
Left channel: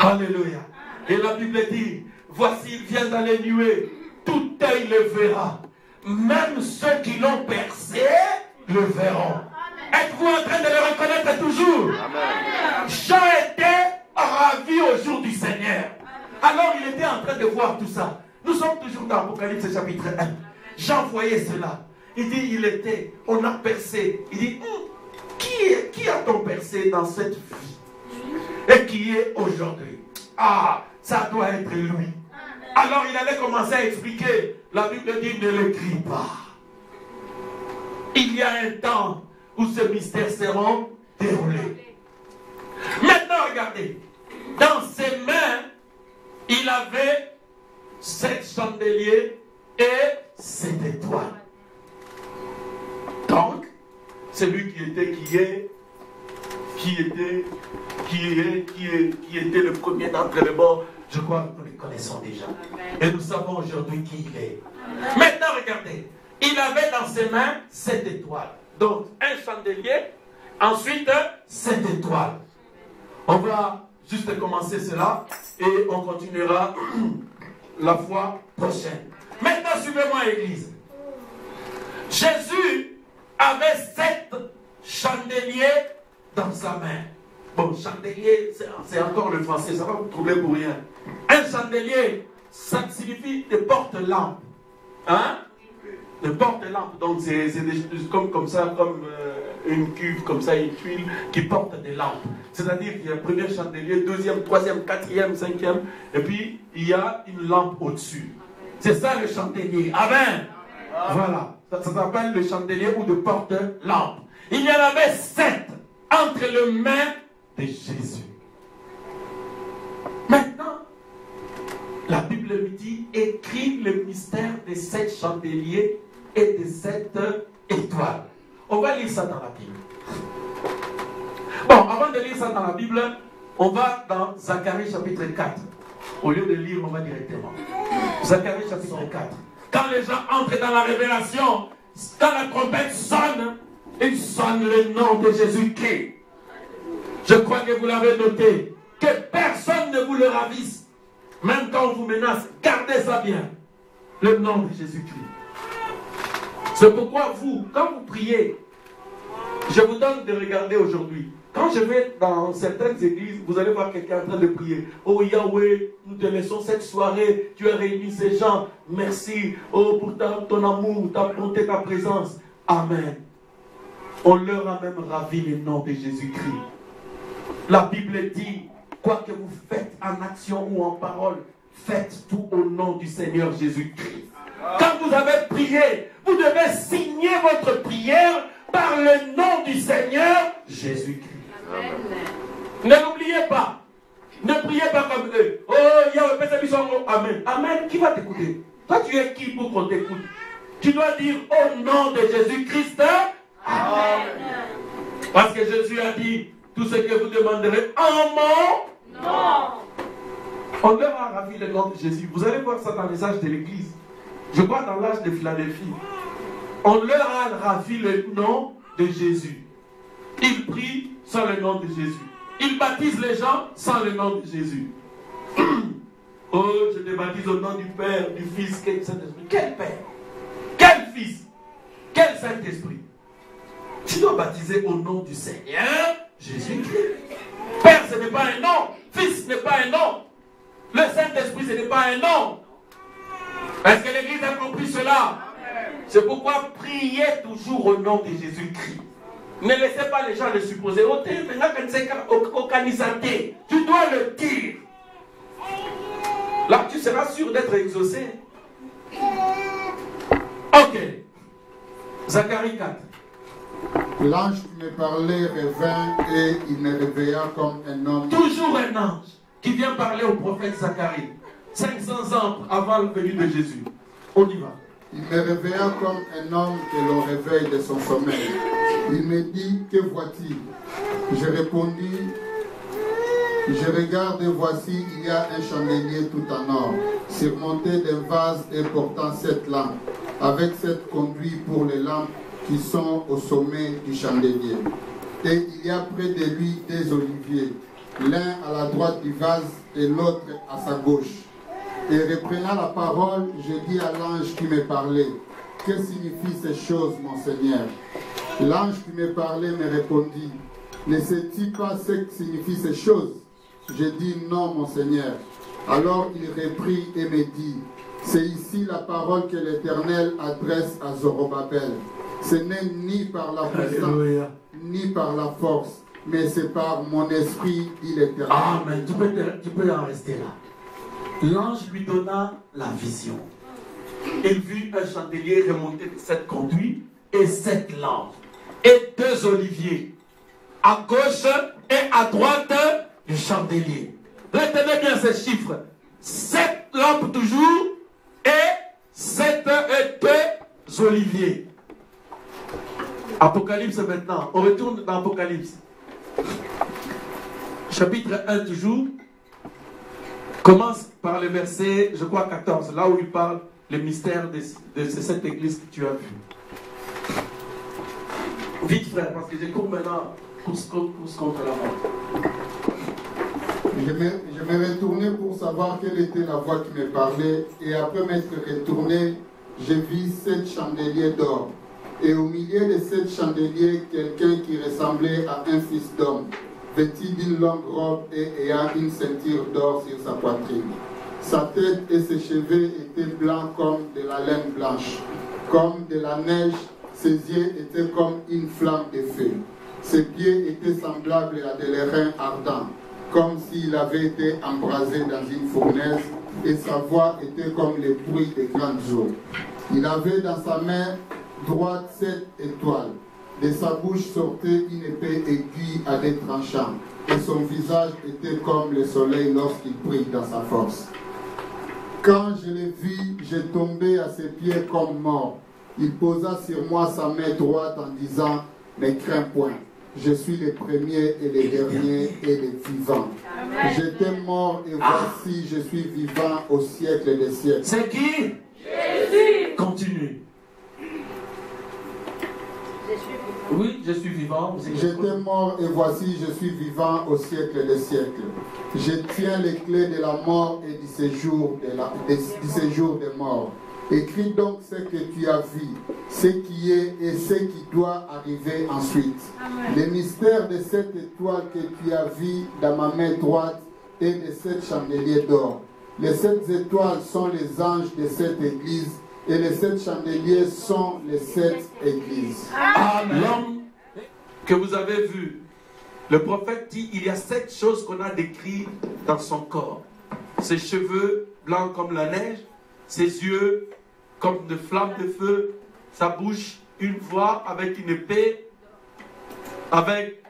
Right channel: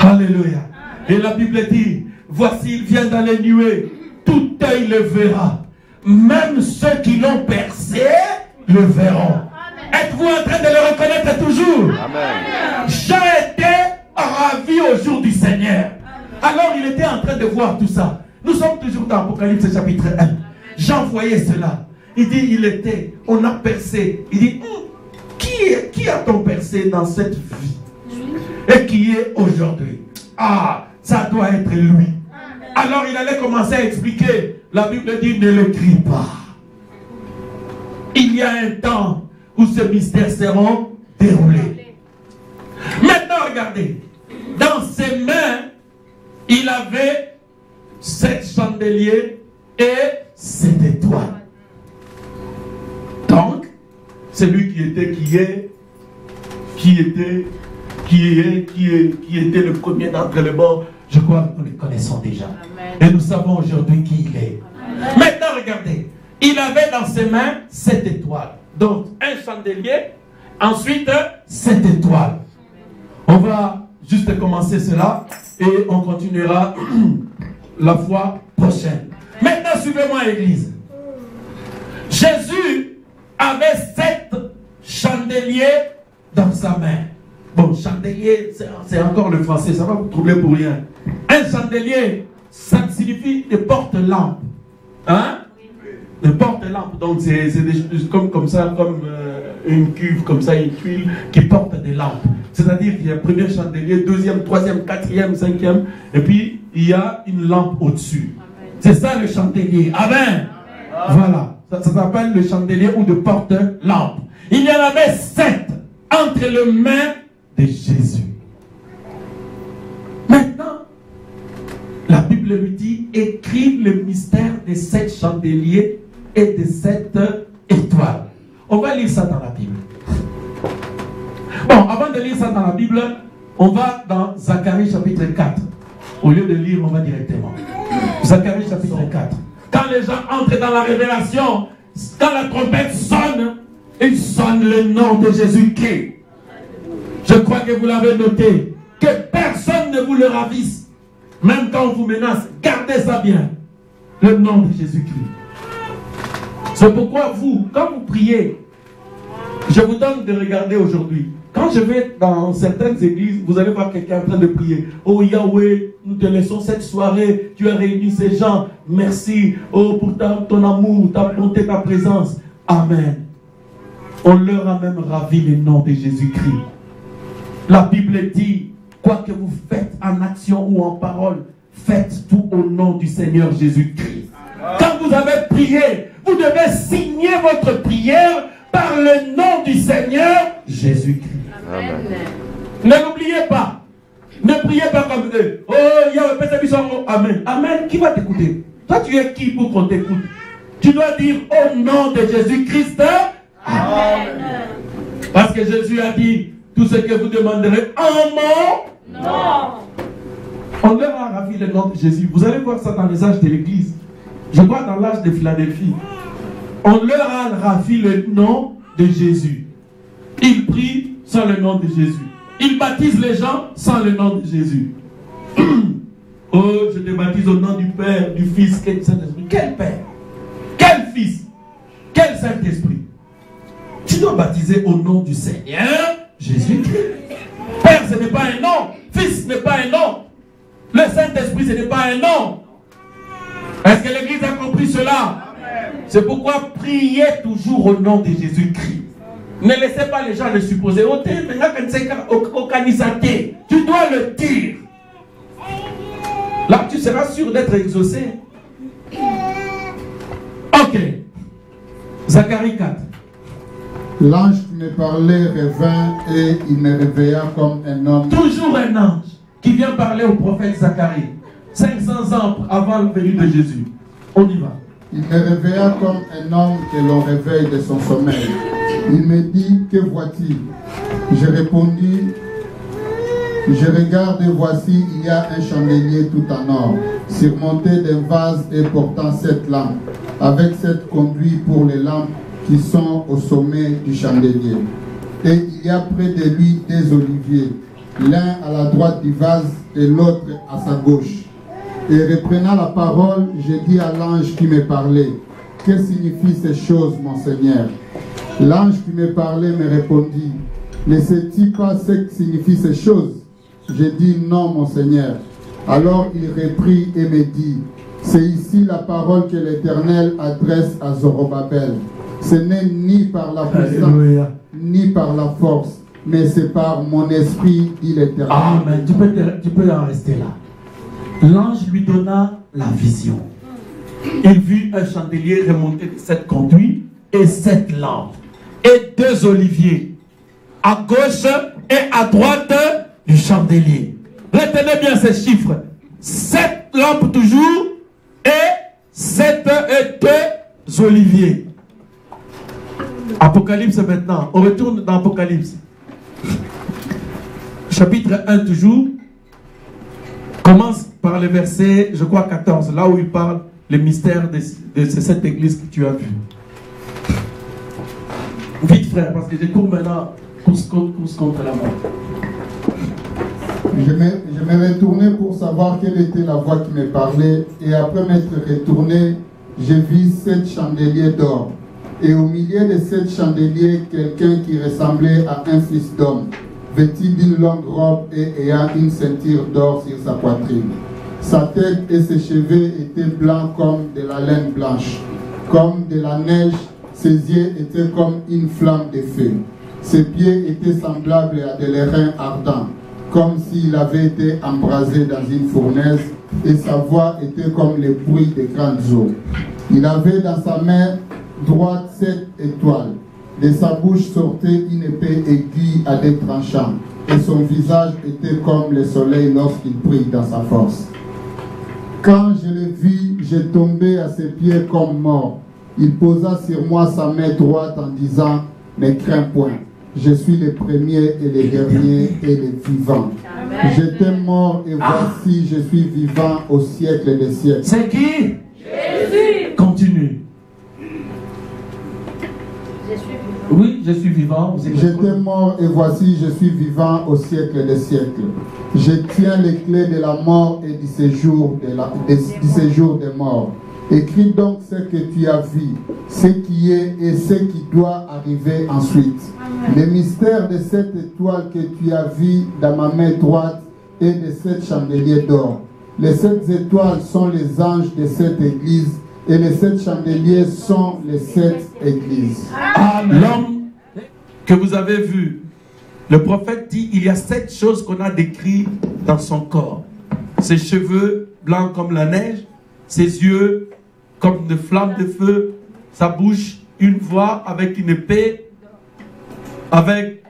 Alléluia. Et la Bible dit voici il vient dans les nuées, tout œil le verra. Même ceux qui l'ont percé le verront. Êtes-vous en train de le reconnaître toujours? Amen. Jean était ravi au jour du Seigneur. Alors il était en train de voir tout ça. Nous sommes toujours dans Apocalypse chapitre 1. Jean voyait cela. Il dit il était, on a percé. Il dit qui a-t-on percé dans cette vie? Et qui est aujourd'hui? Ah, ça doit être lui. Alors il allait commencer à expliquer. La Bible dit ne l'écris pas. Il y a un temps où ces mystères seront déroulés. Maintenant regardez. Dans ses mains, il avait 7 chandeliers et 7 étoiles. Donc, celui qui était le premier d'entre les morts, je crois que nous les connaissons déjà. Amen. Et nous savons aujourd'hui qui il est. Amen. Maintenant, regardez. Il avait dans ses mains 7 étoiles. Donc, un chandelier, ensuite 7 étoiles. On va juste commencer cela et on continuera la fois prochaine. Maintenant, suivez-moi, Église. Jésus avait 7 chandeliers dans sa main. Bon, chandelier, c'est encore le français, ça va vous troubler pour rien. Un chandelier, ça signifie des porte-lampes. Hein? Des porte-lampes. Donc, c'est comme ça, comme une cuve, comme ça, une tuile qui porte des lampes. C'est-à-dire qu'il y a le premier chandelier, deuxième, troisième, quatrième, cinquième, et puis il y a une lampe au-dessus. C'est ça le chandelier. Amen. Voilà. Ça s'appelle le chandelier ou de porte-lampe. Il y en avait 7 entre les mains de Jésus. Maintenant, la Bible lui dit, écrit le mystère des 7 chandeliers et des 7 étoiles. On va lire ça dans la Bible. Bon, avant de lire ça dans la Bible, on va dans Zacharie chapitre 4. Au lieu de lire, on va directement. Zacharie chapitre 4. Quand les gens entrent dans la révélation, quand la trompette sonne, il sonne le nom de Jésus-Christ. Je crois que vous l'avez noté. Que personne ne vous le ravisse. Même quand on vous menace, gardez ça bien. Le nom de Jésus-Christ. C'est pourquoi vous, quand vous priez, je vous donne de regarder aujourd'hui. Quand je vais dans certaines églises, vous allez voir quelqu'un en train de prier. Oh Yahweh, nous te laissons cette soirée. Tu as réuni ces gens. Merci. Oh, pour ton amour, ta bonté, ta présence. Amen. On leur a même ravi le nom de Jésus-Christ. La Bible dit, quoi que vous faites en action ou en parole, faites tout au nom du Seigneur Jésus-Christ. Quand vous avez prié, vous devez signer votre prière par le nom du Seigneur Jésus-Christ. Amen. Ne l'oubliez pas. Ne priez pas comme eux. Oh, Yahweh, Amen. Amen. Qui va t'écouter? Toi, tu es qui pour qu'on t'écoute? Tu dois dire au nom de Jésus-Christ. Amen. Parce que Jésus a dit, tout ce que vous demanderez en mon nom. On leur a ravi le nom de Jésus. Vous allez voir ça dans les âges de l'Église. Je crois dans l'âge de Philadelphie. On leur a ravi le nom de Jésus. Ils prient sans le nom de Jésus. Ils baptisent les gens sans le nom de Jésus. Oh, je te baptise au nom du Père, du Fils, quel Saint-Esprit. Quel Père? Quel Fils? Quel Saint-Esprit? Tu dois baptiser au nom du Seigneur Jésus-Christ. Père, ce n'est pas un nom. Fils, ce n'est pas un nom. Le Saint-Esprit, ce n'est pas un nom. Est-ce que l'Église a compris cela? C'est pourquoi priez toujours au nom de Jésus-Christ. Ne laissez pas les gens le supposer. Tu dois le dire. Là, tu seras sûr d'être exaucé. Ok. Zacharie 4. L'ange qui me parlait revint et il me réveilla comme un homme. Toujours un ange qui vient parler au prophète Zacharie. 500 ans avant le venue de Jésus. On y va. Il me réveilla comme un homme que l'on réveille de son sommeil. Il me dit, que vois-tu? Je répondis, je regarde et voici, il y a un chandelier tout en or, surmonté d'un vase et portant 7 lampes, avec 7 conduits pour les lampes qui sont au sommet du chandelier. Et il y a près de lui des oliviers, l'un à la droite du vase et l'autre à sa gauche. Et reprenant la parole, je dis à l'ange qui me parlait, que signifient ces choses, mon Seigneur? L'ange qui me parlait me répondit, ne sais-tu pas ce que signifient ces choses? Je dis non, mon Seigneur. Alors il reprit et me dit, c'est ici la parole que l'Éternel adresse à Zorobabel. Ce n'est ni par la puissance, ni par la force, mais c'est par mon esprit, dit l'Éternel. Amen. Tu peux en rester là. L'ange lui donna la vision. Il vit un chandelier remonté de 7 conduits et 7 lampes. Et 2 oliviers à gauche et à droite du chandelier. Retenez bien ces chiffres. 7 lampes toujours et 7 oliviers. Apocalypse maintenant. On retourne dans Apocalypse. Chapitre 1 toujours. Commence par le verset, je crois 14, là où il parle le mystère de cette église que tu as vue. Vite frère, parce que je cours maintenant pousse contre la mort. Je me retournais pour savoir quelle était la voix qui me parlait, et après m'être retourné, j'ai vu 7 chandeliers d'or. Et au milieu de 7 chandeliers, quelqu'un qui ressemblait à un fils d'homme, vêtu d'une longue robe et ayant une ceinture d'or sur sa poitrine. Sa tête et ses cheveux étaient blancs comme de la laine blanche, comme de la neige. Ses yeux étaient comme une flamme de feu. Ses pieds étaient semblables à des reins ardents, comme s'il avait été embrasé dans une fournaise, et sa voix était comme le bruit de grandes eaux. Il avait dans sa main droite 7 étoiles. De sa bouche sortait une épée aiguë à des tranchants, et son visage était comme le soleil lorsqu'il brille dans sa force. Quand je l'ai vu, j'ai tombé à ses pieds comme mort. Il posa sur moi sa main droite en disant, « Ne crains point, je suis le premier et le dernier et le vivant. J'étais mort et voici, je suis vivant au siècle des siècles. » C'est qui? Jésus. Continue. Oui, je suis vivant. J'étais mort et voici, je suis vivant au siècle des siècles. Je tiens les clés de la mort et du séjour des morts. Écris donc ce que tu as vu, ce qui est et ce qui doit arriver ensuite. Le mystère de 7 étoiles que tu as vu dans ma main droite et de 7 chandeliers d'or. Les 7 étoiles sont les anges de cette église et les 7 chandeliers sont les 7 églises. L'homme que vous avez vu, le prophète dit, il y a 7 choses qu'on a décrites dans son corps. Ses cheveux blancs comme la neige, ses yeux comme de flammes de feu, sa bouche, une voix avec une épée, avec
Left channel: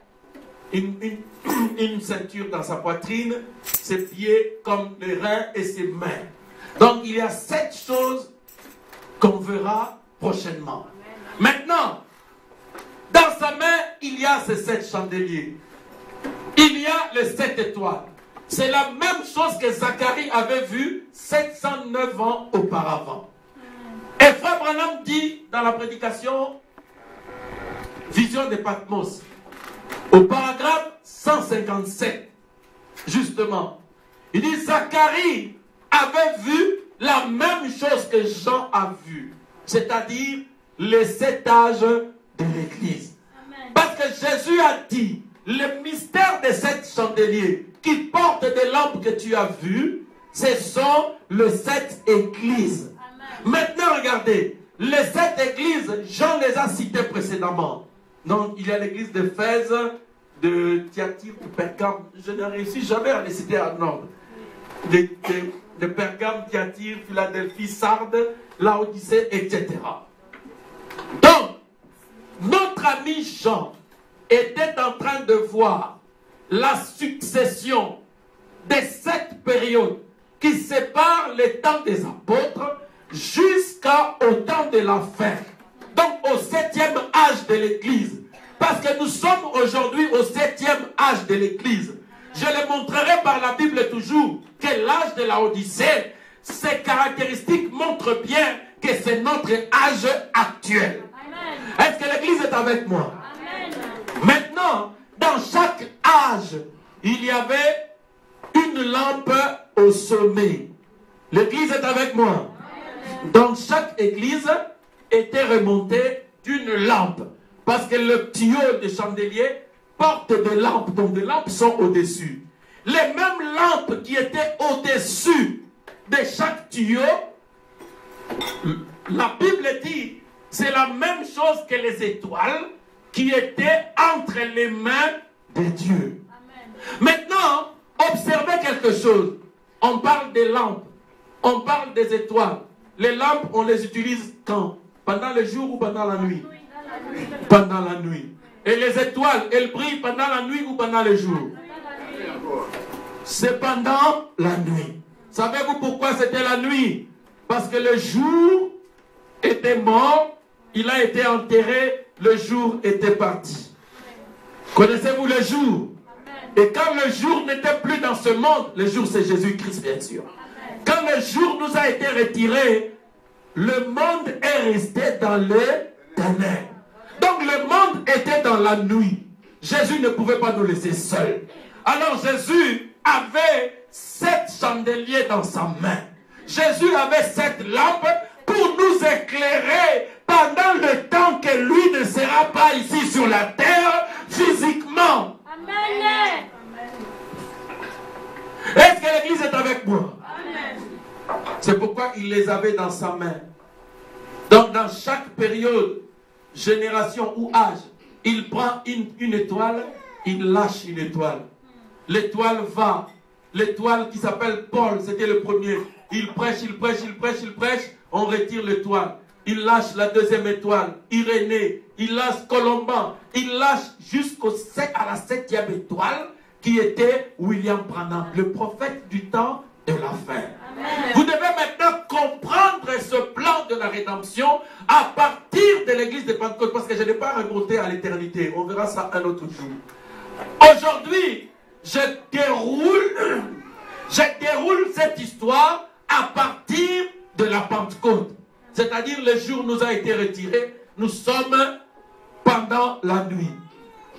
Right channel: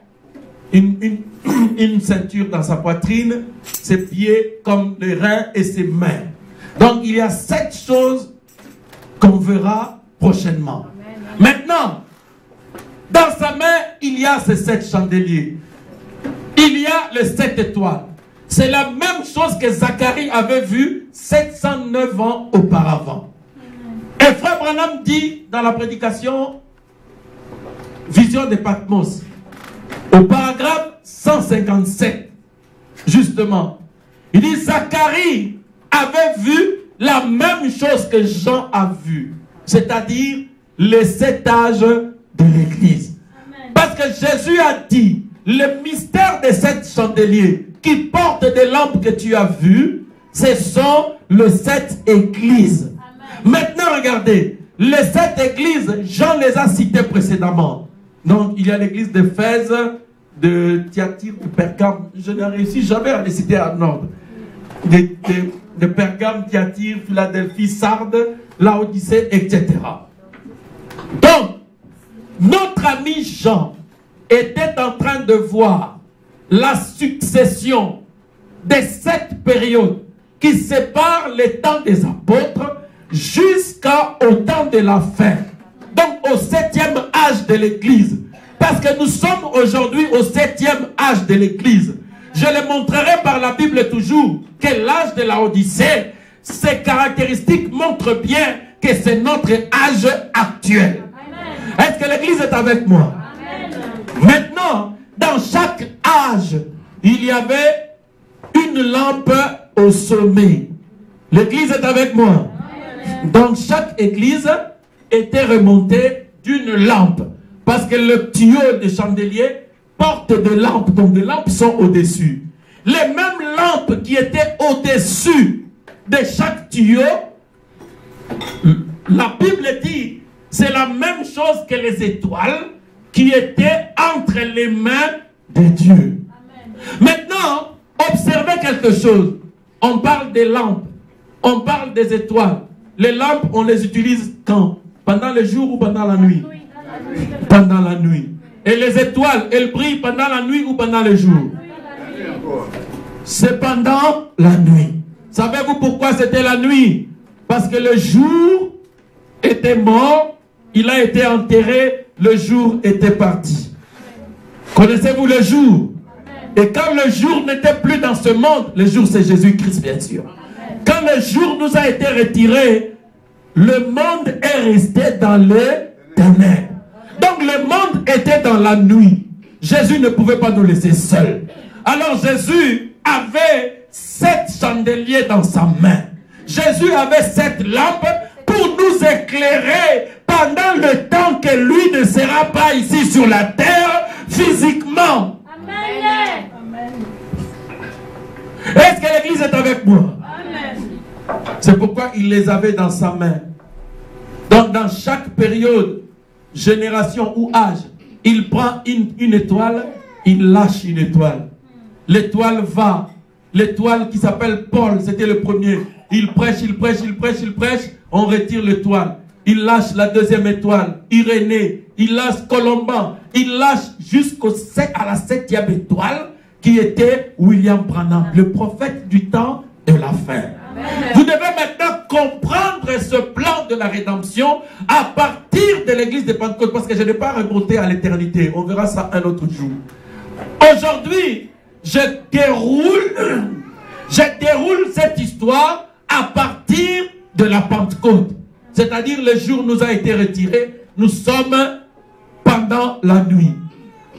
une ceinture dans sa poitrine, ses pieds comme les reins et ses mains. Donc il y a 7 choses qu'on verra prochainement. Maintenant, dans sa main, il y a ces 7 chandeliers. Il y a les 7 étoiles. C'est la même chose que Zacharie avait vu 709 ans auparavant. Et Frère Branham dit dans la prédication Vision de Patmos, au paragraphe 157, justement, il dit Zacharie avait vu la même chose que Jean a vu, c'est-à-dire les 7 âges de l'Église. Parce que Jésus a dit, le mystère des 7 chandeliers qui portent des lampes que tu as vues, ce sont les 7 églises. Maintenant, regardez, les 7 églises, Jean les a citées précédemment. Donc, il y a l'église d'Éphèse, de Thyatire, de Pergame. Je n'ai réussi jamais à les citer en ordre. De Pergame, Thyatire, Philadelphie, Sardes, Laodicée, etc. Donc, notre ami Jean était en train de voir la succession des 7 périodes qui séparent le temps des apôtres jusqu'au temps de la fin. Donc au 7e âge de l'Église. Parce que nous sommes aujourd'hui au 7e âge de l'Église. Je le montrerai par la Bible toujours que l'âge de la Odyssée, ses caractéristiques montrent bien que c'est notre âge actuel. Est-ce que l'Église est avec moi? Maintenant, dans chaque âge, il y avait une lampe au sommet. L'Église est avec moi. Donc chaque église était remontée d'une lampe. Parce que le tuyau de chandelier porte des lampes. Donc des lampes sont au-dessus. Les mêmes lampes qui étaient au-dessus de chaque tuyau, la Bible dit, c'est la même chose que les étoiles qui étaient entre les mains de Dieu. Maintenant, observez quelque chose. On parle des lampes. On parle des étoiles. Les lampes, on les utilise quand? Pendant le jour ou pendant la nuit? Pendant la nuit. Et les étoiles, elles brillent pendant la nuit ou pendant le jour? c'est pendant la nuit. Savez-vous pourquoi c'était la nuit? Parce que le jour était mort, il a été enterré, le jour était parti. Connaissez-vous le jour? Et quand le jour n'était plus dans ce monde, le jour c'est Jésus-Christ bien sûr. Quand le jour nous a été retiré, le monde est resté dans les ténèbres. Donc le monde était dans la nuit. Jésus ne pouvait pas nous laisser seuls. Alors Jésus avait 7 chandeliers dans sa main. Jésus avait 7 lampes pour nous éclairer pendant le temps que lui ne sera pas ici sur la terre physiquement. Amen. Est-ce que l'église est avec moi? C'est pourquoi il les avait dans sa main. Donc dans chaque période, génération ou âge, il prend une étoile, il lâche une étoile. L'étoile va. L'étoile qui s'appelle Paul, c'était le premier. Il prêche, on retire l'étoile. Il lâche la deuxième étoile, Irénée. Il lâche Colomban. Il lâche à la 7e étoile qui était William Branham, le prophète du temps de la fin. Amen. Vous devez maintenant comprendre ce plan de la rédemption à partir de l'église de Pentecôte, parce que je n'ai pas remonté à l'éternité. On verra ça un autre jour. Aujourd'hui, je déroule cette histoire à partir de la Pentecôte. C'est-à-dire le jour nous a été retiré, nous sommes pendant la nuit.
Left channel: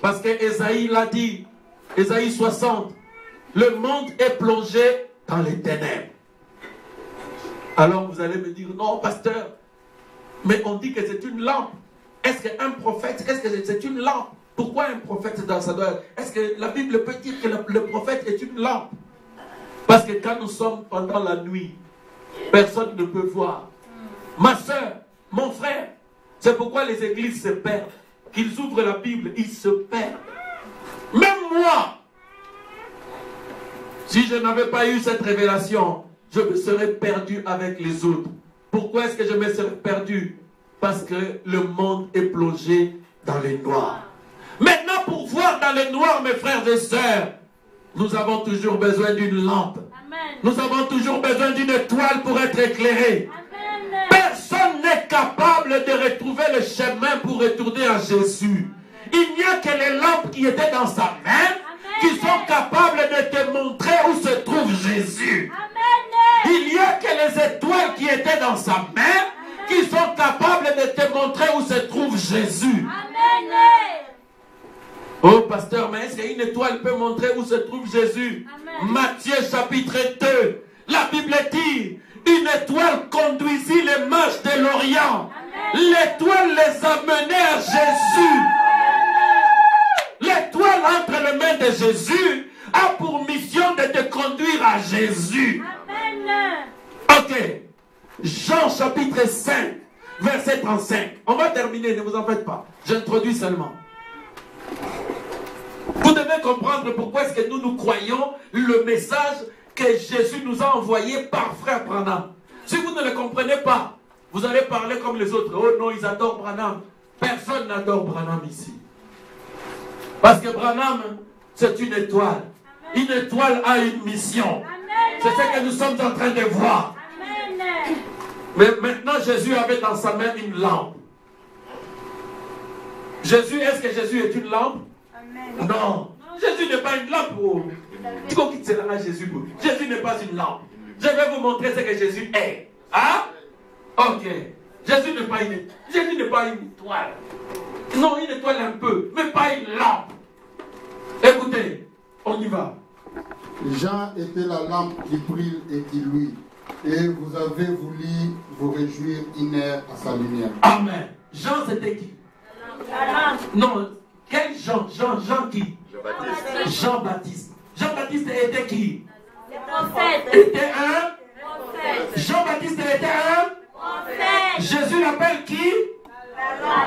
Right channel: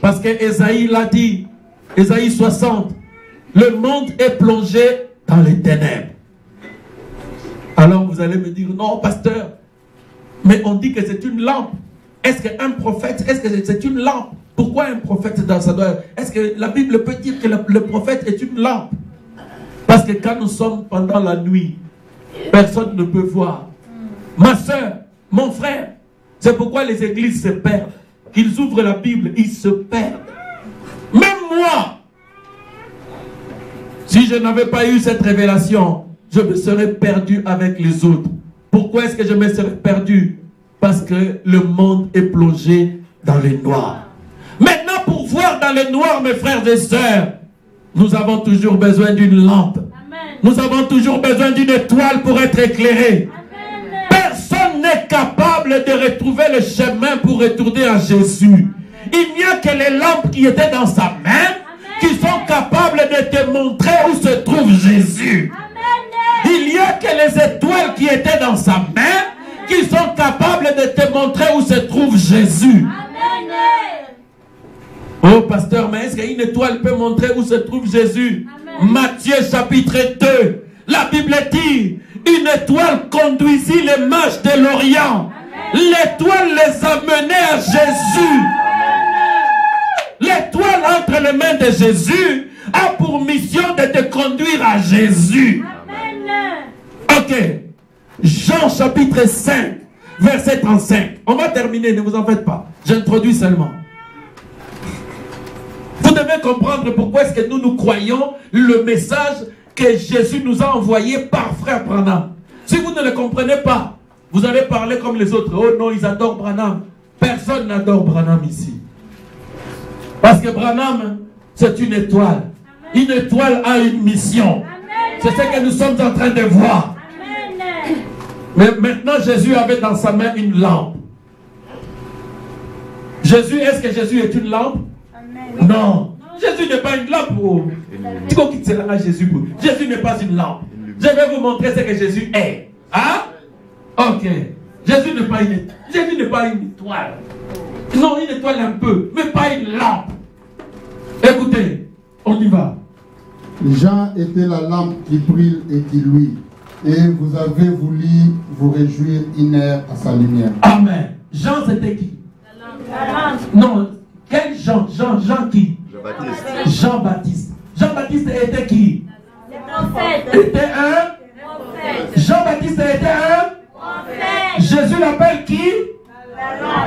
Parce que Ésaïe l'a dit, Ésaïe 60, le monde est plongé dans les ténèbres. Alors vous allez me dire, non pasteur, mais on dit que c'est une lampe. Est-ce qu'un prophète, est-ce que c'est une lampe? Pourquoi un prophète dans sa doigt? Est-ce que la Bible peut dire que le prophète est une lampe? Parce que quand nous sommes pendant la nuit, personne ne peut voir. Ma soeur, mon frère, c'est pourquoi les églises se perdent. Ils ouvrent la Bible, ils se perdent. Même moi, si je n'avais pas eu cette révélation, je me serais perdu avec les autres. Pourquoi est-ce que je me serais perdu? Parce que le monde est plongé dans les noirs. Maintenant, pour voir dans les noirs, mes frères et sœurs, nous avons toujours besoin d'une lampe. Amen. Nous avons toujours besoin d'une étoile pour être éclairés. Amen. Personne n'est capable de retrouver le chemin pour retourner à Jésus. Il n'y a que les lampes qui étaient dans sa main, Amen, qui sont capables de te montrer où se trouve Jésus. Amen. Il n'y a que les étoiles qui étaient dans sa main, Amen, qui sont capables de te montrer où se trouve Jésus. Amen. Oh pasteur, mais est-ce qu'une étoile peut montrer où se trouve Jésus? Amen. Matthieu chapitre 2, la Bible dit, une étoile conduisit les mages de l'Orient. L'étoile les a menés à Jésus. L'étoile entre les mains de Jésus a pour mission de te conduire à Jésus. Amen. Ok. Jean chapitre 5, verset 35. On va terminer, ne vous en faites pas. J'introduis seulement. Vous devez comprendre pourquoi est-ce que nous croyons le message que Jésus nous a envoyé par frère Branham. Si vous ne le comprenez pas, vous allez parler comme les autres. Oh non, ils adorent Branham. Personne n'adore Branham ici. Parce que Branham, c'est une étoile. Amen. Une étoile a une mission. C'est ce que nous sommes en train de voir. Amen. Mais maintenant, Jésus avait dans sa main une lampe. Jésus, est-ce que Jésus est une lampe? Amen. Non. Jésus n'est pas une lampe. Jésus n'est pas une lampe. Je vais vous montrer ce que Jésus est. Hein? Ok. Jésus n'est pas une étoile. Non, une étoile un peu, mais pas une lampe. Écoutez, on y va. Jean était la lampe qui brille et qui luit. Et vous avez voulu vous réjouir une heure à sa lumière. Amen. Jean, c'était qui? La lampe. Non, quel Jean? Jean qui? Jean-Baptiste. Jean-Baptiste. Jean-Baptiste était qui? Le prophète. Était un prophète. Jean-Baptiste était un prophète. Jésus l'appelle qui? La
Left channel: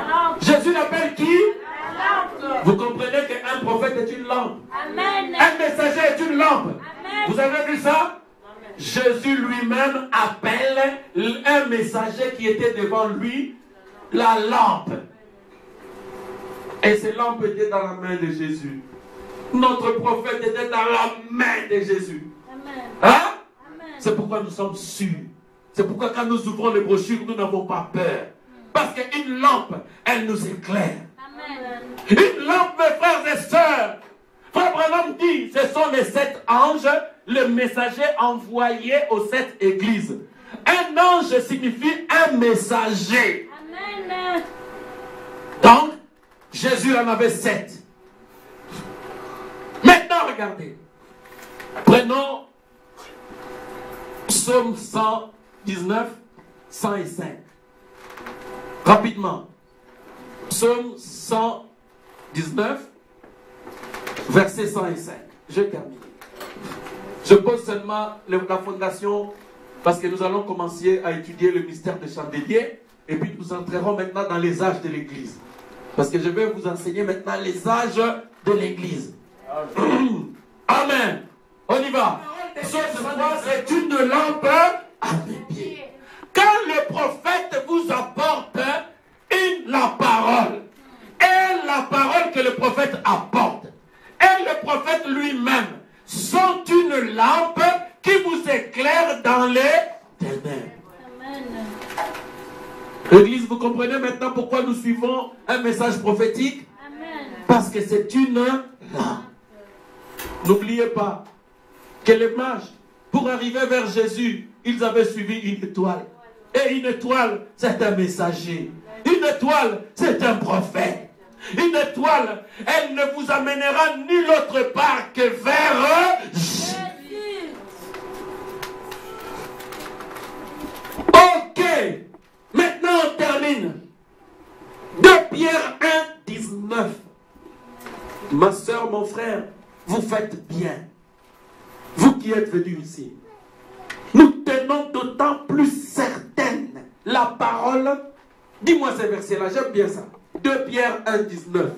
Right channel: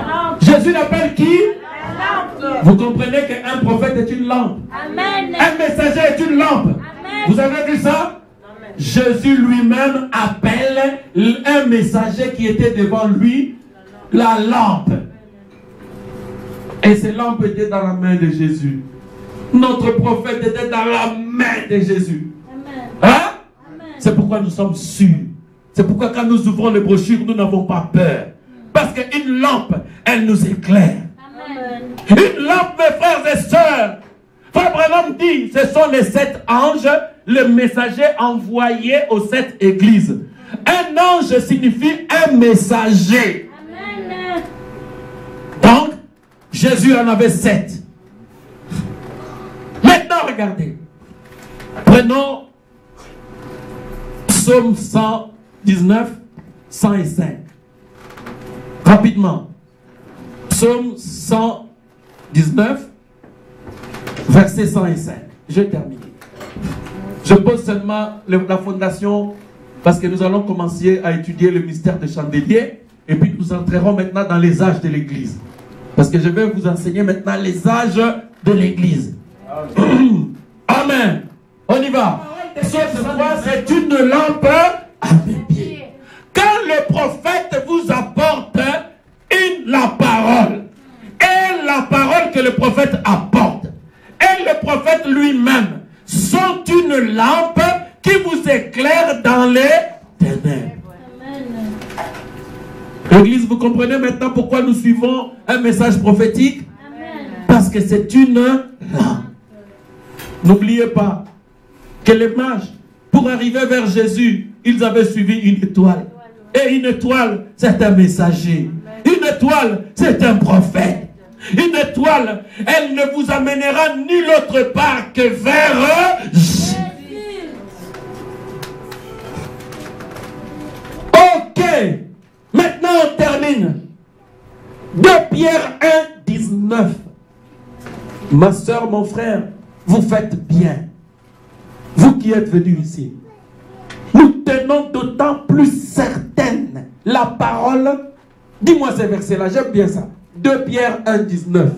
lampe. Jésus l'appelle qui? La lampe. Vous comprenez qu'un prophète est une lampe. Amen. Un messager est une lampe. Amen. Vous avez vu ça? Amen. Jésus lui-même appelle un messager qui était devant lui la lampe. Et ces lampes étaient dans la main de Jésus. Notre prophète était dans la main de Jésus. Hein? C'est pourquoi nous sommes sûrs. C'est pourquoi quand nous ouvrons les brochures, nous n'avons pas peur. Parce qu'une lampe, elle nous éclaire. Une lampe, mes frères et sœurs. Frère Branham dit, ce sont les 7 anges, le messager envoyé aux 7 églises. Un ange signifie un messager. Amen. Donc, Jésus en avait 7. Maintenant, regardez. Prenons Psaume 119, 105. Rapidement. Psaume 119, verset 105. Je termine. Je pose seulement la fondation parce que nous allons commencer à étudier le mystère de chandelier et puis nous entrerons maintenant dans les âges de l'Église. Parce que je vais vous enseigner maintenant les âges de l'Église. Amen. On y va. C'est une lampe à mes pieds. Quand le prophète vous apporte la parole, et la parole que le prophète apporte, et le prophète lui-même, sont une lampe qui vous éclaire dans les ténèbres. Église, vous comprenez maintenant pourquoi nous suivons un message prophétique? Parce que c'est une lampe. N'oubliez pas que les mages, pour arriver vers Jésus, ils avaient suivi une étoile. Et une étoile, c'est un messager. Une étoile, c'est un prophète. Une étoile, elle ne vous amènera nulle autre part que vers Jésus. Ok. Maintenant, on termine. 2 Pierre 1, 19. Ma soeur, mon frère, vous faites bien. Vous qui êtes venus ici. Nous tenons d'autant plus certaine la parole. Dis-moi ces versets-là, j'aime bien ça. 2 Pierre 1, 19.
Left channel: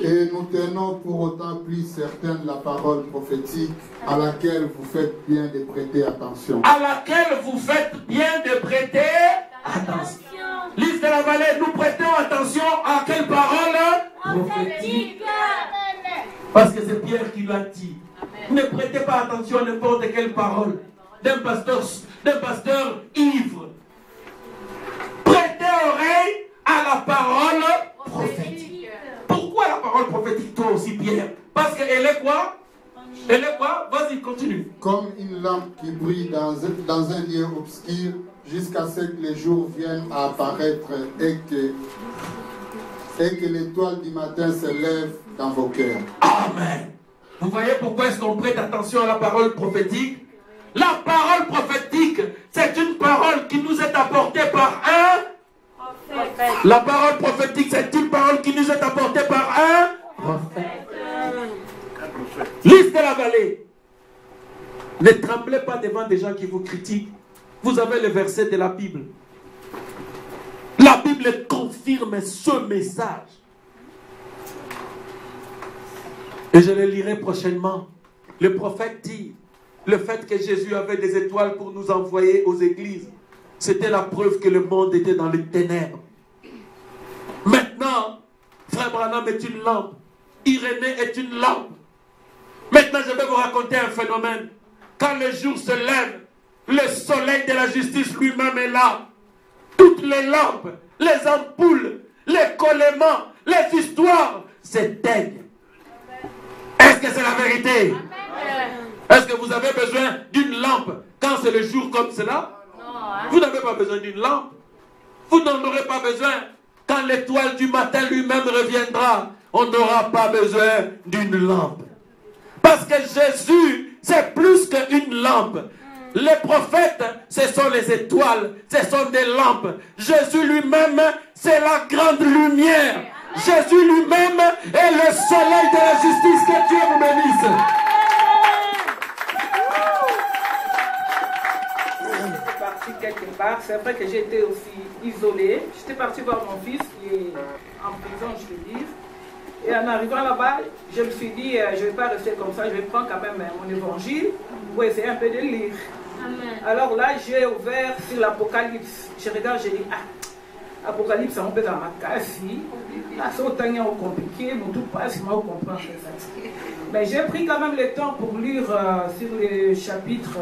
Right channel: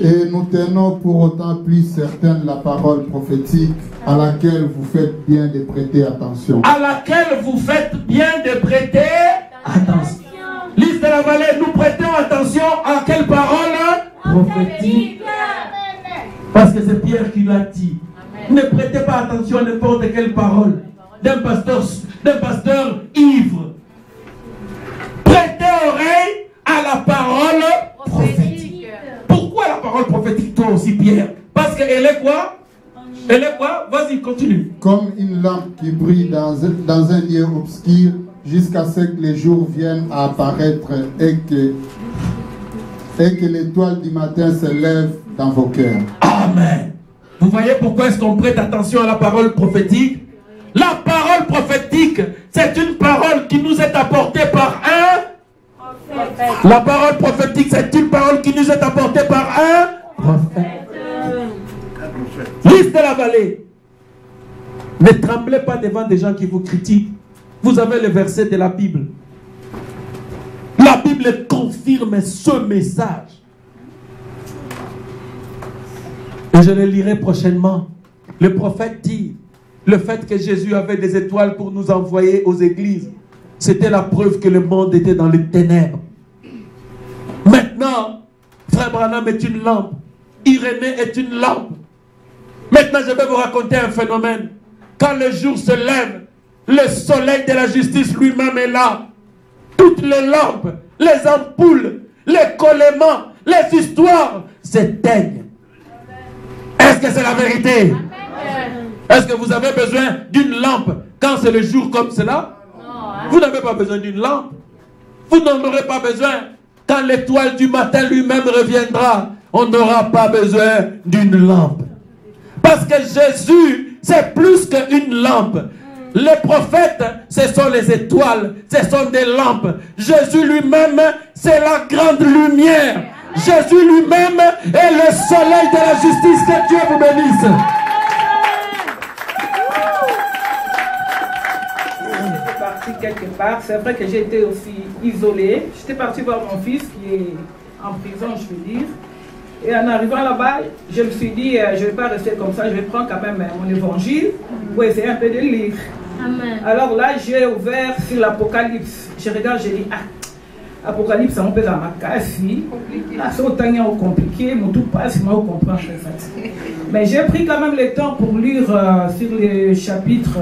Et nous tenons pour autant plus certaine la parole prophétique à laquelle vous faites bien de prêter attention. À laquelle vous faites bien de prêter attention. Lise de la vallée, nous prêtons attention à quelle parole prophétique? Parce que c'est Pierre qui l'a dit. Ne prêtez pas attention à n'importe quelle parole d'un pasteur ivre. Prêtez oreille à la parole prophétique. Pourquoi la parole prophétique, toi aussi, Pierre? Parce qu'elle est quoi? Elle est quoi? Vas-y, continue. Comme une lampe qui brille dans un lieu obscur jusqu'à ce que les jours viennent à apparaître et que l'étoile du matin se lève dans vos cœurs. Amen. Vous voyez pourquoi est-ce qu'on prête attention à la parole prophétique? La parole prophétique, c'est une parole qui nous est apportée par un prophète. La parole prophétique, c'est une parole qui nous est apportée par un prophète. Lise de la vallée. Ne tremblez pas devant des gens qui vous critiquent. Vous avez le verset de la Bible. La Bible confirme ce message. Et je le lirai prochainement. Le prophète dit, le fait que Jésus avait des étoiles pour nous envoyer aux églises, c'était la preuve que le monde était dans les ténèbres. Maintenant, Frère Branham est une lampe. Irénée est une lampe. Maintenant, je vais vous raconter un phénomène. Quand le jour se lève, le soleil de la justice lui-même est là. Toutes les lampes, les ampoules, les collements, les histoires s'éteignent. Est-ce que c'est la vérité? Est-ce que vous avez besoin d'une lampe quand c'est le jour comme cela? Vous n'avez pas besoin d'une lampe. Vous n'en aurez pas besoin. Quand l'étoile du matin lui-même reviendra, on n'aura pas besoin d'une lampe. Parce que Jésus, c'est plus qu'une lampe. Les prophètes, ce sont les étoiles, ce sont des lampes. Jésus lui-même, c'est la grande lumière. Jésus lui-même est le soleil de la justice. Que Dieu vous bénisse. J'étais partie quelque part. C'est vrai que j'étais aussi isolée. J'étais partie voir mon fils qui est en prison, je veux dire. Et en arrivant là-bas, je me suis dit, je ne vais pas rester comme ça, je vais prendre quand même mon évangile pour essayer un peu de lire. Amen. Alors là, j'ai ouvert sur l'Apocalypse. Je regarde, je dis, Apocalypse, c'est un peu dans ma casse. Là, c'est autant compliqué, mais tout passe, moi, je comprends ça. Mais j'ai pris quand même le temps pour lire sur le chapitre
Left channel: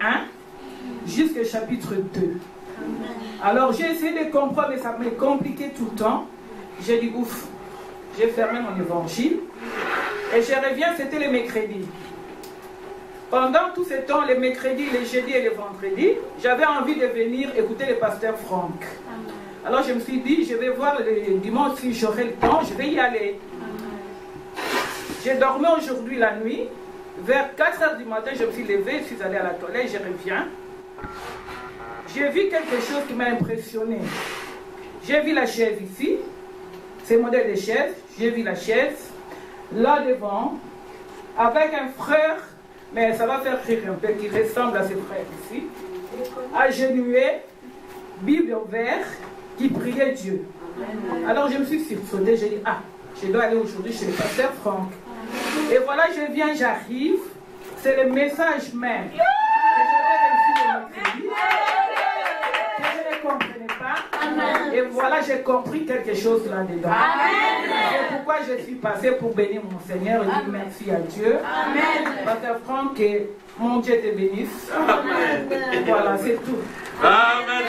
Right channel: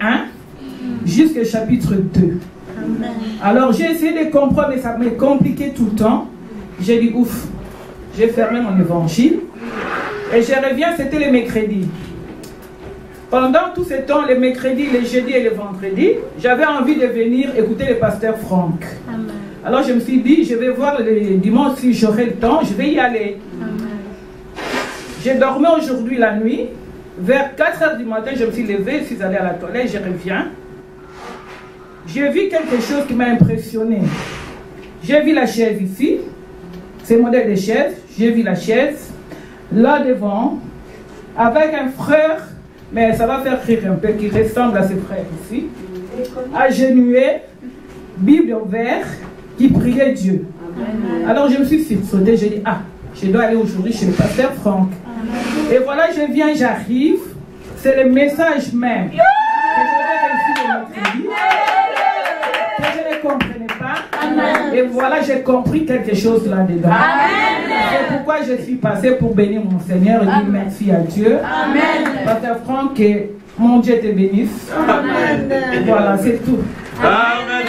1 jusqu'au chapitre 2. Alors j'ai essayé de comprendre, mais ça m'est compliqué tout le temps. J'ai dit ouf, j'ai fermé mon évangile. Et je reviens, c'était les mercredis. Pendant tout ce temps, les mercredis, les jeudis et les vendredis, j'avais envie de venir écouter le pasteur Franck. Amen. Alors je me suis dit, je vais voir le dimanche si j'aurai le temps, je vais y aller. J'ai dormi aujourd'hui la nuit. Vers 4 h du matin, je me suis levé, je suis allé à la toilette, je reviens. J'ai vu quelque chose qui m'a impressionné. J'ai vu la chaise ici, c'est le modèle de chaise. J'ai vu la chaise là devant, avec un frère, mais ça va faire rire un peu, qui ressemble à ses frères ici, agenouillé, Bible ouverte, qui priait Dieu. Alors je me suis sursautée, j'ai dit, ah, je dois aller aujourd'hui chez le pasteur Franck. Et voilà, je viens, j'arrive, c'est le message même que j'avais reçu de mercredi, que je ne comprenais pas. Et voilà, j'ai compris quelque chose là-dedans. C'est pourquoi je suis passé pour bénir mon Seigneur et dire merci à Dieu. Pasteur Franck, que mon Dieu te bénisse. Amen. Voilà, c'est tout. Amen.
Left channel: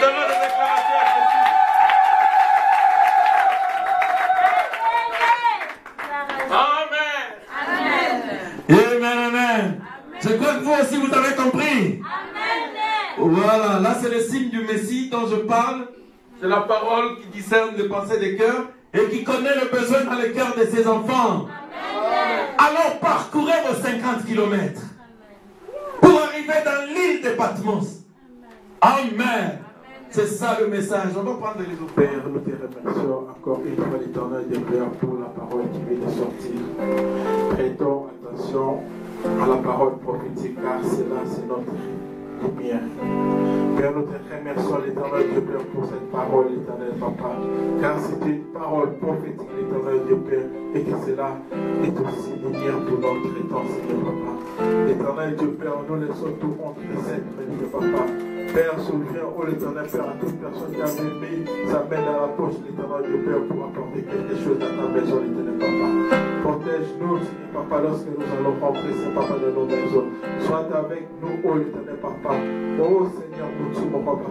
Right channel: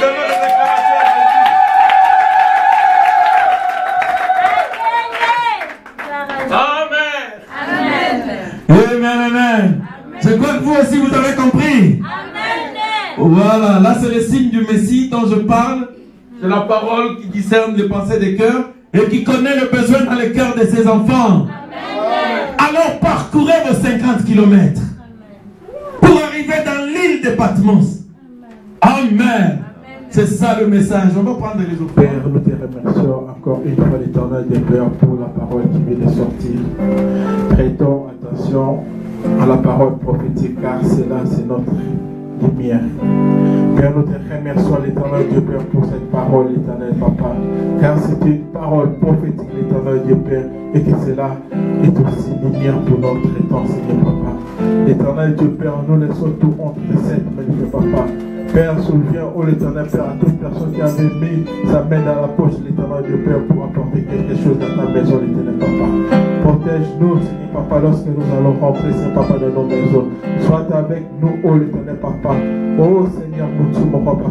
Amen. Je crois que vous aussi vous avez compris. Amen. Voilà, là c'est le signe du Messie dont je parle. C'est la parole qui discerne les pensées des cœurs et qui connaît le besoin dans les cœurs de ses enfants. Amen. Alors parcourez vos 50 km pour arriver dans l'île de Patmos. Amen. C'est ça le message. On va prendre les autres. Père, nous te remercions encore une fois l'Éternel de Père pour la parole qui vient de sortir. Prêtons attention à la parole prophétique car c'est notre lumière. Père, nous te remercions l'Éternel Dieu Père pour cette parole, l'Éternel Papa, car c'est une parole prophétique, l'Éternel Dieu Père, et que cela est aussi lumière pour notre temps, Seigneur Papa. L'Éternel Dieu Père, nous laissons tout entre tes sept mains, Dieu Papa. Père, souviens, oh l'Éternel Père, à toute personne qui avait mis sa main dans la poche, l'Éternel Dieu Père, pour apporter quelque chose dans ta maison, l'Éternel Papa. Protège-nous, Seigneur Papa, lorsque nous allons rentrer, Seigneur Papa, dans nos maisons. Sois avec nous, oh l'Éternel Papa. Oh Seigneur, nous sommes, mon Papa.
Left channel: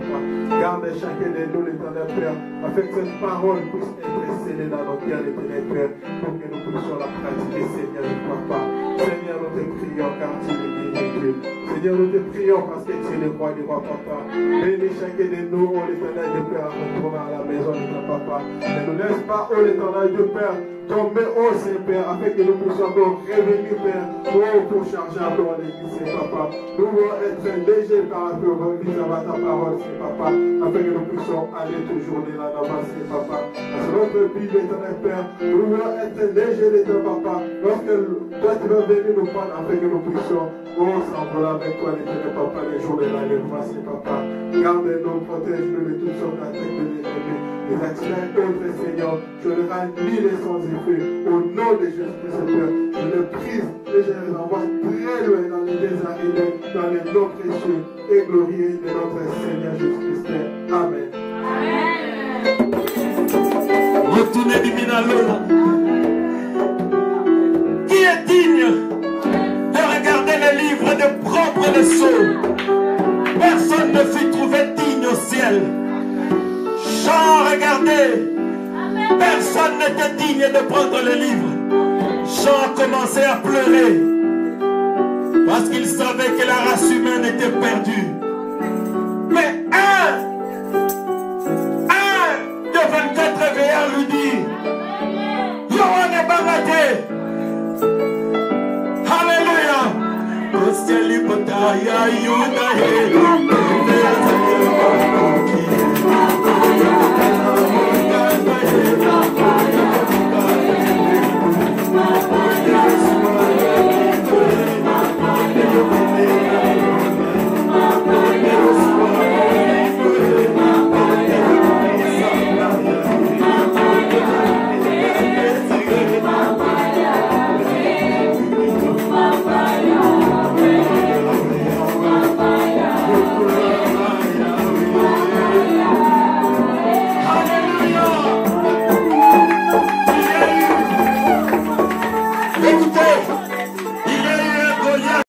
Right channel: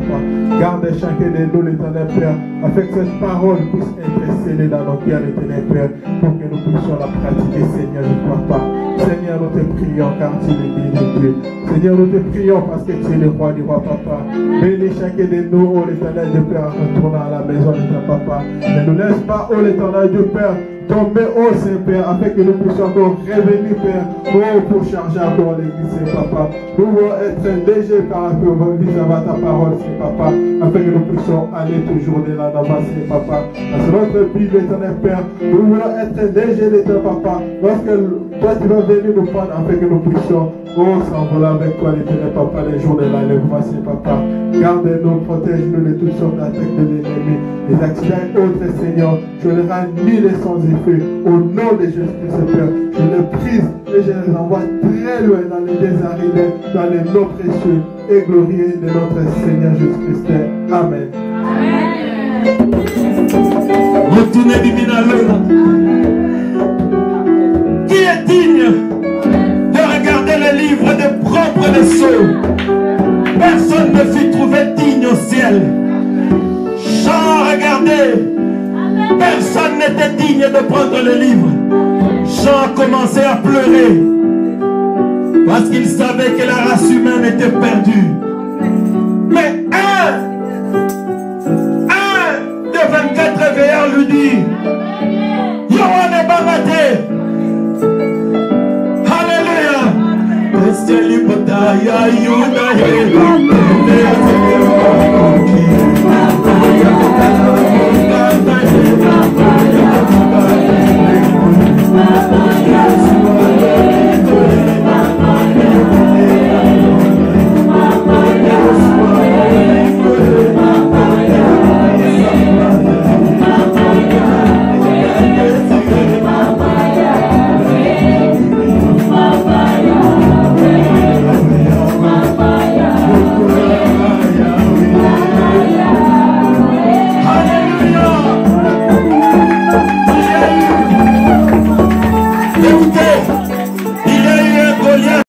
Garde chacun de nous, l'Éternel Père, afin que cette parole puisse être scellée dans nos cœurs, l'Éternel Père, pour que nous puissions la pratiquer, Seigneur, Papa. Seigneur, nous te prions car tu es digne, Dieu. Seigneur, nous te prions parce que tu es le roi du roi, Papa. Bénis chacun de nous, oh l'Éternel Dieu Père, en retournant à la maison, l'Éternel Papa. Ne nous laisse pas, oh l'Éternel Dieu Père, tomber, oh Saint-Père, afin que nous puissions encore revenir, Père, oh, pour charger encore l'église, Saint-Papa. Nous voulons être légers par rapport à ta parole, Saint-Papa, afin que nous puissions aller toujours de là-bas, Saint-Papa. Parce que notre vie, l'Éternel Père, nous voulons être légers, l'Éternel Papa, lorsque toi tu vas venir nous prendre, afin que nous puissions, oh, s'envoler avec toi, l'Éternel Papa, les jours de l'enlèvement, Saint-Papa. Garde-nous, protège-nous de toutes sortes d'attaques de l'ennemi, les accidents et autres, Seigneur. Je les rends nul et sans effet. Au nom de Jésus-Christ, Père, je les prise et je les envoie très loin dans les désaridés, dans les noms précieux et glorieux de notre Seigneur Jésus-Christ. Amen. Amen. Retournez du à l'autre. Qui est digne de regarder les livres de propres leçons? Personne ne fut trouvé digne au ciel. Jean, regardez. Personne n'était digne de prendre le livre. Jean commençait à pleurer parce qu'il savait que la race humaine était perdue. Mais un de 24 veilleurs lui dit, Yohane Bangate. Alléluia.